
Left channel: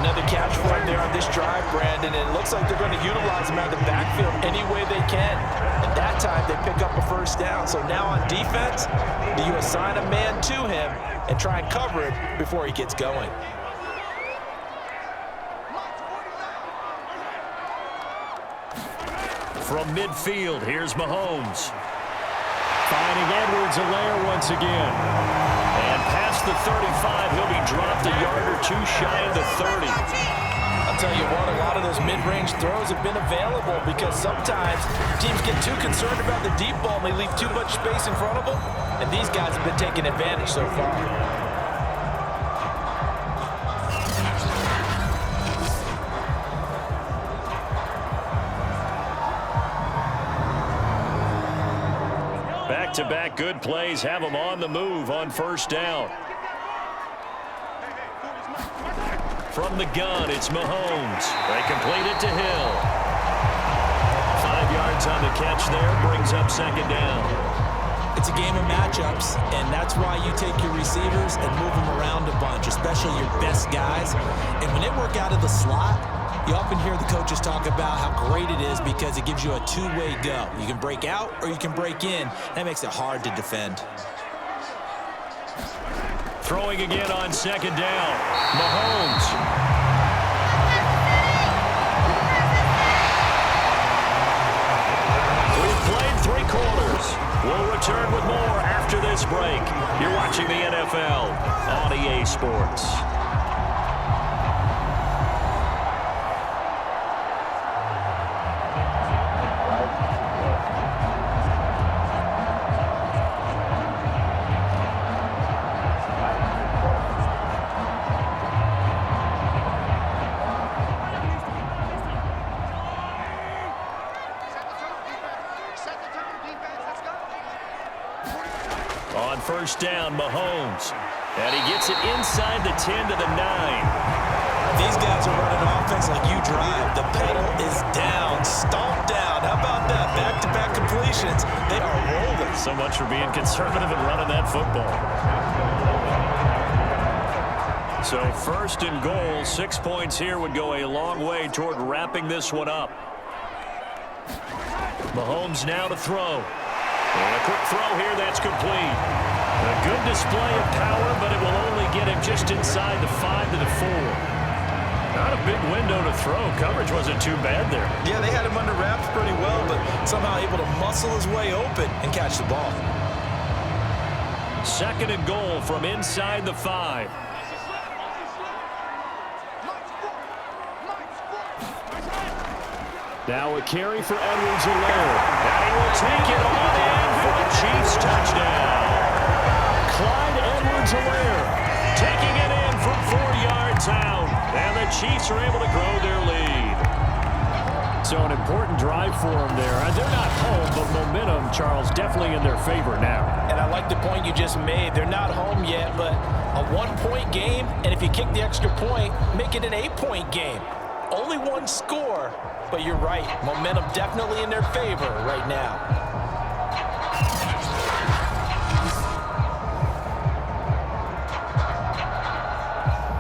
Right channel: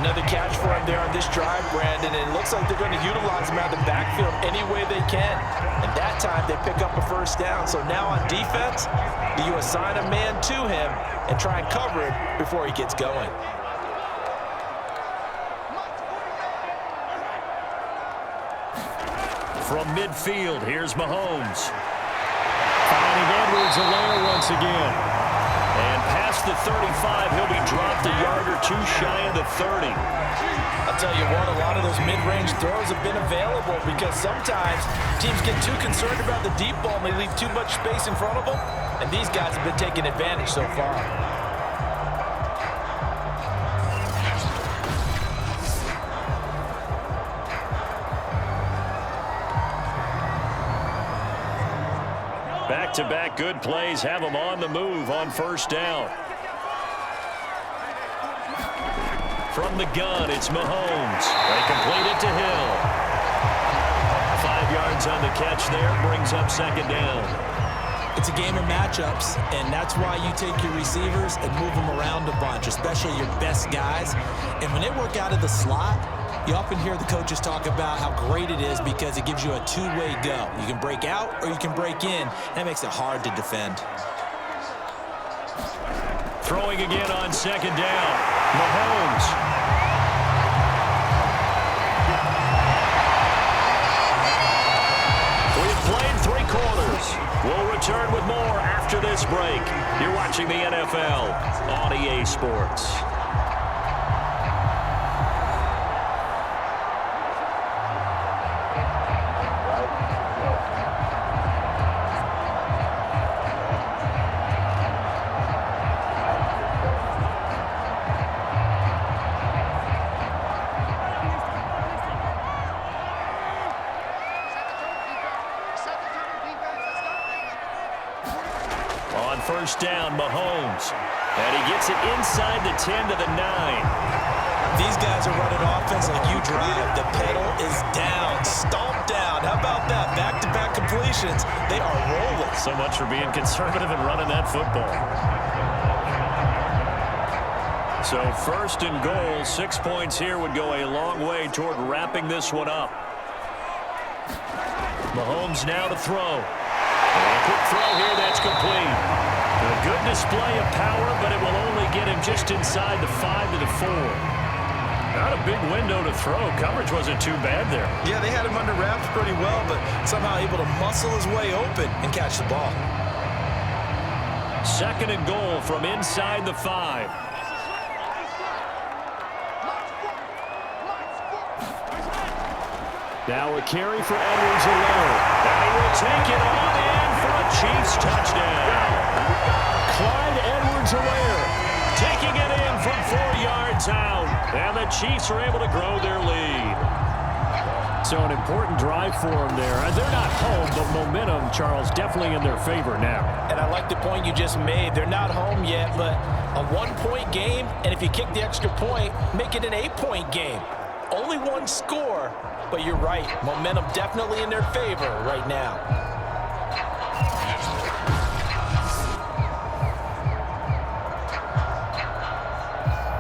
Another catch for him there on this drive, Brandon, and it looks like they're going to utilize him out of the backfield any way they can. And that time they pick up a first down. So now on defense, do you assign a man to him and try and cover it before he gets going? From midfield, here's Mahomes. Finding Edwards-Helaire once again. And past the 35, he'll be dropped a yard or two shy of the 30. I'll tell you what, a lot of those mid-range throws have been available because sometimes teams get too concerned about the deep ball and they leave too much space in front of them, and these guys have been taking advantage so far. Back-to-back good plays have him on the move on first down. From the gun, it's Mahomes. They complete it to Hill. 5 yards on the catch there, brings up second down. It's a game of matchups, and that's why you take your receivers and move them around a bunch, especially your best guys. And when they work out of the slot, you often hear the coaches talk about how great it is because it gives you a two-way go. You can break out or you can break in. That makes it hard to defend. Throwing again on second down. Mahomes. We've played 3 quarters. We'll return with more after this break. You're watching the NFL on EA Sports. On first down, Mahomes. And he gets it inside the 10 to the 9. These guys are running offense like you drive. The pedal is down, stomped down. How about that? Back-to-back completions. They are rolling. So much for being conservative and running that football. So first and goal, 6 points here would go a long way toward wrapping this one up. Mahomes now to throw. And a quick throw here, that's complete. A good display of power, but it will only get him just inside the 5 to the 4. Not a big window to throw. Coverage wasn't too bad there. Yeah, they had him under wraps pretty well, but somehow able to muscle his way open and catch the ball. Second and goal from inside the 5. Now a carry for Edwards-Helaire. And he will take it on in for a Chiefs touchdown. Clyde Edwards-Helaire taking it in from 4 yards out. And the Chiefs are able to grow their lead. So an important drive for them there. They're not home, but momentum, Charles, definitely in their favor now. And I like the point you just made. They're not home yet, but a 1-point game, and if you kick the extra point, make it an 8-point game. Only one score, but you're right. Momentum definitely in their favor right now.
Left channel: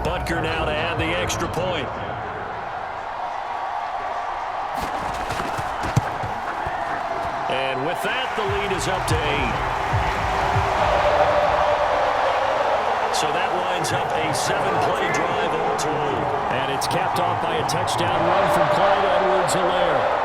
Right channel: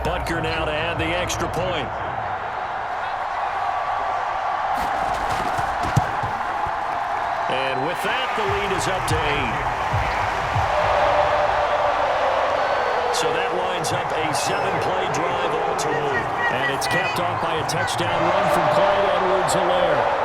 Butker now to add the extra point. And with that, the lead is up to 8. So that winds up a 7-play drive all told. And it's capped off by a touchdown run from Clyde Edwards-Helaire.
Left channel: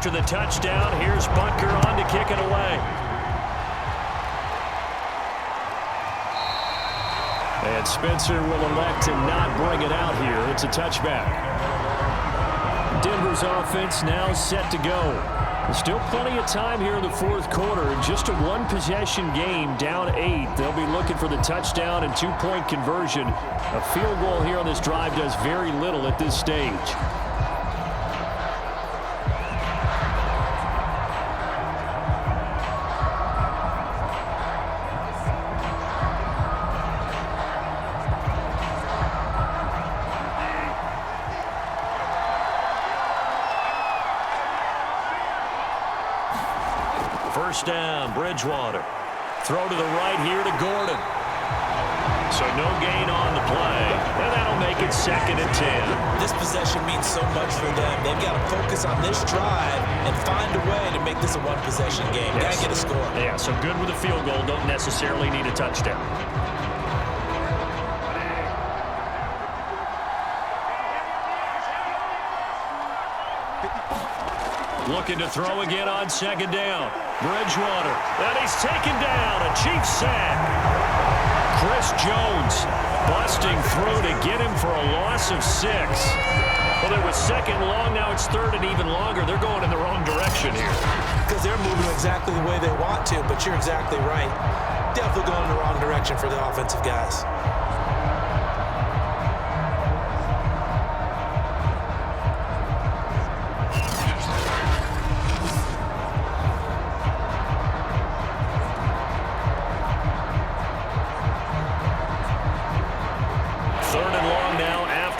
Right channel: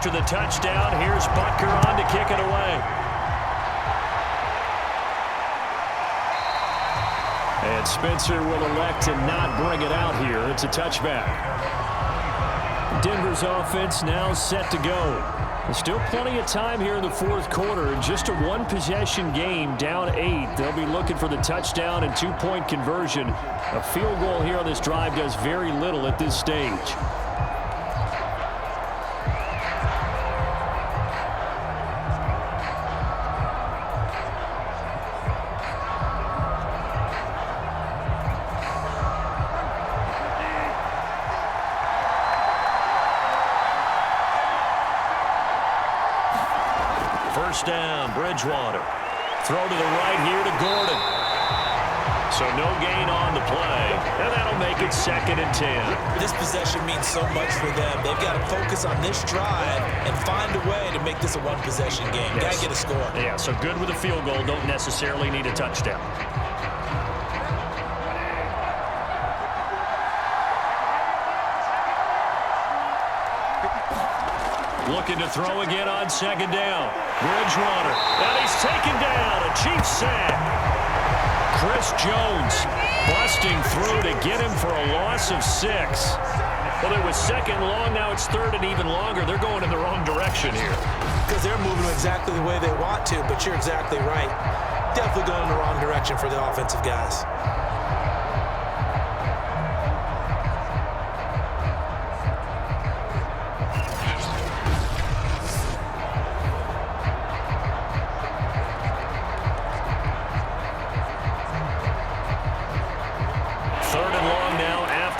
after the touchdown. Here's Butker on to kick it away. And Spencer will elect to not bring it out here. It's a touchback. Denver's offense now set to go. There's still plenty of time here in the fourth quarter. Just a one-possession game, down 8. They'll be looking for the touchdown and two-point conversion. A field goal here on this drive does very little at this stage. First down, Bridgewater. Throw to the right here to Gordon. So no gain on the play, and that'll make it 2nd and 10. This possession means so much for them. They've got to focus on this drive and find a way to make this a one-possession game. Yes. Got to get a score. Yeah, so good with a field goal. Don't necessarily need a touchdown. Looking to throw again on 2nd down. Bridgewater, and he's taken down. A Chiefs sack. Chris Jones busting through to get him for a loss of 6. Well, it was 2nd and long. Now it's 3rd and even longer. They're going in the wrong direction here. Because they're moving exactly the way they want to, but you're exactly right. Definitely going in the wrong direction for the offensive guys.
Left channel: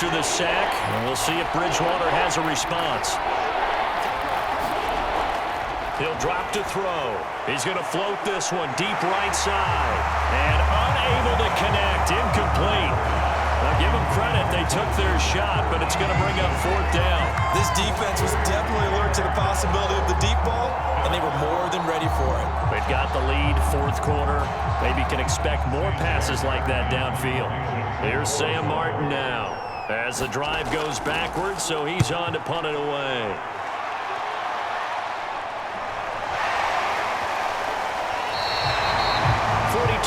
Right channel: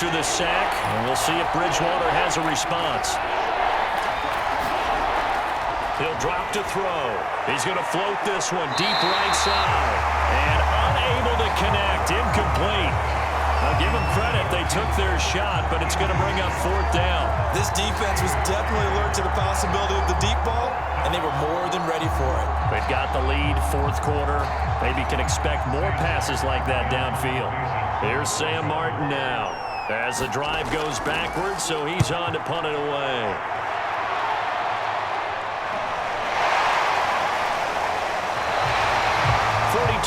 The sack, and we'll see if Bridgewater has a response. He'll drop to throw. He's going to float this one deep right side, and unable to connect. Incomplete. Now give them credit. They took their shot, but it's going to bring up 4th down. This defense was definitely alert to the possibility of the deep ball, and they were more than ready for it. They've got the lead, 4th quarter. Maybe can expect more passes like that downfield. Here's Sam Martin now, as the drive goes backwards, so he's on to punt it away.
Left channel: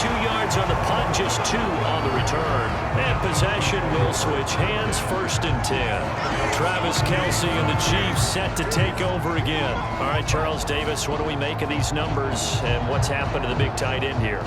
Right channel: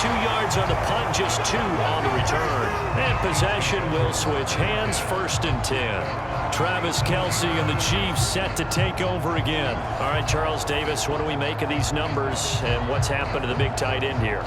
Yards on the punt, just 2 on the return. And possession will switch hands, 1st and 10. Travis Kelce and the Chiefs set to take over again. All right, Charles Davis, what do we make of these numbers and what's happened to the big tight end here?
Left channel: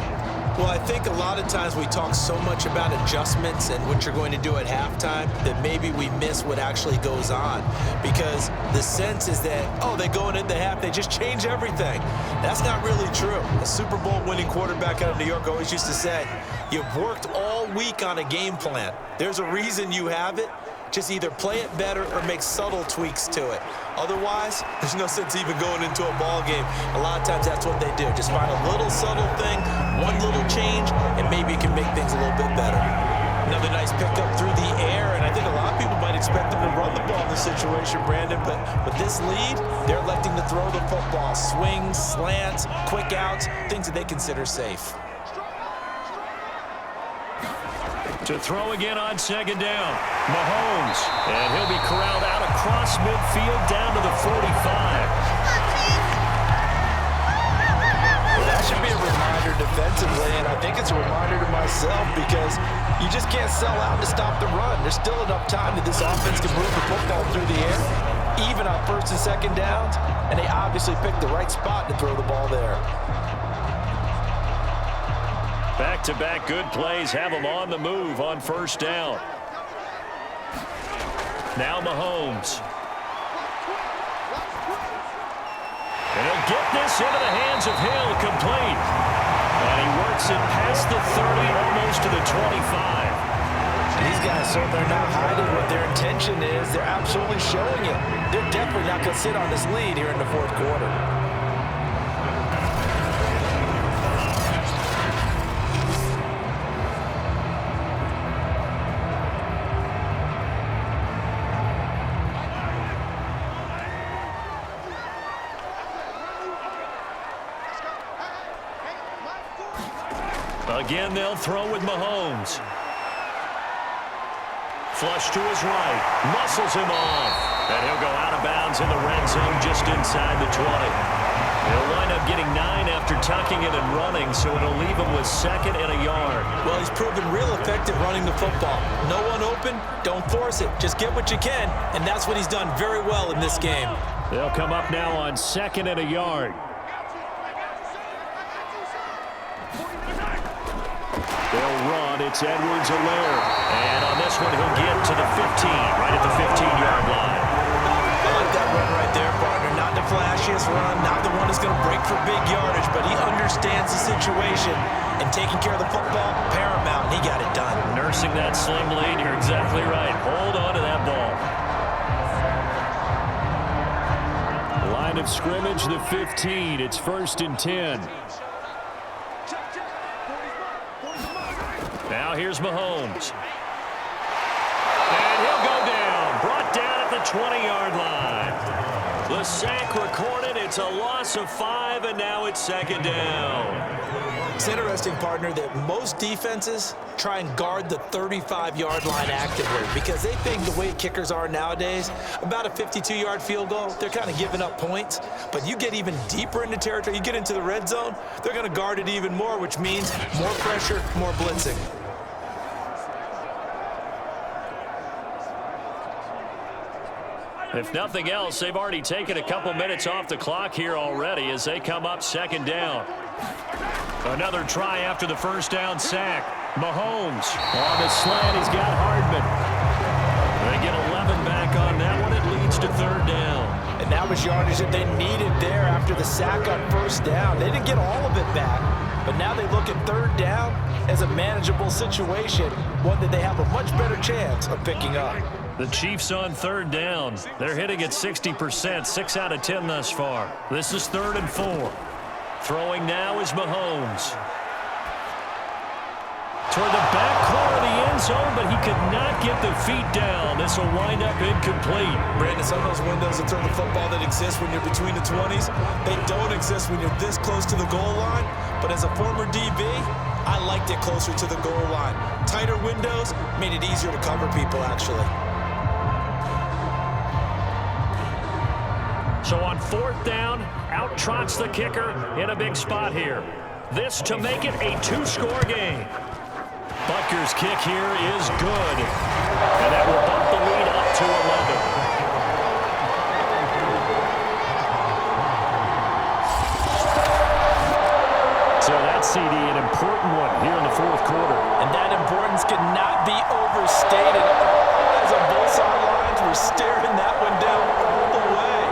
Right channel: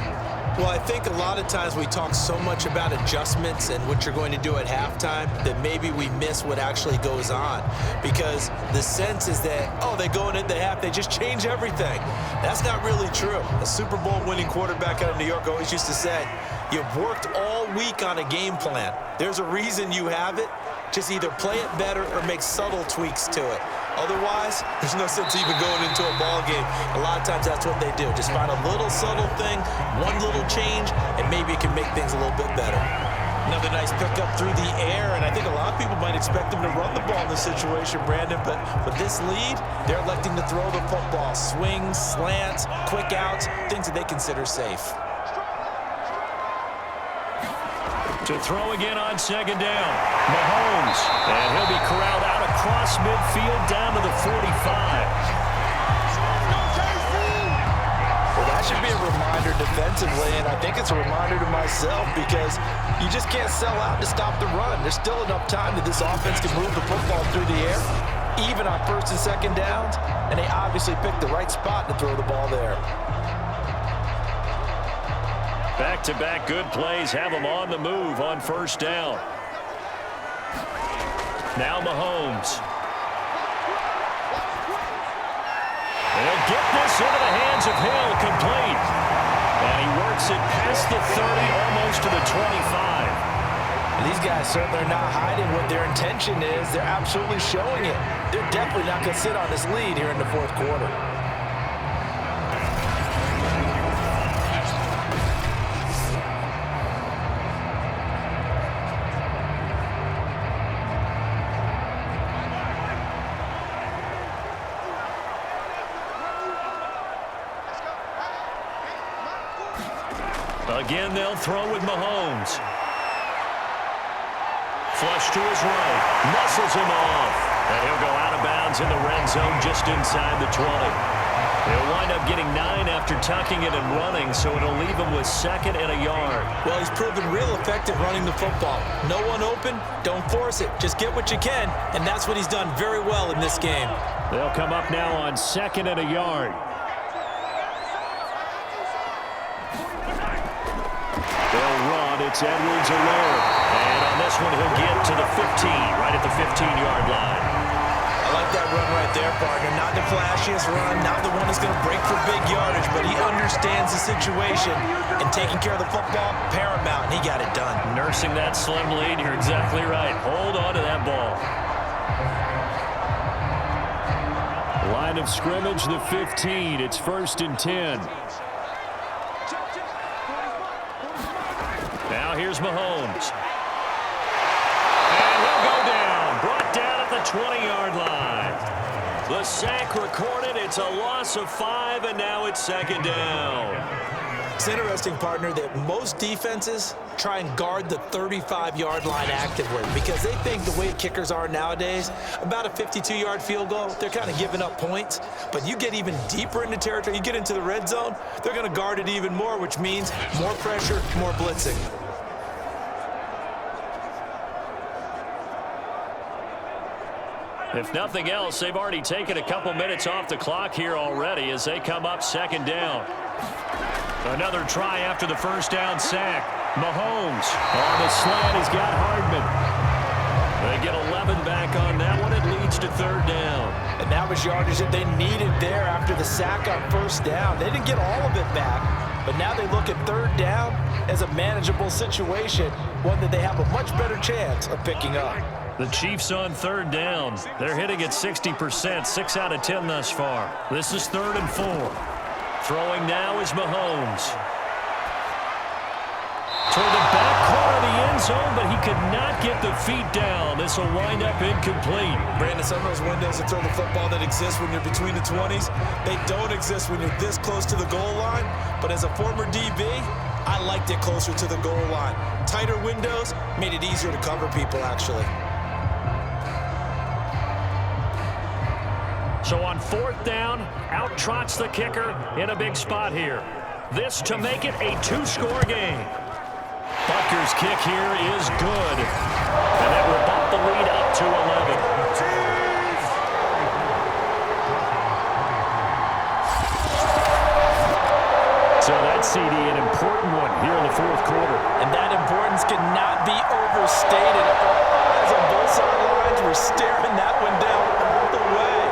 Well, I think a lot of times we talk so much about adjustments and what you're going to do at halftime that maybe we miss what actually goes on, because the sense is that, oh, they go into the half, they just change everything. That's not really true. A Super Bowl winning quarterback out of New York always used to say, you've worked all week on a game plan. There's a reason you have it. Just either play it better or make subtle tweaks to it. Otherwise, there's no sense even going into a ball game. A lot of times that's what they do. Just find a little subtle thing, one little change, and maybe it can make things a little bit better. Another nice pickup through the air, and I think a lot of people might expect them to run the ball in this situation, Brandon, but with this lead, they're electing to throw the football. Swings, slants, quick outs, things that they consider safe. To throw again on 2nd down, Mahomes, and he'll be corralled out across midfield down to the 45. Well, that should be a reminder defensively, and I think it's a reminder to myself, because you just can't sell out to stop the run. There's still enough time that this offense can move the football through the air, even on 1st and 2nd downs, and they obviously picked the right spot to throw the ball there. Back-to-back good plays have them on the move on 1st down. Now Mahomes. And he'll get this into the hands of Hill, complete. And he works it past the 30, almost to the 25. And these guys certainly are not hiding what their intention is. They're absolutely showing it. They're definitely not going to sit on this lead here in the 4th quarter. Again, they'll throw with Mahomes. Flush to his right. Muscles him off. And he'll go out of bounds in the red zone just inside the 20. He'll wind up getting 9 after tucking it and running, so it'll leave him with 2nd and a yard. Well, he's proven real effective running the football. No one open, don't force it. Just get what you can, and that's what he's done very well in this game. They'll come up now on 2nd and a yard. They'll run. It's Edwards-Helaire. And on this one, he'll get to the 15, right at the 15-yard line. I like that run right there, partner. Not the flashiest run, not the one that's going to break for big yardage, but he understands the situation, and taking care of the football, paramount, and he got it done. Nursing that slim lead, you're exactly right. Hold on to that ball. Line of scrimmage, the 15. It's 1st and 10. Now here's Mahomes. And he'll go down. Brought down at the 20-yard line. The sack recorded. It's a loss of 5, and now it's 2nd down. It's interesting, partner, that most defenses try and guard the 35-yard line actively because they think the way kickers are nowadays, about a 52-yard field goal, they're kind of giving up points. But you get even deeper into territory, you get into the red zone, they're going to guard it even more, which means more pressure, more blitzing. If nothing else, they've already taken a couple minutes off the clock here already as they come up 2nd down. Another try after the first down sack. Mahomes on the slant. He's got Hardman. They get 11 back on that one. It leads to 3rd down. And that was yardage that they needed there after the sack on 1st down. They didn't get all of it back, but now they look at 3rd down as a manageable situation, one that they have a much better chance of picking up. The Chiefs on 3rd down. They're hitting at 60%, 6 out of 10 thus far. This is 3rd and 4. Throwing now is Mahomes. Toward the back corner of the end zone, but he could not get the feet down. This will wind up incomplete. Brandon, some of those windows that throw the football that exist when you're between the 20s, they don't exist when you're this close to the goal line. But as a former DB, I liked it closer to the goal line. Tighter windows made it easier to cover people, actually. So on 4th down, out trots the kicker in a big spot here. This to make it a 2-score game. Butker's kick here is good. And that will bump the lead up to 11. So that CD, an important one here in the 4th quarter. And that importance cannot be overstated. All eyes on both sidelines were staring that one down all the way.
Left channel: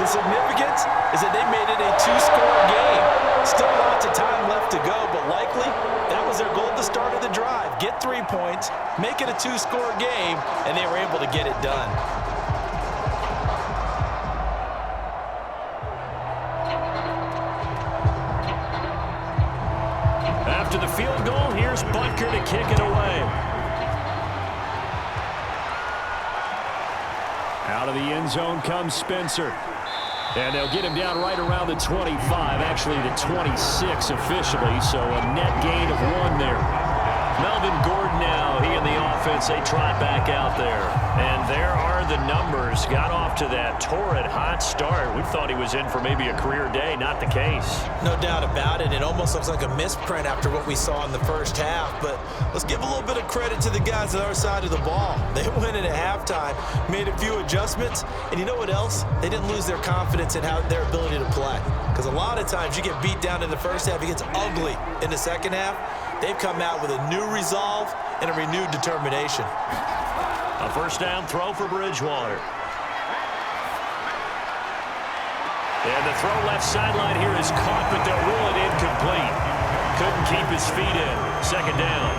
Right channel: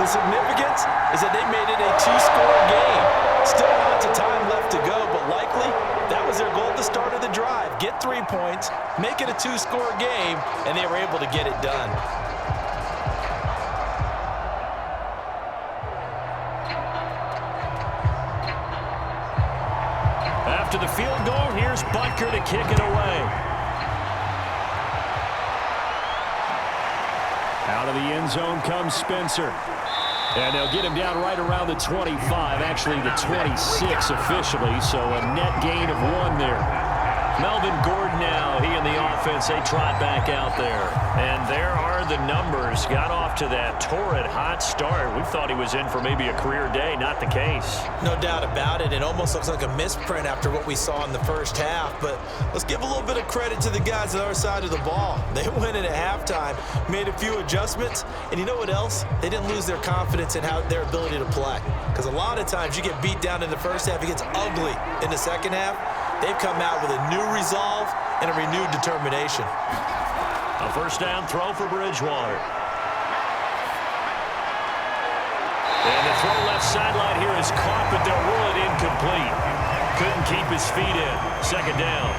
The significance is that they made it a 2-score game. Still lots of time left to go, but likely that was their goal at the start of the drive. Get 3 points, make it a 2-score game, and they were able to get it done. After the field goal, here's Butker to kick it away. Out of the end zone comes Spencer. And they'll get him down right around the 25, actually the 26 officially, so a net gain of 1 there. Melvin Gordon now, he and the offense, they trot back out there. And there are the numbers. Got off to that torrid hot start. We thought he was in for maybe a career day. Not the case. No doubt about it. It almost looks like a misprint after what we saw in the first half. But let's give a little bit of credit to the guys on our side of the ball. They went in at halftime, made a few adjustments. And you know what else? They didn't lose their confidence in their ability to play. Because a lot of times you get beat down in the first half. It gets ugly in the second half. They've come out with a new resolve and a renewed determination. A first down throw for Bridgewater. And the throw left sideline here is caught, but they'll rule it incomplete. Couldn't keep his feet in. 2nd down.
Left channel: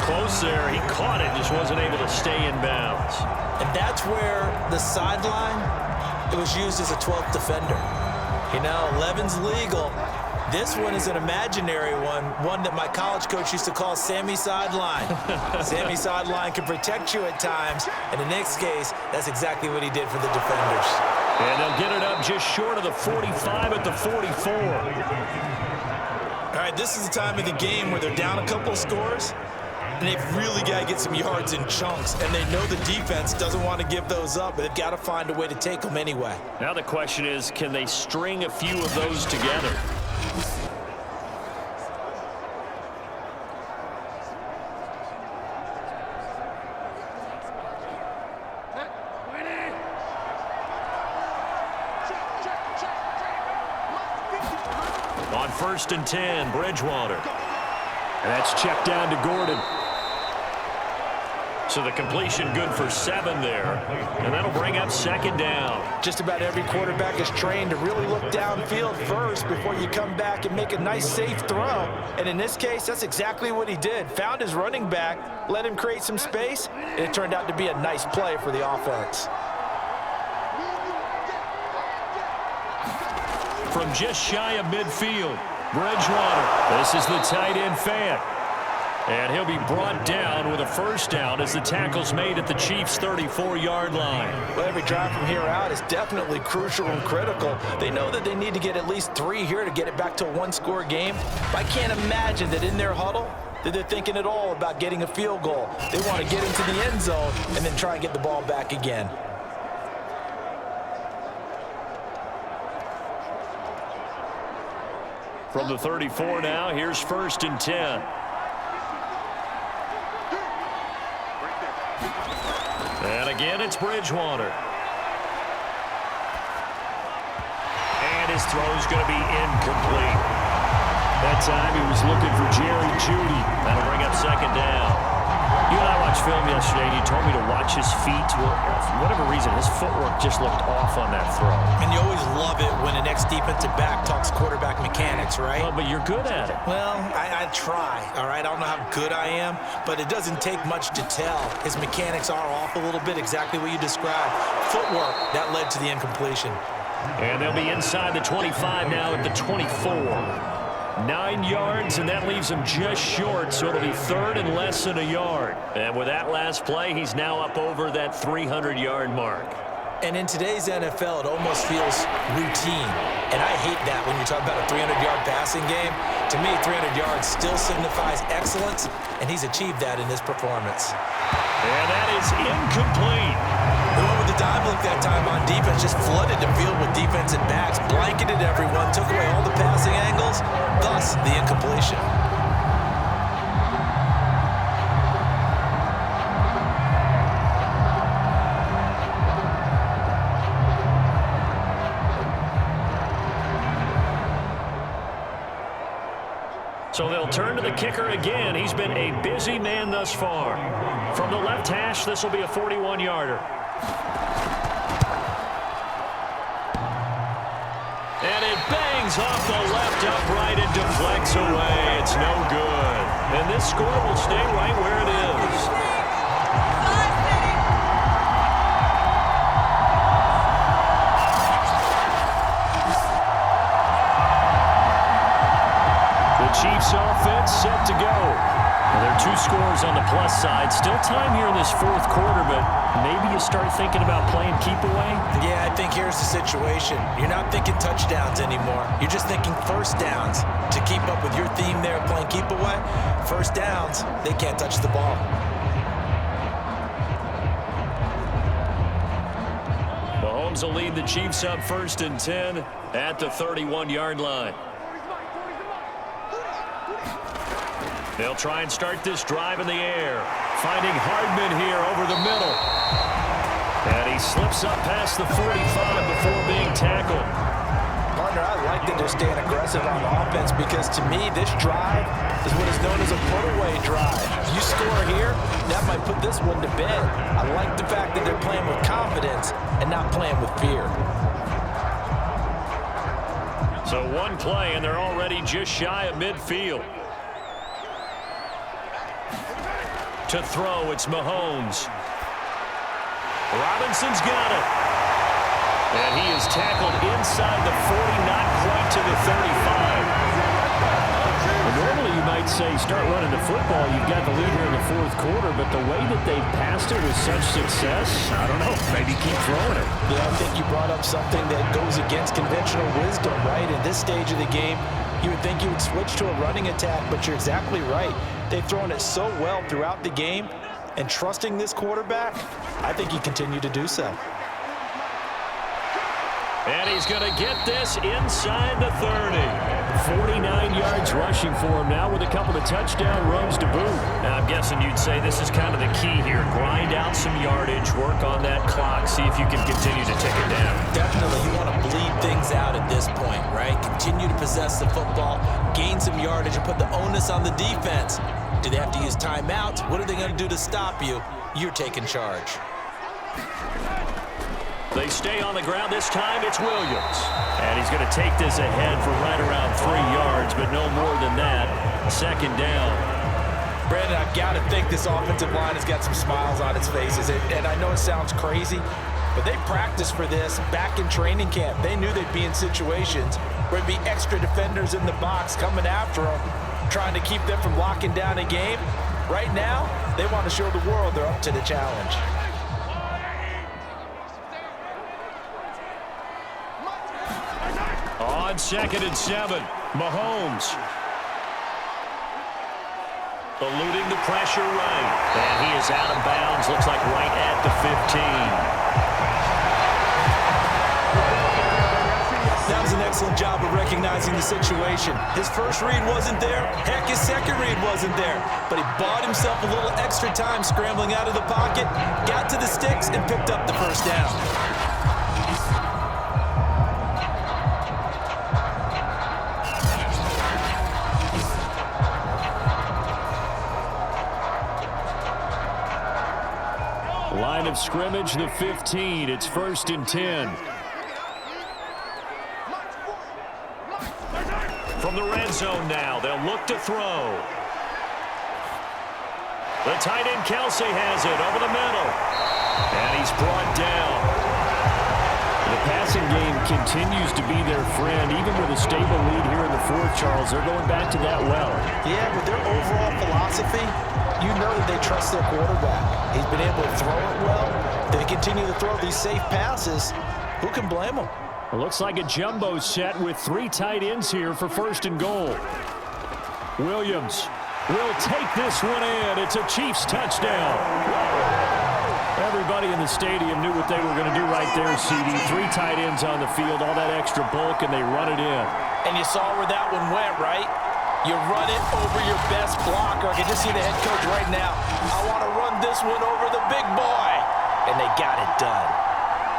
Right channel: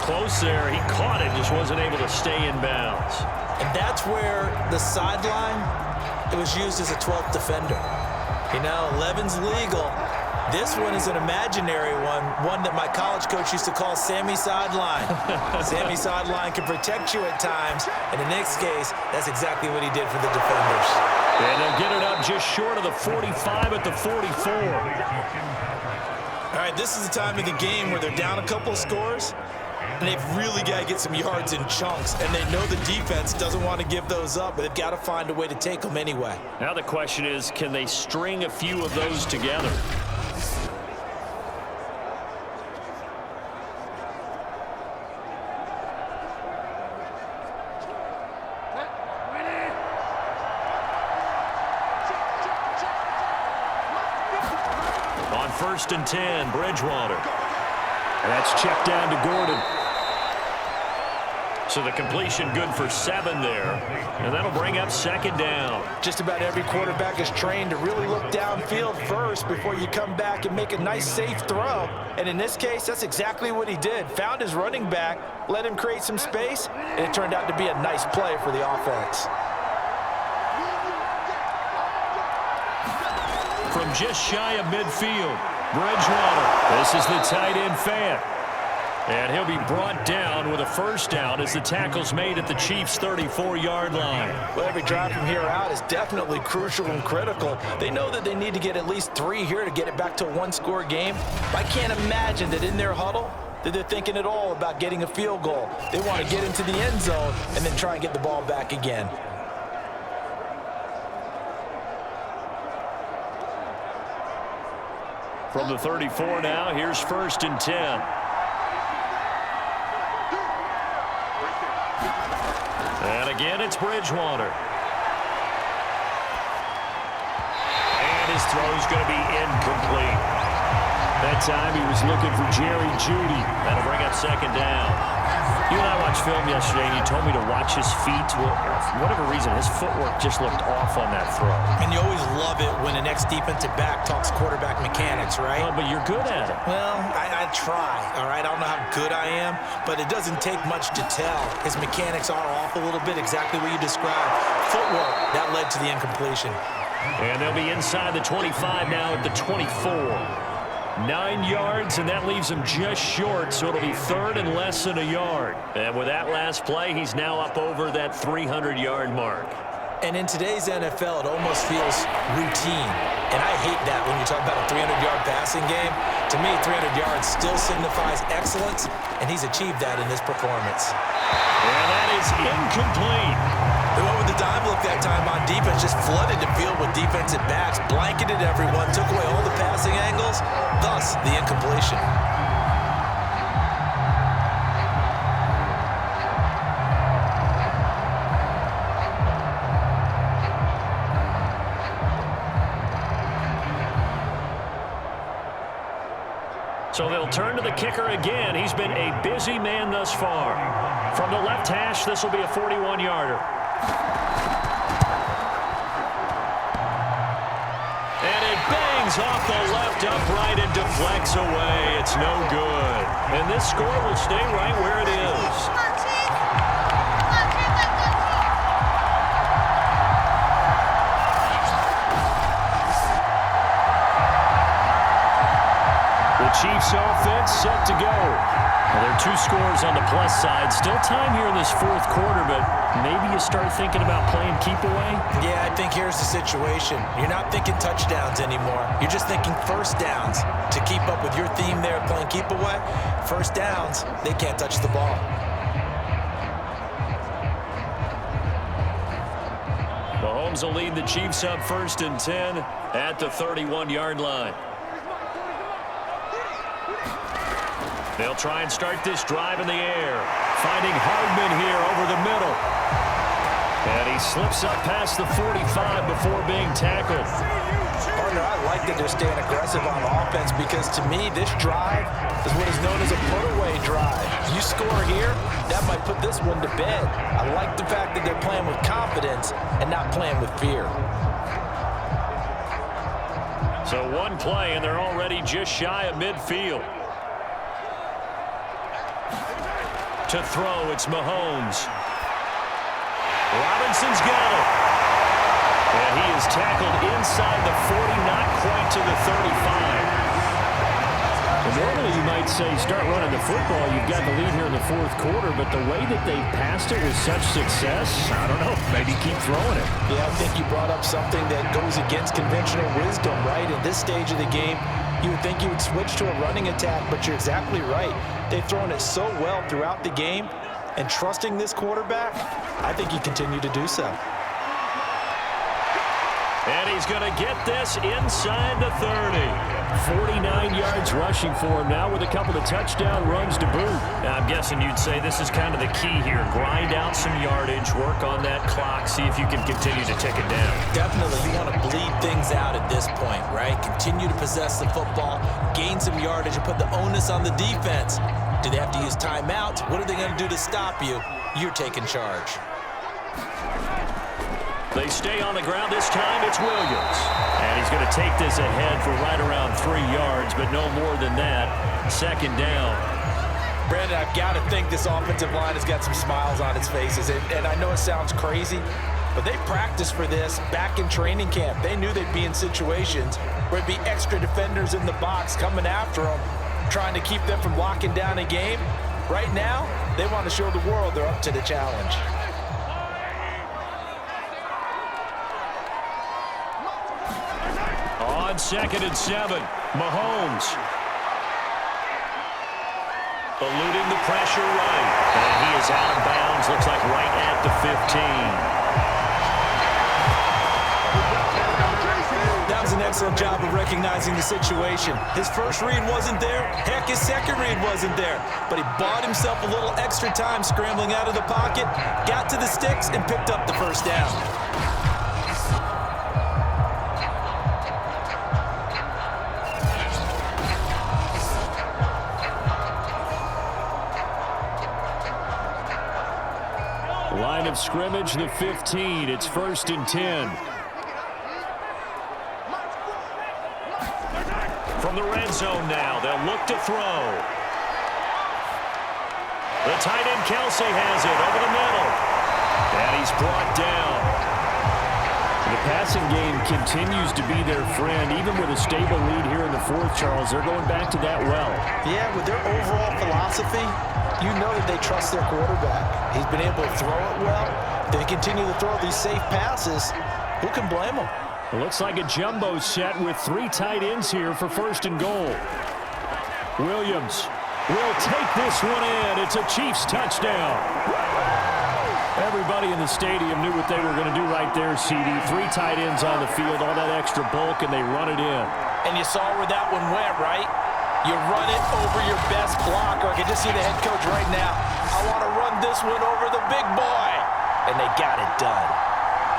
Close there. He caught it, just wasn't able to stay in bounds. And that's where the sideline, it was used as a 12th defender. You know, 11's legal. This one is an imaginary one that my college coach used to call Sammy Sideline. Sammy Sideline can protect you at times, and in this case, that's exactly what he did for the defenders. And they'll get it up just short of the 45 at the 44. All right, this is the time of the game where they're down a couple scores. and they've really got to get some yards in chunks, and they know the defense doesn't want to give those up, but they've got to find a way to take them anyway. Now the question is, can they string a few of those together? On 1st and 10, Bridgewater. And that's checked down to Gordon. So the completion good for 7 there. And that'll bring up 2nd down. Just about every quarterback is trained to really look downfield first before you come back and make a nice, safe throw. And in this case, that's exactly what he did. Found his running back, let him create some space, and it turned out to be a nice play for the offense. From just shy of midfield, Bridgewater. This is the tight end fan. And he'll be brought down with a 1st down as the tackle's made at the Chiefs' 34-yard line. Well, every drive from here out is definitely crucial and critical. They know that they need to get at least 3 here to get it back to a 1-score game. But I can't imagine that in their huddle that they're thinking at all about getting a field goal. They want to get into the end zone and then try and get the ball back again. From the 34 now, here's 1st and 10. And again, it's Bridgewater. And his throw's going to be incomplete. That time he was looking for Jerry Jeudy. That'll bring up 2nd down. You and I watched film yesterday, and you told me to watch his feet. Well, for whatever reason, his footwork just looked off on that throw. And you always love it when the next defensive back talks quarterback mechanics, right? Well, but you're good at it. Well, I try, all right? I don't know how good I am, but it doesn't take much to tell. His mechanics are off a little bit, exactly what you described. Footwork, that led to the incompletion. And they'll be inside the 25 now at the 24. 9 yards, and that leaves him just short, so it'll be 3rd and less than a yard. And with that last play, he's now up over that 300-yard mark. And in today's NFL, it almost feels routine. And I hate that when you talk about a 300-yard passing game. To me, 300 yards still signifies excellence, and he's achieved that in this performance. And that is incomplete. The one with the dive look that time on defense just flooded the field with defensive backs, blanketed everyone, took away all the passing angles, thus the incompletion. So they'll turn to the kicker again. He's been a busy man thus far. From the left hash, this will be a 41-yarder. And it bangs off the left upright and deflects away. It's no good. And this score will stay right where it is. Chiefs offense set to go. Well, there are 2 scores on the plus side. Still time here in this 4th quarter, but maybe you start thinking about playing keep away? Yeah, I think here's the situation. You're not thinking touchdowns anymore. You're just thinking 1st downs. To keep up with your theme there, playing keep away, 1st downs, they can't touch the ball. Mahomes will lead the Chiefs up 1st and 10 at the 31-yard line. They'll try and start this drive in the air. Finding Hardman here over the middle. And he slips up past the 45 before being tackled. Partner, I like that they're staying aggressive on offense because to me, this drive is what is known as a put-away drive. You score here, that might put this one to bed. I like the fact that they're playing with confidence and not playing with fear. So 1 play, and they're already just shy of midfield. To throw, it's Mahomes. Robinson's got it. And he is tackled inside the 40, not quite to the 35. Well, normally you might say start running the football. You've got the lead here in the 4th quarter, but the way that they passed it with such success, I don't know, maybe keep throwing it. Yeah, I think you brought up something that goes against conventional wisdom, right? In this stage of the game, You would think you would switch to a running attack, but you're exactly right. They've thrown it so well throughout the game, and trusting this quarterback, I think you continue to do so. And he's going to get this inside the 30. 49 yards rushing for him now with a couple of touchdown runs to boot. Now, I'm guessing you'd say this is kind of the key here. Grind out some yardage, work on that clock, see if you can continue to tick it down. Definitely, you want to bleed things out at this point, right? Continue to possess the football, gain some yardage, and put the onus on the defense. Do they have to use timeouts? What are they going to do to stop you? You're taking charge. They stay on the ground this time. It's Williams. And he's going to take this ahead for right around 3 yards, but no more than that. Second down. Brandon, I've got to think this offensive line has got some smiles on its faces. And I know it sounds crazy, but they practiced for this back in training camp. They knew they'd be in situations where there'd be extra defenders in the box coming after them, trying to keep them from locking down a game. Right now, they want to show the world they're up to the challenge. On 2nd and 7, Mahomes. Eluding the pressure right. And he is out of bounds, looks like right at the 15. That was an excellent job of recognizing the situation. His first read wasn't there. Heck, his second read wasn't there. But he bought himself a little extra time scrambling out of the pocket, got to the sticks, and picked up the first down. Line of scrimmage, the 15. It's 1st and 10. From the red zone now, they'll look to throw. The tight end Kelsey has it over the middle. And he's brought down. The passing game continues to be their friend. Even with a stable lead here in the 4th, Charles, they're going back to that well. Yeah, with their overall philosophy, you know that they trust their quarterback. He's been able to throw it well. They continue to throw these safe passes. Who can blame them? It looks like a jumbo set with 3 tight ends here for 1st and goal. Williams will take this one in. It's a Chiefs touchdown. Everybody in the stadium knew what they were going to do right there, CD. 3 tight ends on the field, all that extra bulk, and they run it in. And you saw where that one went, right? You run it over your best blocker. I can just see the head coach right now. I want to run this one over the big boy. And they got it done.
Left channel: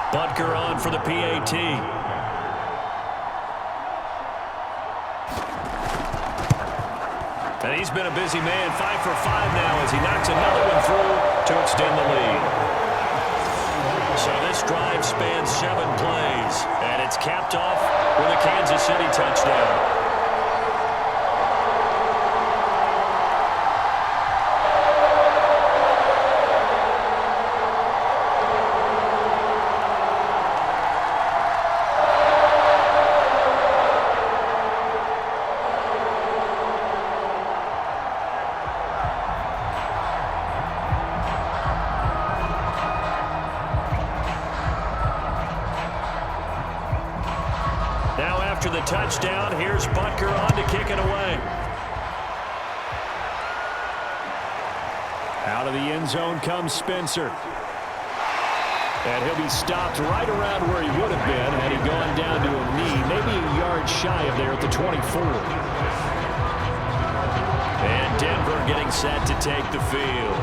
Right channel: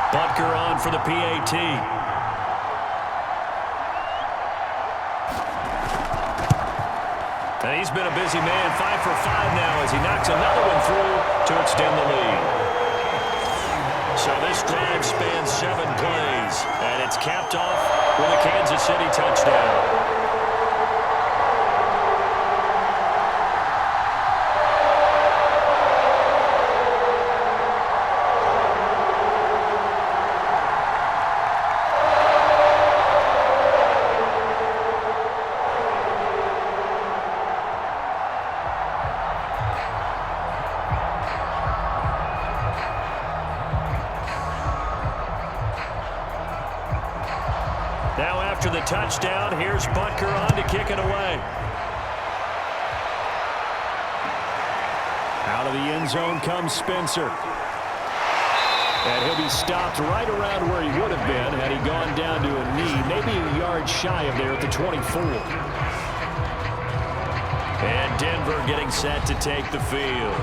Butker on for the PAT. And he's been a busy man, 5 for 5 now as he knocks another one through to extend the lead. So this drive spans 7 plays, and it's capped off with a Kansas City touchdown. Now after the touchdown, here's Butker on to kick it away. Out of the end zone comes Spencer. And he'll be stopped right around where he would have been had he gone down to a knee, maybe a yard shy of there at the 24. And Denver getting set to take the field.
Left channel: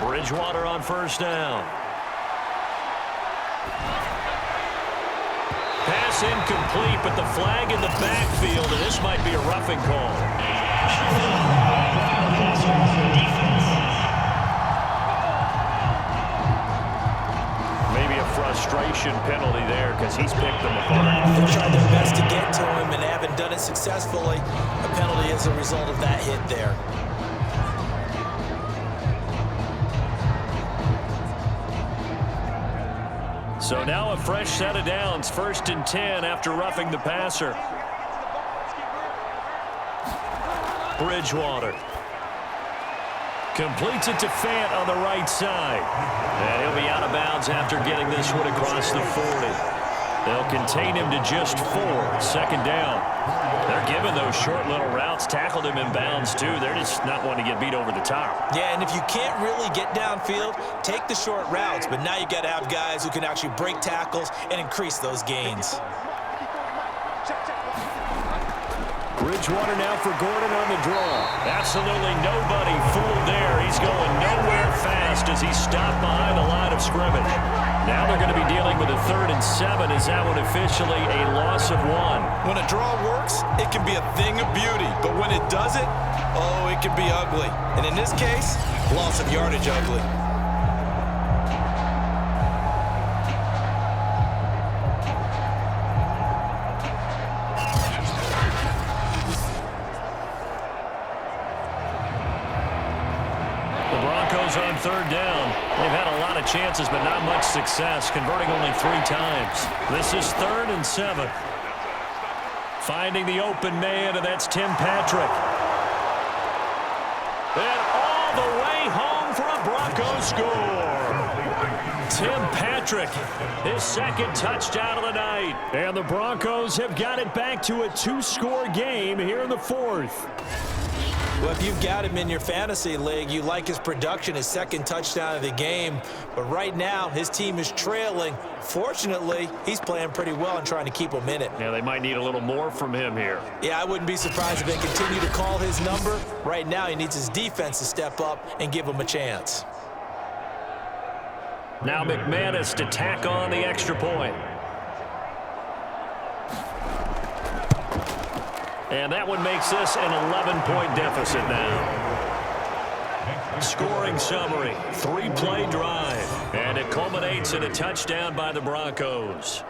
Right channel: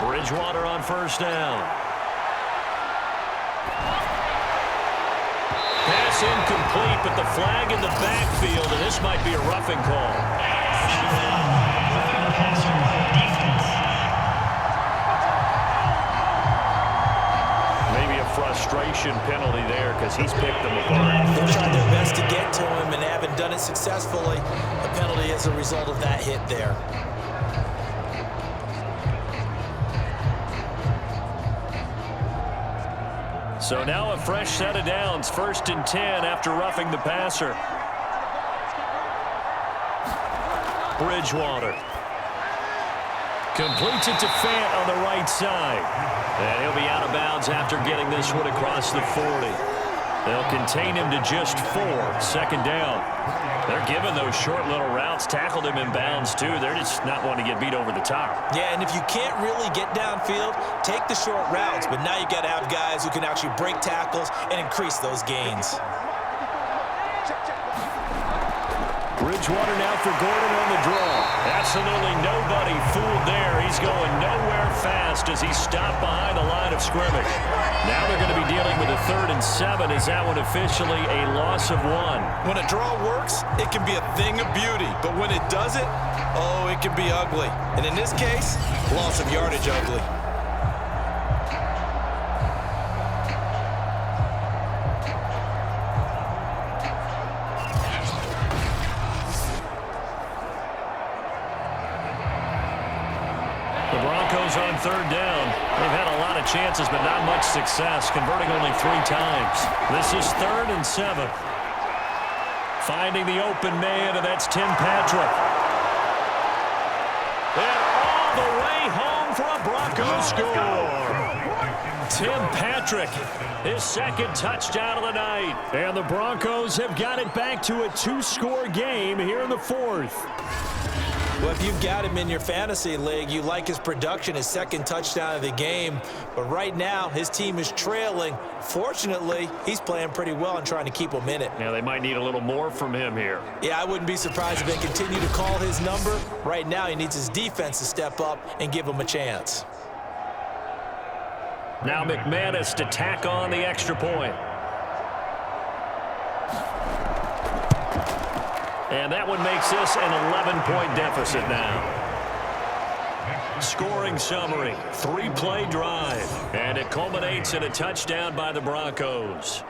Bridgewater on first down. Pass incomplete, but the flag in the backfield, and this might be a roughing call. Maybe a frustration penalty there because he's picked them apart. They've tried their best to get to him and haven't done it successfully. A penalty as a result of that hit there. So now a fresh set of downs, 1st and 10 after roughing the passer. Bridgewater completes it to Fant on the right side. And he'll be out of bounds after getting this one across the 40. They'll contain him to just 4, 2nd down. They're giving those short little routes, tackled him in bounds too. They're just not wanting to get beat over the top. Yeah, and if you can't really get downfield, take the short routes. But now you got to have guys who can actually break tackles and increase those gains. Bridgewater now for Gordon on the draw. Absolutely nobody fooled there. He's going nowhere fast as he's stopped behind the line of scrimmage. Now they're going to be dealing with a 3rd and 7. Is that one officially a loss of 1? When a draw works, it can be a thing of beauty. But when it doesn't, oh, it can be ugly. And in this case, loss of yardage ugly. The Broncos on 3rd down. They've had a lot of chances, but not much success, converting only 3 times. This is 3rd and 7. Finding the open man, and that's Tim Patrick. And all the way home for a Broncos score. Tim Patrick, his 2nd touchdown of the night. And the Broncos have got it back to a 2-score game here in the 4th. Well, if you've got him in your fantasy league, you like his production, his 2nd touchdown of the game. But right now, his team is trailing. Fortunately, he's playing pretty well and trying to keep them in it. Yeah, they might need a little more from him here. Yeah, I wouldn't be surprised if they continue to call his number. Right now, he needs his defense to step up and give him a chance. Now McManus to tack on the extra point. And that one makes this an 11-point deficit now. Scoring summary, 3-play drive. And it culminates in a touchdown by the Broncos.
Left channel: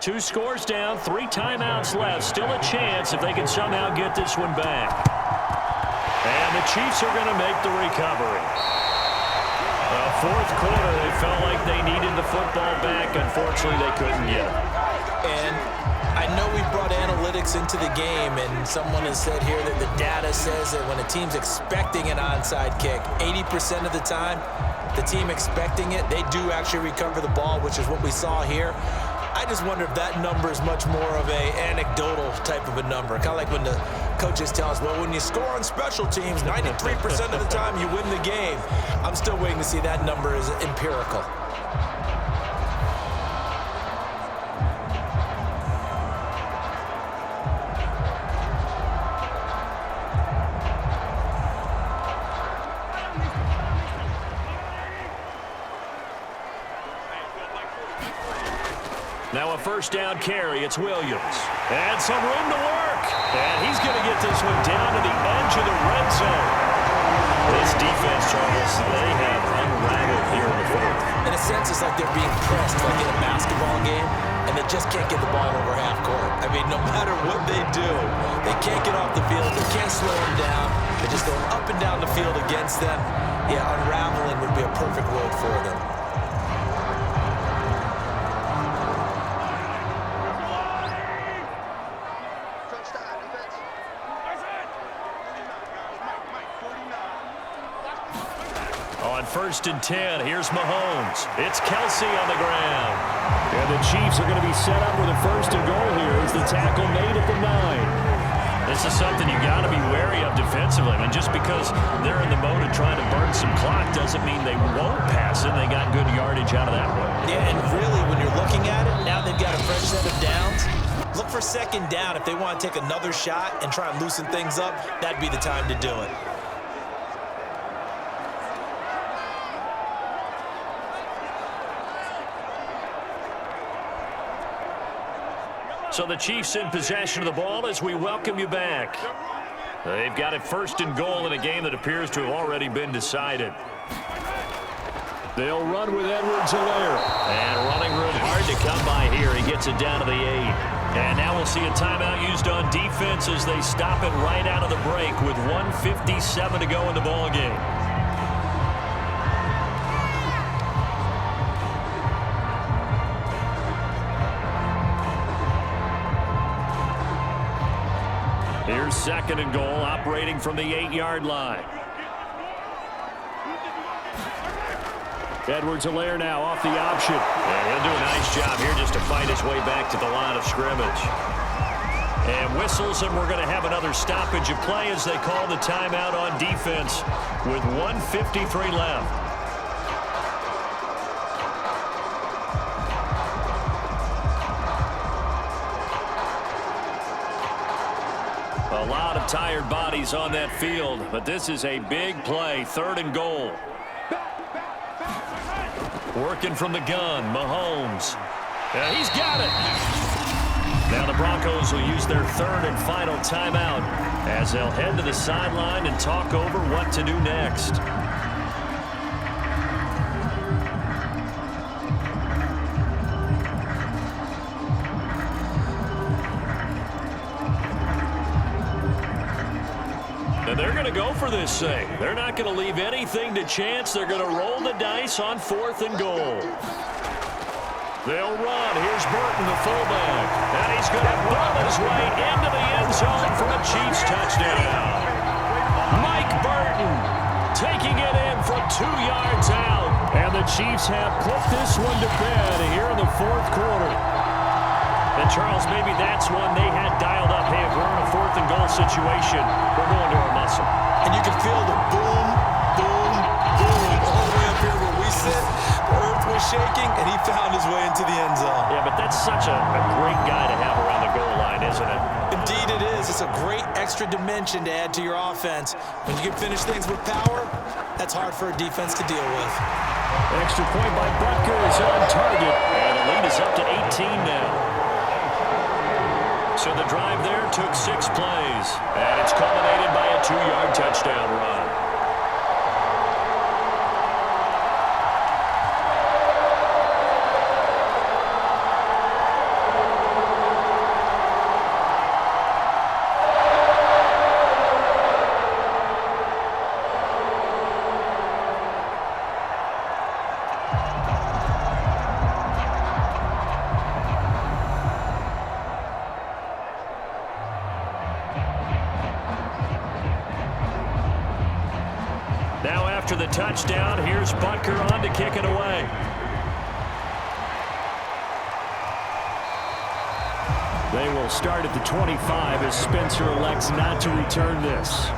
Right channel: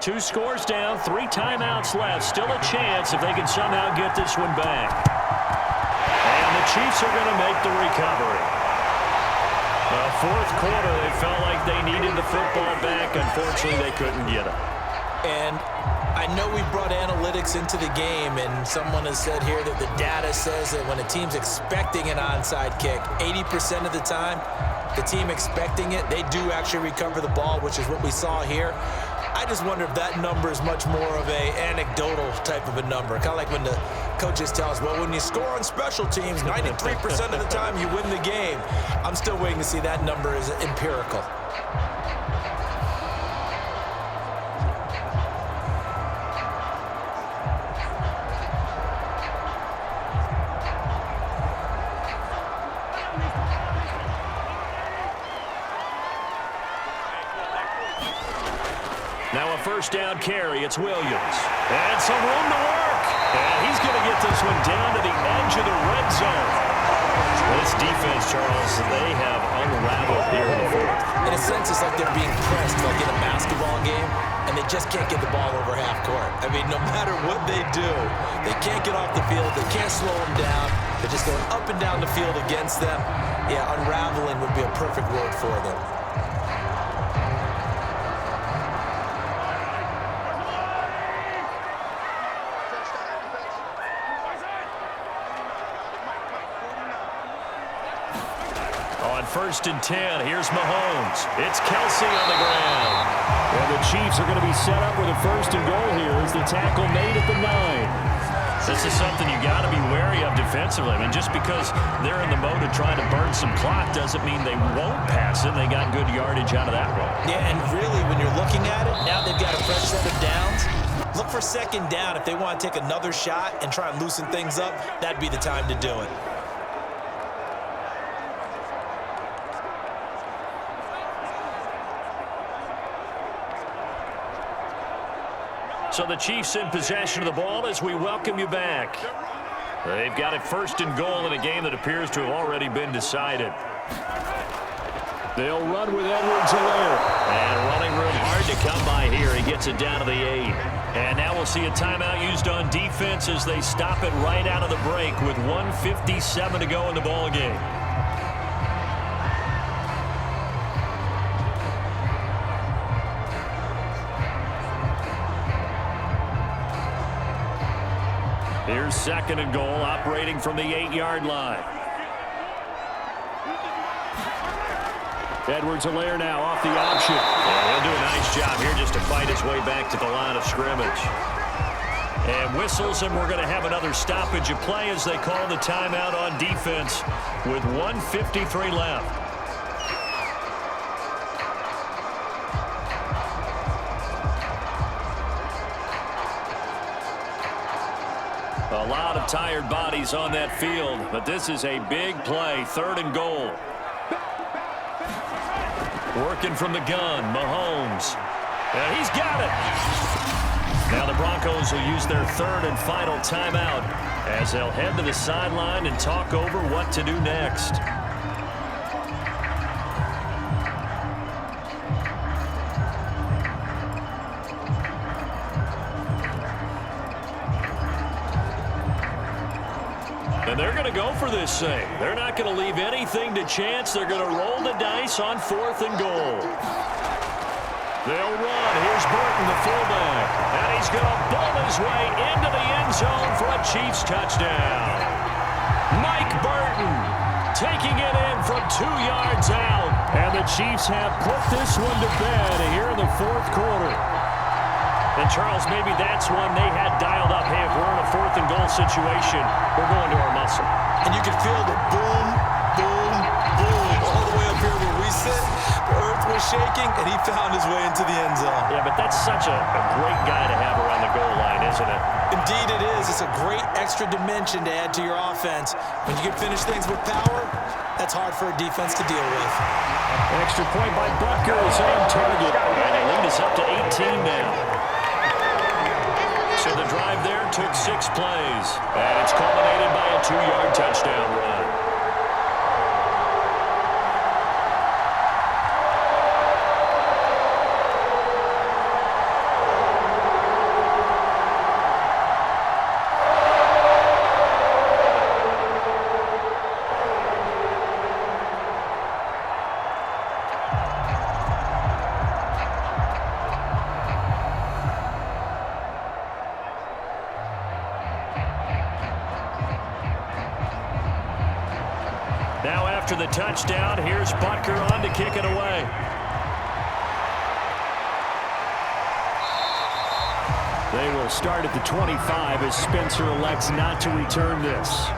Two scores down, 3 timeouts left. Still a chance if they can somehow get this one back. And the Chiefs are going to make the recovery. Fourth quarter, they felt like they needed the football back. Unfortunately, they couldn't get it. And I know we brought analytics into the game, and someone has said here that the data says that when a team's expecting an onside kick, 80% of the time, the team expecting it, they do actually recover the ball, which is what we saw here. I just wonder if that number is much more of a anecdotal type of a number. Kind of like when the coaches tell us, well, when you score on special teams, 93% of the time you win the game. I'm still waiting to see that number is empirical. Now a first down carry. It's Williams. And some room to work. And he's going to get this one down to the edge of the red zone. This defense, Charles, they have unraveled here in the 4th. In a sense, it's like they're being pressed like in a basketball game, and they just can't get the ball over half court. I mean, no matter what they do, they can't get off the field. They can't slow them down. They're just going up and down the field against them. Yeah, unraveling would be a perfect word for them. On 1st and 10, here's Mahomes. It's Kelsey on the ground. And the Chiefs are going to be set up with a 1st and goal here as the tackle made at the 9. This is something you got to be wary of defensively. I mean, just because they're in the mode of trying to burn some clock doesn't mean they won't pass it. They got good yardage out of that one. Yeah, and really, when you're looking at it, now they've got a fresh set of downs. Look for 2nd down. If they want to take another shot and try and loosen things up, that'd be the time to do it. So the Chiefs in possession of the ball as we welcome you back. They've got it 1st and goal in a game that appears to have already been decided. They'll run with Edwards-Helaire. And running room hard to come by here. He gets it down to the 8. And now we'll see a timeout used on defense as they stop it right out of the break with 1:57 to go in the ballgame. Here's 2nd and goal, operating from the 8-yard line. Edwards-Helaire now off the option. And he'll do a nice job here just to fight his way back to the line of scrimmage. And whistles, and we're going to have another stoppage of play as they call the timeout on defense with 1:53 left. A lot of tired bodies on that field, but this is a big play, 3rd and goal. Working from the gun, Mahomes. And he's got it. Now the Broncos will use their 3rd and final timeout as they'll head to the sideline and talk over what to do next. And they're going to go for this thing. They're not going to leave anything to chance. They're going to roll the dice on 4th and goal. They'll run. Here's Burton, the fullback. And he's going to bull his way into the end zone for a Chiefs touchdown. Mike Burton taking it in from 2 yards out. And the Chiefs have put this one to bed here in the 4th quarter. And, Charles, maybe that's one they had dialed up. Hey, if we're in a 4th and goal situation, we're going to our muscle. And you can feel the boom, boom, boom all the way up here where we sit. The earth was shaking, and he found his way into the end zone. Yeah, but that's such a great guy to have around the goal line, isn't it? Indeed it is. It's a great extra dimension to add to your offense. When you can finish things with power, that's hard for a defense to deal with. Extra point by Butker is on target. And the lead is up to 18 now. So the drive there took 6 plays, and it's culminated by a 2-yard touchdown run. Now after the touchdown, here's Butker on to kick it away. They will start at the 25 as Spencer elects not to return this.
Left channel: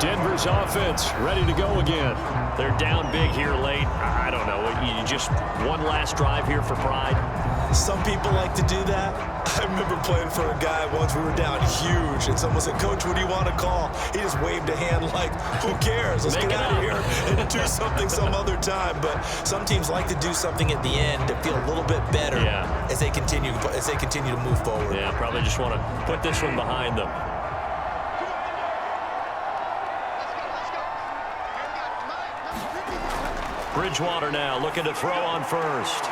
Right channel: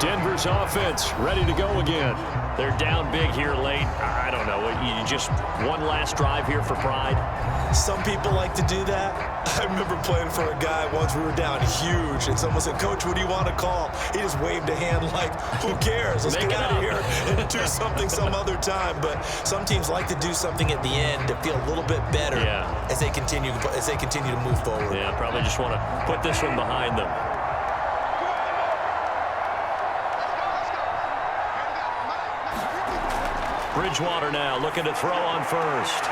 Denver's offense ready to go again. They're down big here late. I don't know. You just one last drive here for pride. Some people like to do that. I remember playing for a guy once. We were down huge, and someone said, "Coach, what do you want to call?" He just waved a hand like, "Who cares? Let's get out of here and do something some other time." But some teams like to do something at the end to feel a little bit better as they continue to move forward. Yeah, probably just want to put this one behind them. Bridgewater now looking to throw on first.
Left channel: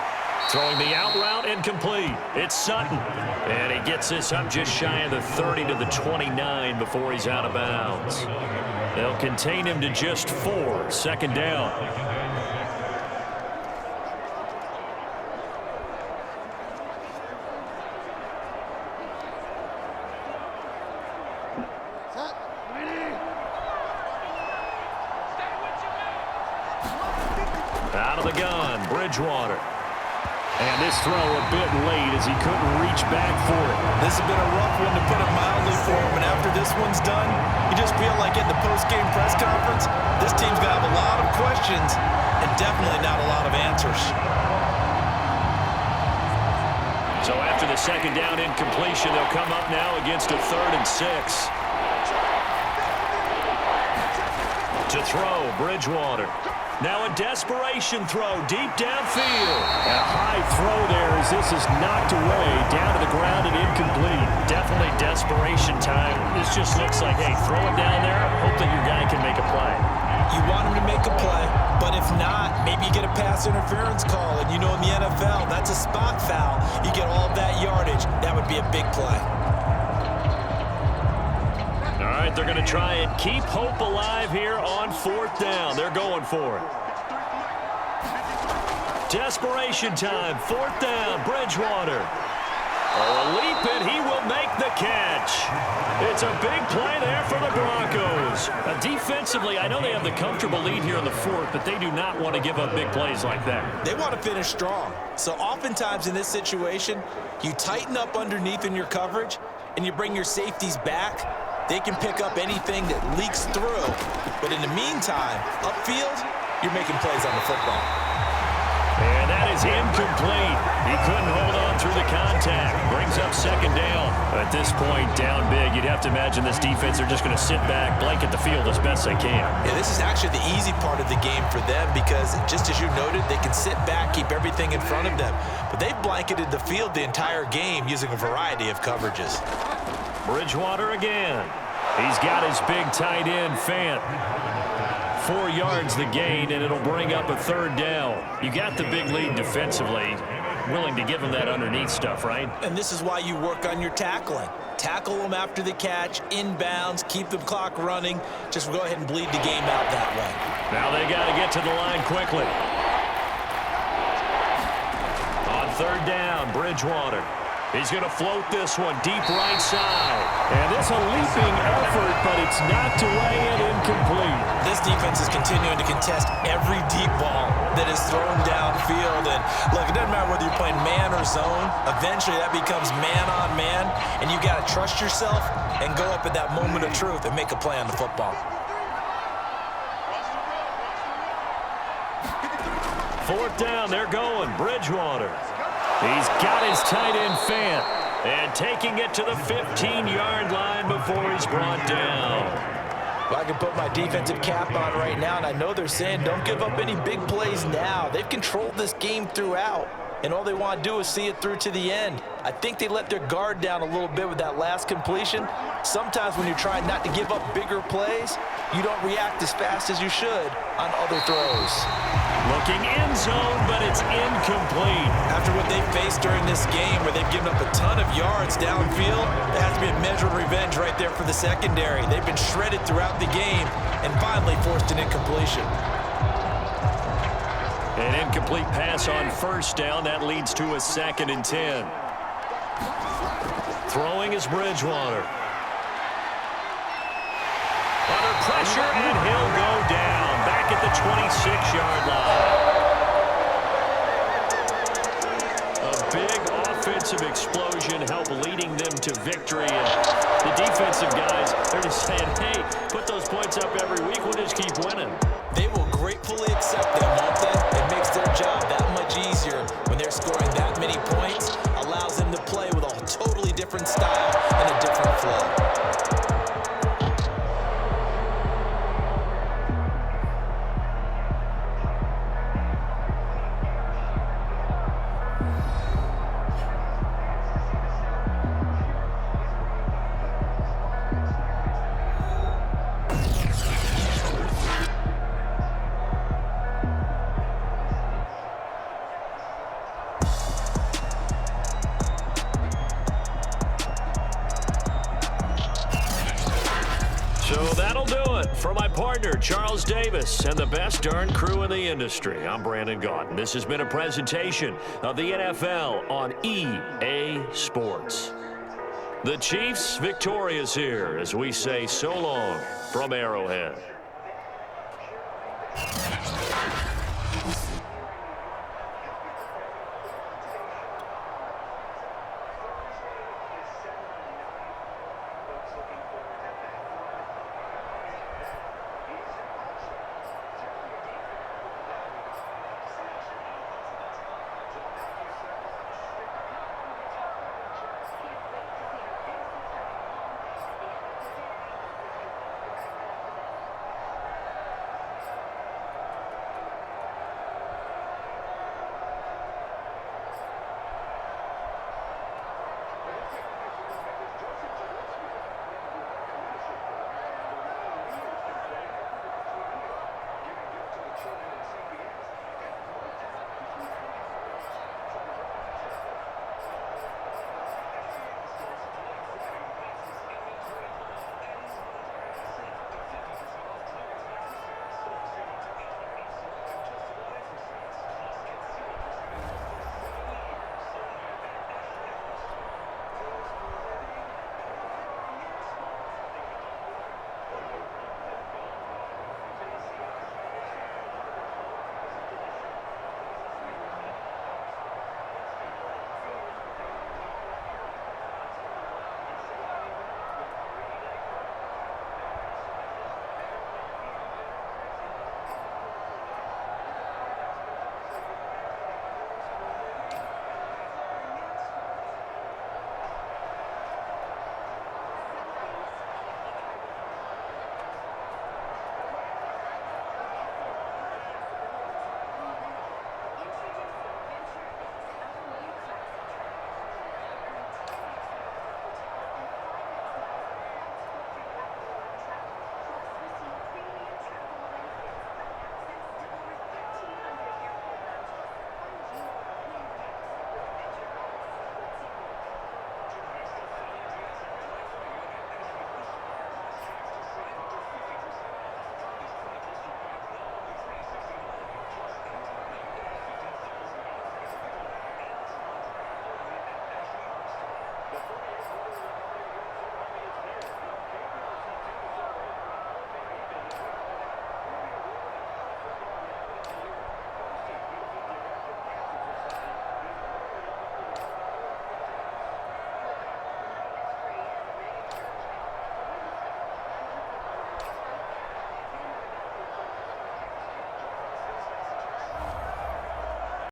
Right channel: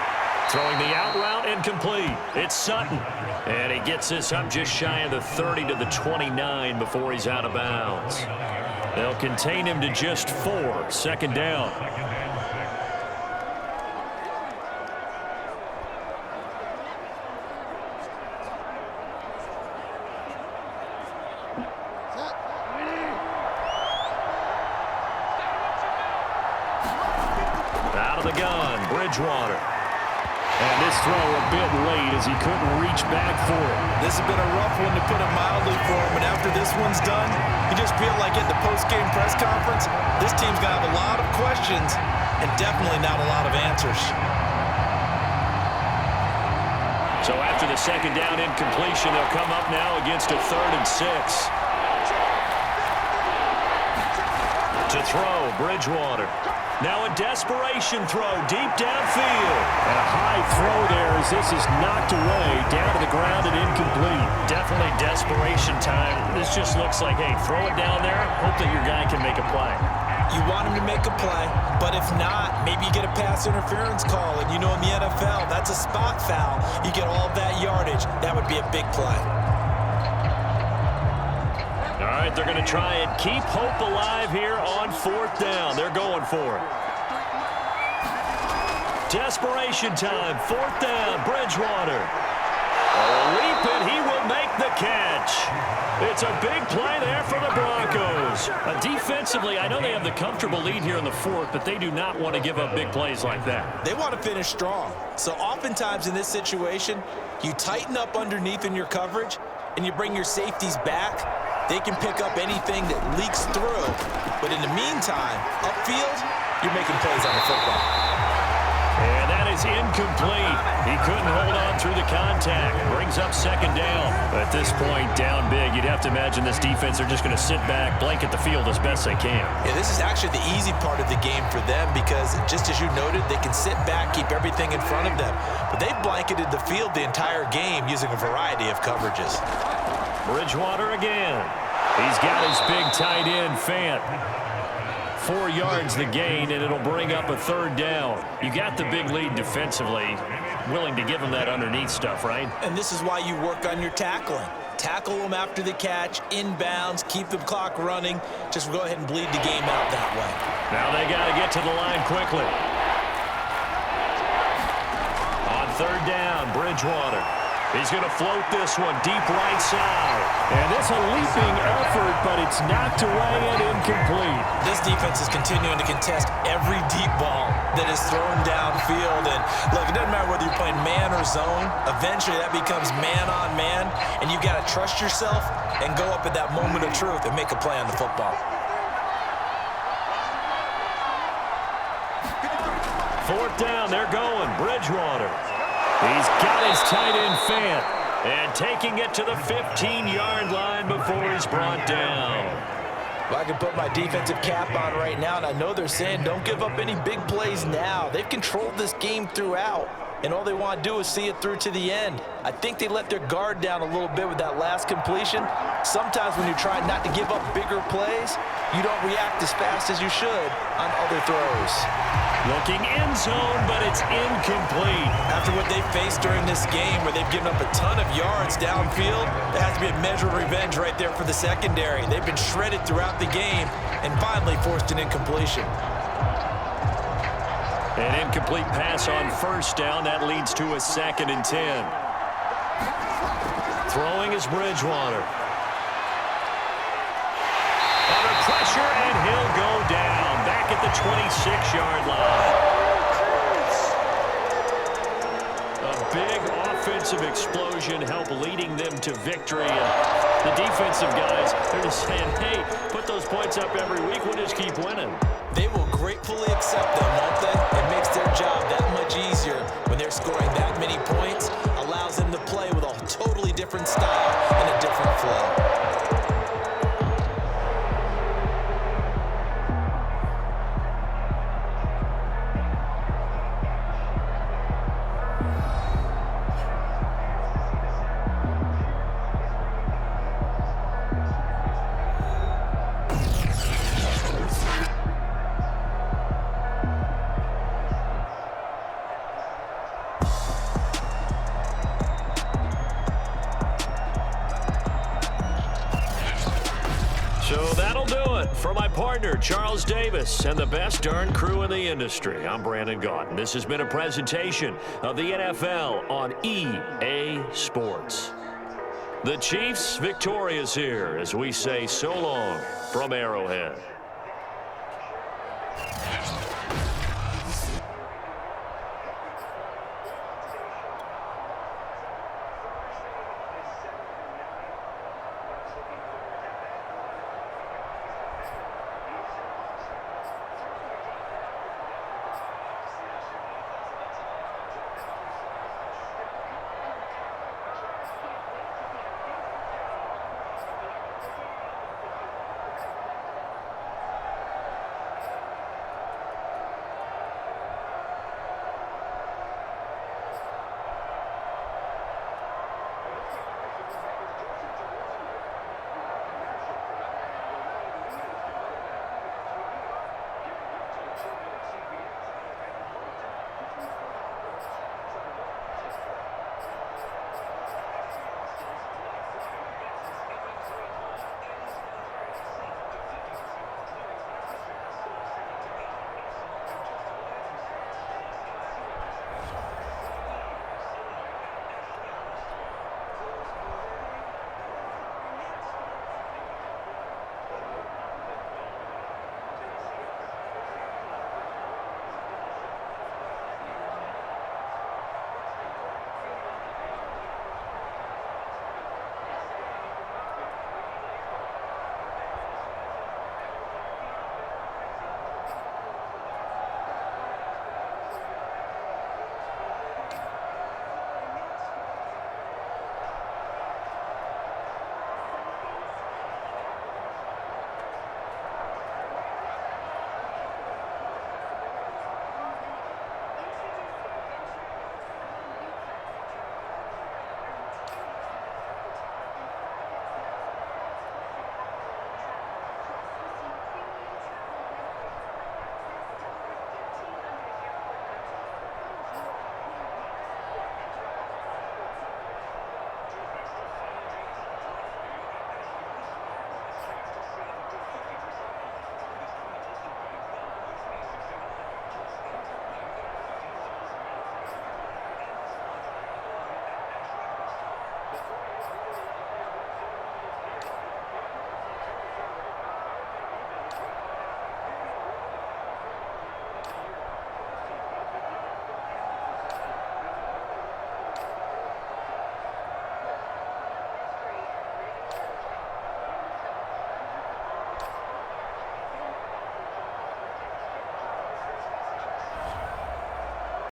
Throwing the out route incomplete. It's Sutton. And he gets this up just shy of the 30 to the 29 before he's out of bounds. They'll contain him to just 4. 2nd down. Out of the gun, Bridgewater. And this throw a bit late as he couldn't reach back for it. This has been a rough one, to put it mildly, for him. And after this one's done, you just feel like at the post-game press conference, this team's going to have a lot of questions and definitely not a lot of answers. So after the 2nd down incompletion, they'll come up now against a 3rd and 6. To throw, Bridgewater. Now a desperation throw deep downfield. And a high throw there as this is knocked away, down to the ground and incomplete. Definitely desperation time. This just looks like, hey, throw it down there, hope that your guy can make a play. You want him to make a play, but if not, maybe you get a pass interference call. And you know in the NFL, that's a spot foul. You get all that yardage. That would be a big play. All right, they're going to try and keep hope alive here on 4th down. They're going for it. Desperation time, 4th down, Bridgewater. Oh, a leap, and he will make the catch. It's a big play there for the Broncos. Defensively, I know they have the comfortable lead here in the 4th, but they do not want to give up big plays like that. They want to finish strong. So oftentimes in this situation, you tighten up underneath in your coverage, and you bring your safeties back. They can pick up anything that leaks through. But in the meantime, upfield, you're making plays on the football. And that is incomplete. He couldn't hold on through the contact. Brings up 2nd down. At this point, down big. You'd have to imagine this defense are just going to sit back, blanket the field as best they can. Yeah, this is actually the easy part of the game for them because, just as you noted, they can sit back, keep everything in front of them. But they've blanketed the field the entire game using a variety of coverages. Bridgewater again. He's got his big tight end, Fant. 4 yards the gain, and it'll bring up a 3rd down. You got the big lead defensively. Willing to give him that underneath stuff, right? And this is why you work on your tackling. Tackle them after the catch, inbounds, keep the clock running. Just go ahead and bleed the game out that way. Now they got to get to the line quickly. On 3rd down, Bridgewater. He's going to float this one deep right side. And it's a leaping effort, but it's knocked away and incomplete. This defense is continuing to contest every deep ball that is thrown downfield. And look, it doesn't matter whether you're playing man or zone. Eventually that becomes man on man. And you've got to trust yourself and go up at that moment of truth and make a play on the football. 4th down, they're going. Bridgewater. He's got his tight end, Fant, and taking it to the 15-yard line before he's brought down. Well, I can put my defensive cap on right now, and I know they're saying don't give up any big plays now. They've controlled this game throughout, and all they want to do is see it through to the end. I think they let their guard down a little bit with that last completion. Sometimes when you're trying not to give up bigger plays, you don't react as fast as you should on other throws. Looking end zone, but it's incomplete. After what they've faced during this game where they've given up a ton of yards downfield, there has to be a measure of revenge right there for the secondary. They've been shredded throughout the game and finally forced an incompletion. An incomplete pass on 1st down. That leads to a 2nd and 10. Throwing is Bridgewater. Under pressure, and he'll go down. Back at the 26-yard line. A big offensive explosion helped leading them to victory. And the defensive guys, they're just saying, hey, put those points up every week. We'll just keep winning. They will gratefully accept them, won't they? It makes their job that much easier when they're scoring that many points. Allows them to play with a totally different style and a different flow. So that'll do it for my partner, Charles Davis, and the best darn crew in the industry. I'm Brandon Gaudin. This has been a presentation of the NFL on EA Sports. The Chiefs victorious here as we say so long from Arrowhead.